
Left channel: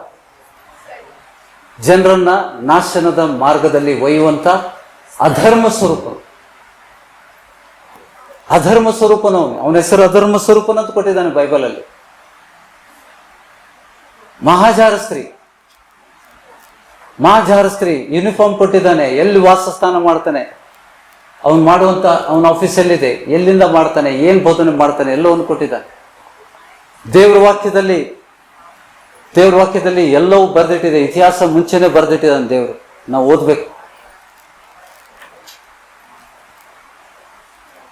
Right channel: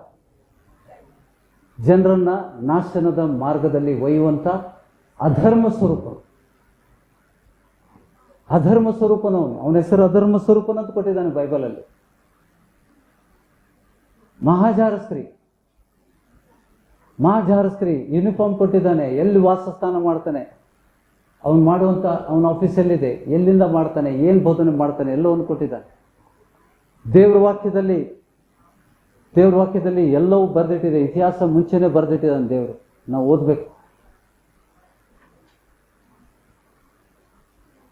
ಜನರನ್ನ ನಾಶನದ ಮಾರ್ಗದಲ್ಲಿ ಒಯ್ಯುವಂತ ಅಧರ್ಮ ಸ್ವರೂಪನವನು. ಅವನ ಹೆಸರು ಅಧರ್ಮ ಸ್ವರೂಪನ ಅಂತ ಕೊಟ್ಟಿದ್ದಾನೆ ಬೈಬಲಲ್ಲಿ. ಮಹಾಜಾರ ಸ್ತ್ರೀ ಯೂನಿಫಾರ್ಮ್ ಕೊಟ್ಟಿದ್ದಾನೆ. ಎಲ್ಲಿ ವಾಸಸ್ಥಾನ ಮಾಡ್ತಾನೆ, ಅವನು ಮಾಡುವಂತ ಅವನ ಆಫೀಸ್ ಎಲ್ಲಿದೆ, ಎಲ್ಲಿಂದ ಮಾಡ್ತಾನೆ, ಏನ್ ಬೋಧನೆ ಮಾಡ್ತಾನೆ, ಎಲ್ಲವನ್ನು ಕೊಟ್ಟಿದ್ದಾನೆ. ದೇವ್ರ ವಾಕ್ಯದಲ್ಲಿ ಎಲ್ಲವೂ ಬರೆದಿಟ್ಟಿದೆ. ಇತಿಹಾಸ ಮುಂಚೆನೆ ಬರೆದಿಟ್ಟಿದ್ದಾನೆ ದೇವರು. ನಾವು ಓದ್ಬೇಕು.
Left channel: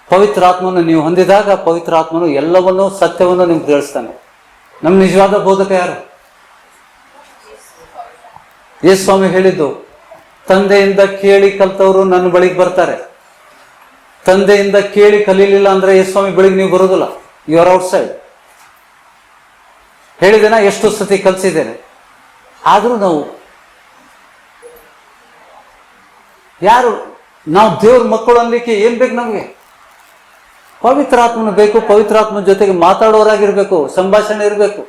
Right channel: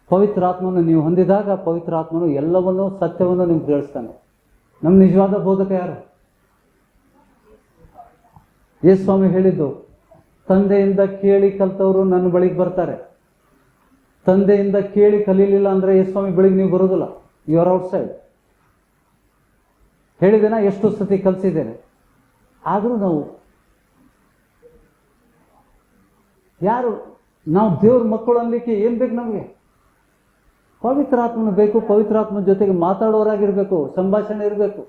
ಪವಿತ್ರಾತ್ಮನು ನೀವು ಹೊಂದಿದಾಗ ಪವಿತ್ರಾತ್ಮನು ಎಲ್ಲವನ್ನೂ ಸತ್ಯವನ್ನು ನಿಮ್ಗೆ ತಿಳಿಸ್ತಾನೆ. ನಮ್ಮ ನಿಜವಾದ ಬೋಧಕ ಯಾರು? ಯೇಸುಸ್ವಾಮಿ ಹೇಳಿದ್ದು, ತಂದೆಯಿಂದ ಕೇಳಿ ಕಲ್ತವರು ನನ್ನ ಬಳಿಗೆ ಬರ್ತಾರೆ. ತಂದೆಯಿಂದ ಕೇಳಿ ಕಲೀಲಿಲ್ಲ ಅಂದ್ರೆ ಯೇಸುಸ್ವಾಮಿ ಬಳಿಗೆ ನೀವು ಬರೋದಿಲ್ಲ. You are outside. ಹೇಳಿದ್ದೇನ? ಎಷ್ಟು ಸತಿ ಕಲಿಸಿದ್ದೇನೆ. ಆದ್ರೂ ನಾವು ದೇವ್ರ ಮಕ್ಕಳು ಅನ್ಲಿಕ್ಕೆ ಏನ್ ಬೇಕು ನಮ್ಗೆ? ಪವಿತ್ರಾತ್ಮನ ಬೇಕು. ಪವಿತ್ರಾತ್ಮನ ಜೊತೆಗೆ ಮಾತಾಡೋರಾಗಿರ್ಬೇಕು, ಸಂಭಾಷಣೆ ಇರಬೇಕು.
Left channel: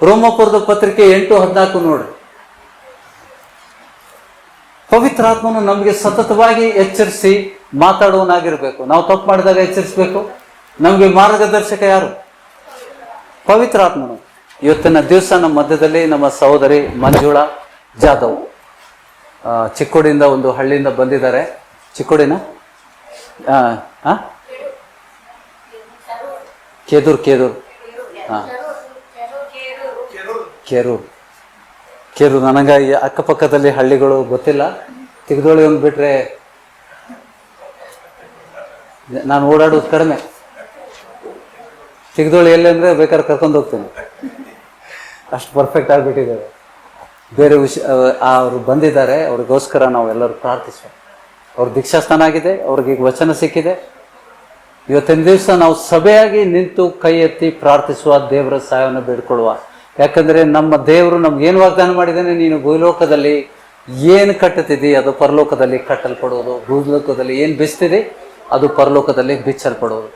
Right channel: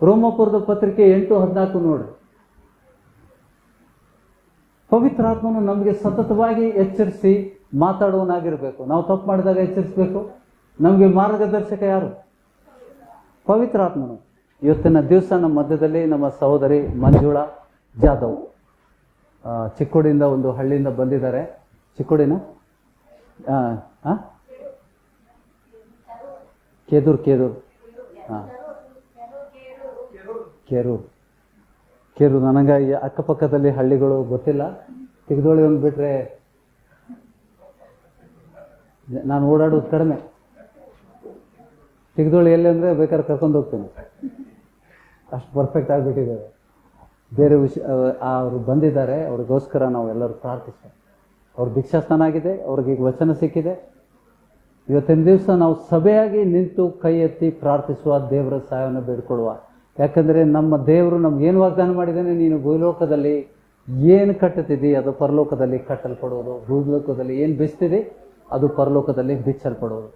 ರೋಮಪುರದ ಪತ್ರಿಕೆ 8:14 ನೋಡ್ರಿ. ಪವಿತ್ರಾತ್ಮನು ನಮಗೆ ಸತತವಾಗಿ ಎಚ್ಚರಿಸಿ ಮಾತಾಡುವನಾಗಿರ್ಬೇಕು. ನಾವು ತಪ್ಪು ಮಾಡಿದಾಗ ಎಚ್ಚರಿಸಬೇಕು. ನಮಗೆ ಮಾರ್ಗದರ್ಶಕ ಯಾರು? ಪವಿತ್ರಾತ್ಮನು. ಇವತ್ತಿನ ದಿವಸ ನಮ್ಮ ಮಧ್ಯದಲ್ಲಿ ನಮ್ಮ ಸಹೋದರಿ ಮಂಜುಳಾ ಜಾಧವ್ ಚಿಕ್ಕೋಡಿಯಿಂದ ಒಂದು ಹಳ್ಳಿಯಿಂದ ಬಂದಿದ್ದಾರೆ. ಚಿಕ್ಕೋಡಿನ ಕೇದೂರು ಹಾಂ ಕೇರೂರು ನನಗೆ ಈ ಅಕ್ಕಪಕ್ಕದಲ್ಲಿ ಹಳ್ಳಿಗಳು ಗೊತ್ತಿಲ್ಲ. ತಿಗದೋಳಿ ಒಂದು ಬಿಟ್ರೆ ನಾನು ಓಡಾಡೋದು ಕಡಿಮೆ. ತಿಗದೋಳಿ ಎಲ್ಲಿ ಅಂದರೆ ಬೇಕಾದ್ರೆ ಕರ್ಕೊಂಡು ಹೋಗ್ತೀನಿ, ಅಷ್ಟು ಪರ್ಫೆಕ್ಟ್ ಆಗಿಬಿಟ್ಟಿದ್ದಾರೆ. ಬೇರೆ ಅವರು ಬಂದಿದ್ದಾರೆ, ಅವ್ರಿಗೋಸ್ಕರ ನಾವು ಎಲ್ಲರೂ ಪ್ರಾರ್ಥಿಸುವ. ಅವ್ರ ದೀಕ್ಷಾಸ್ಥಾನ ಆಗಿದೆ, ಅವ್ರಿಗೆ ಈಗ ವಚನ ಸಿಕ್ಕಿದೆ. ಇವತ್ತಿನ ದಿವಸ ನಾವು ಸಭೆಯಾಗಿ ನಿಂತು ಕೈ ಎತ್ತಿ ಪ್ರಾರ್ಥಿಸುವ, ದೇವರ ಸಹಾಯವನ್ನು ಬೇಡ್ಕೊಳ್ಳುವ. ಯಾಕಂದರೆ ನಮ್ಮ ದೇವರು ನಮ್ಗೇನು ವಾಗ್ದಾನ ಮಾಡಿದ್ದಾನೆ, ನೀನು ಭೂಲೋಕದಲ್ಲಿ ಏನು ಕಟ್ಟುತ್ತಿದ್ದಿ ಅದು ಪರಲೋಕದಲ್ಲಿ ಕಟ್ಟಲ್ಪಡುವುದು, ಭೂಲೋಕದಲ್ಲಿ ಏನು ಬಿಚ್ತಿದೆ ಅದು ಪರಲೋಕದಲ್ಲಿ ಬಿಚ್ಚಲ್ಪಡುವುದು.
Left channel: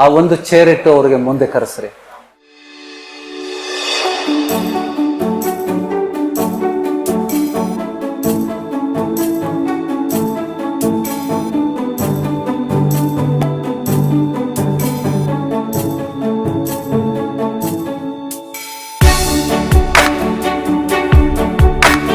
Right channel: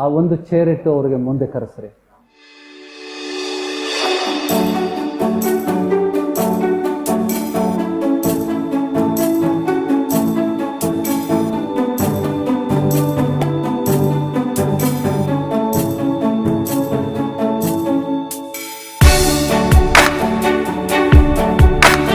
ಆ ಒಂದು ಚೇರಿಟ್ಟು ಅವ್ರಿಗೆ ಮುಂದೆ ಕರೆಸ್ರಿ.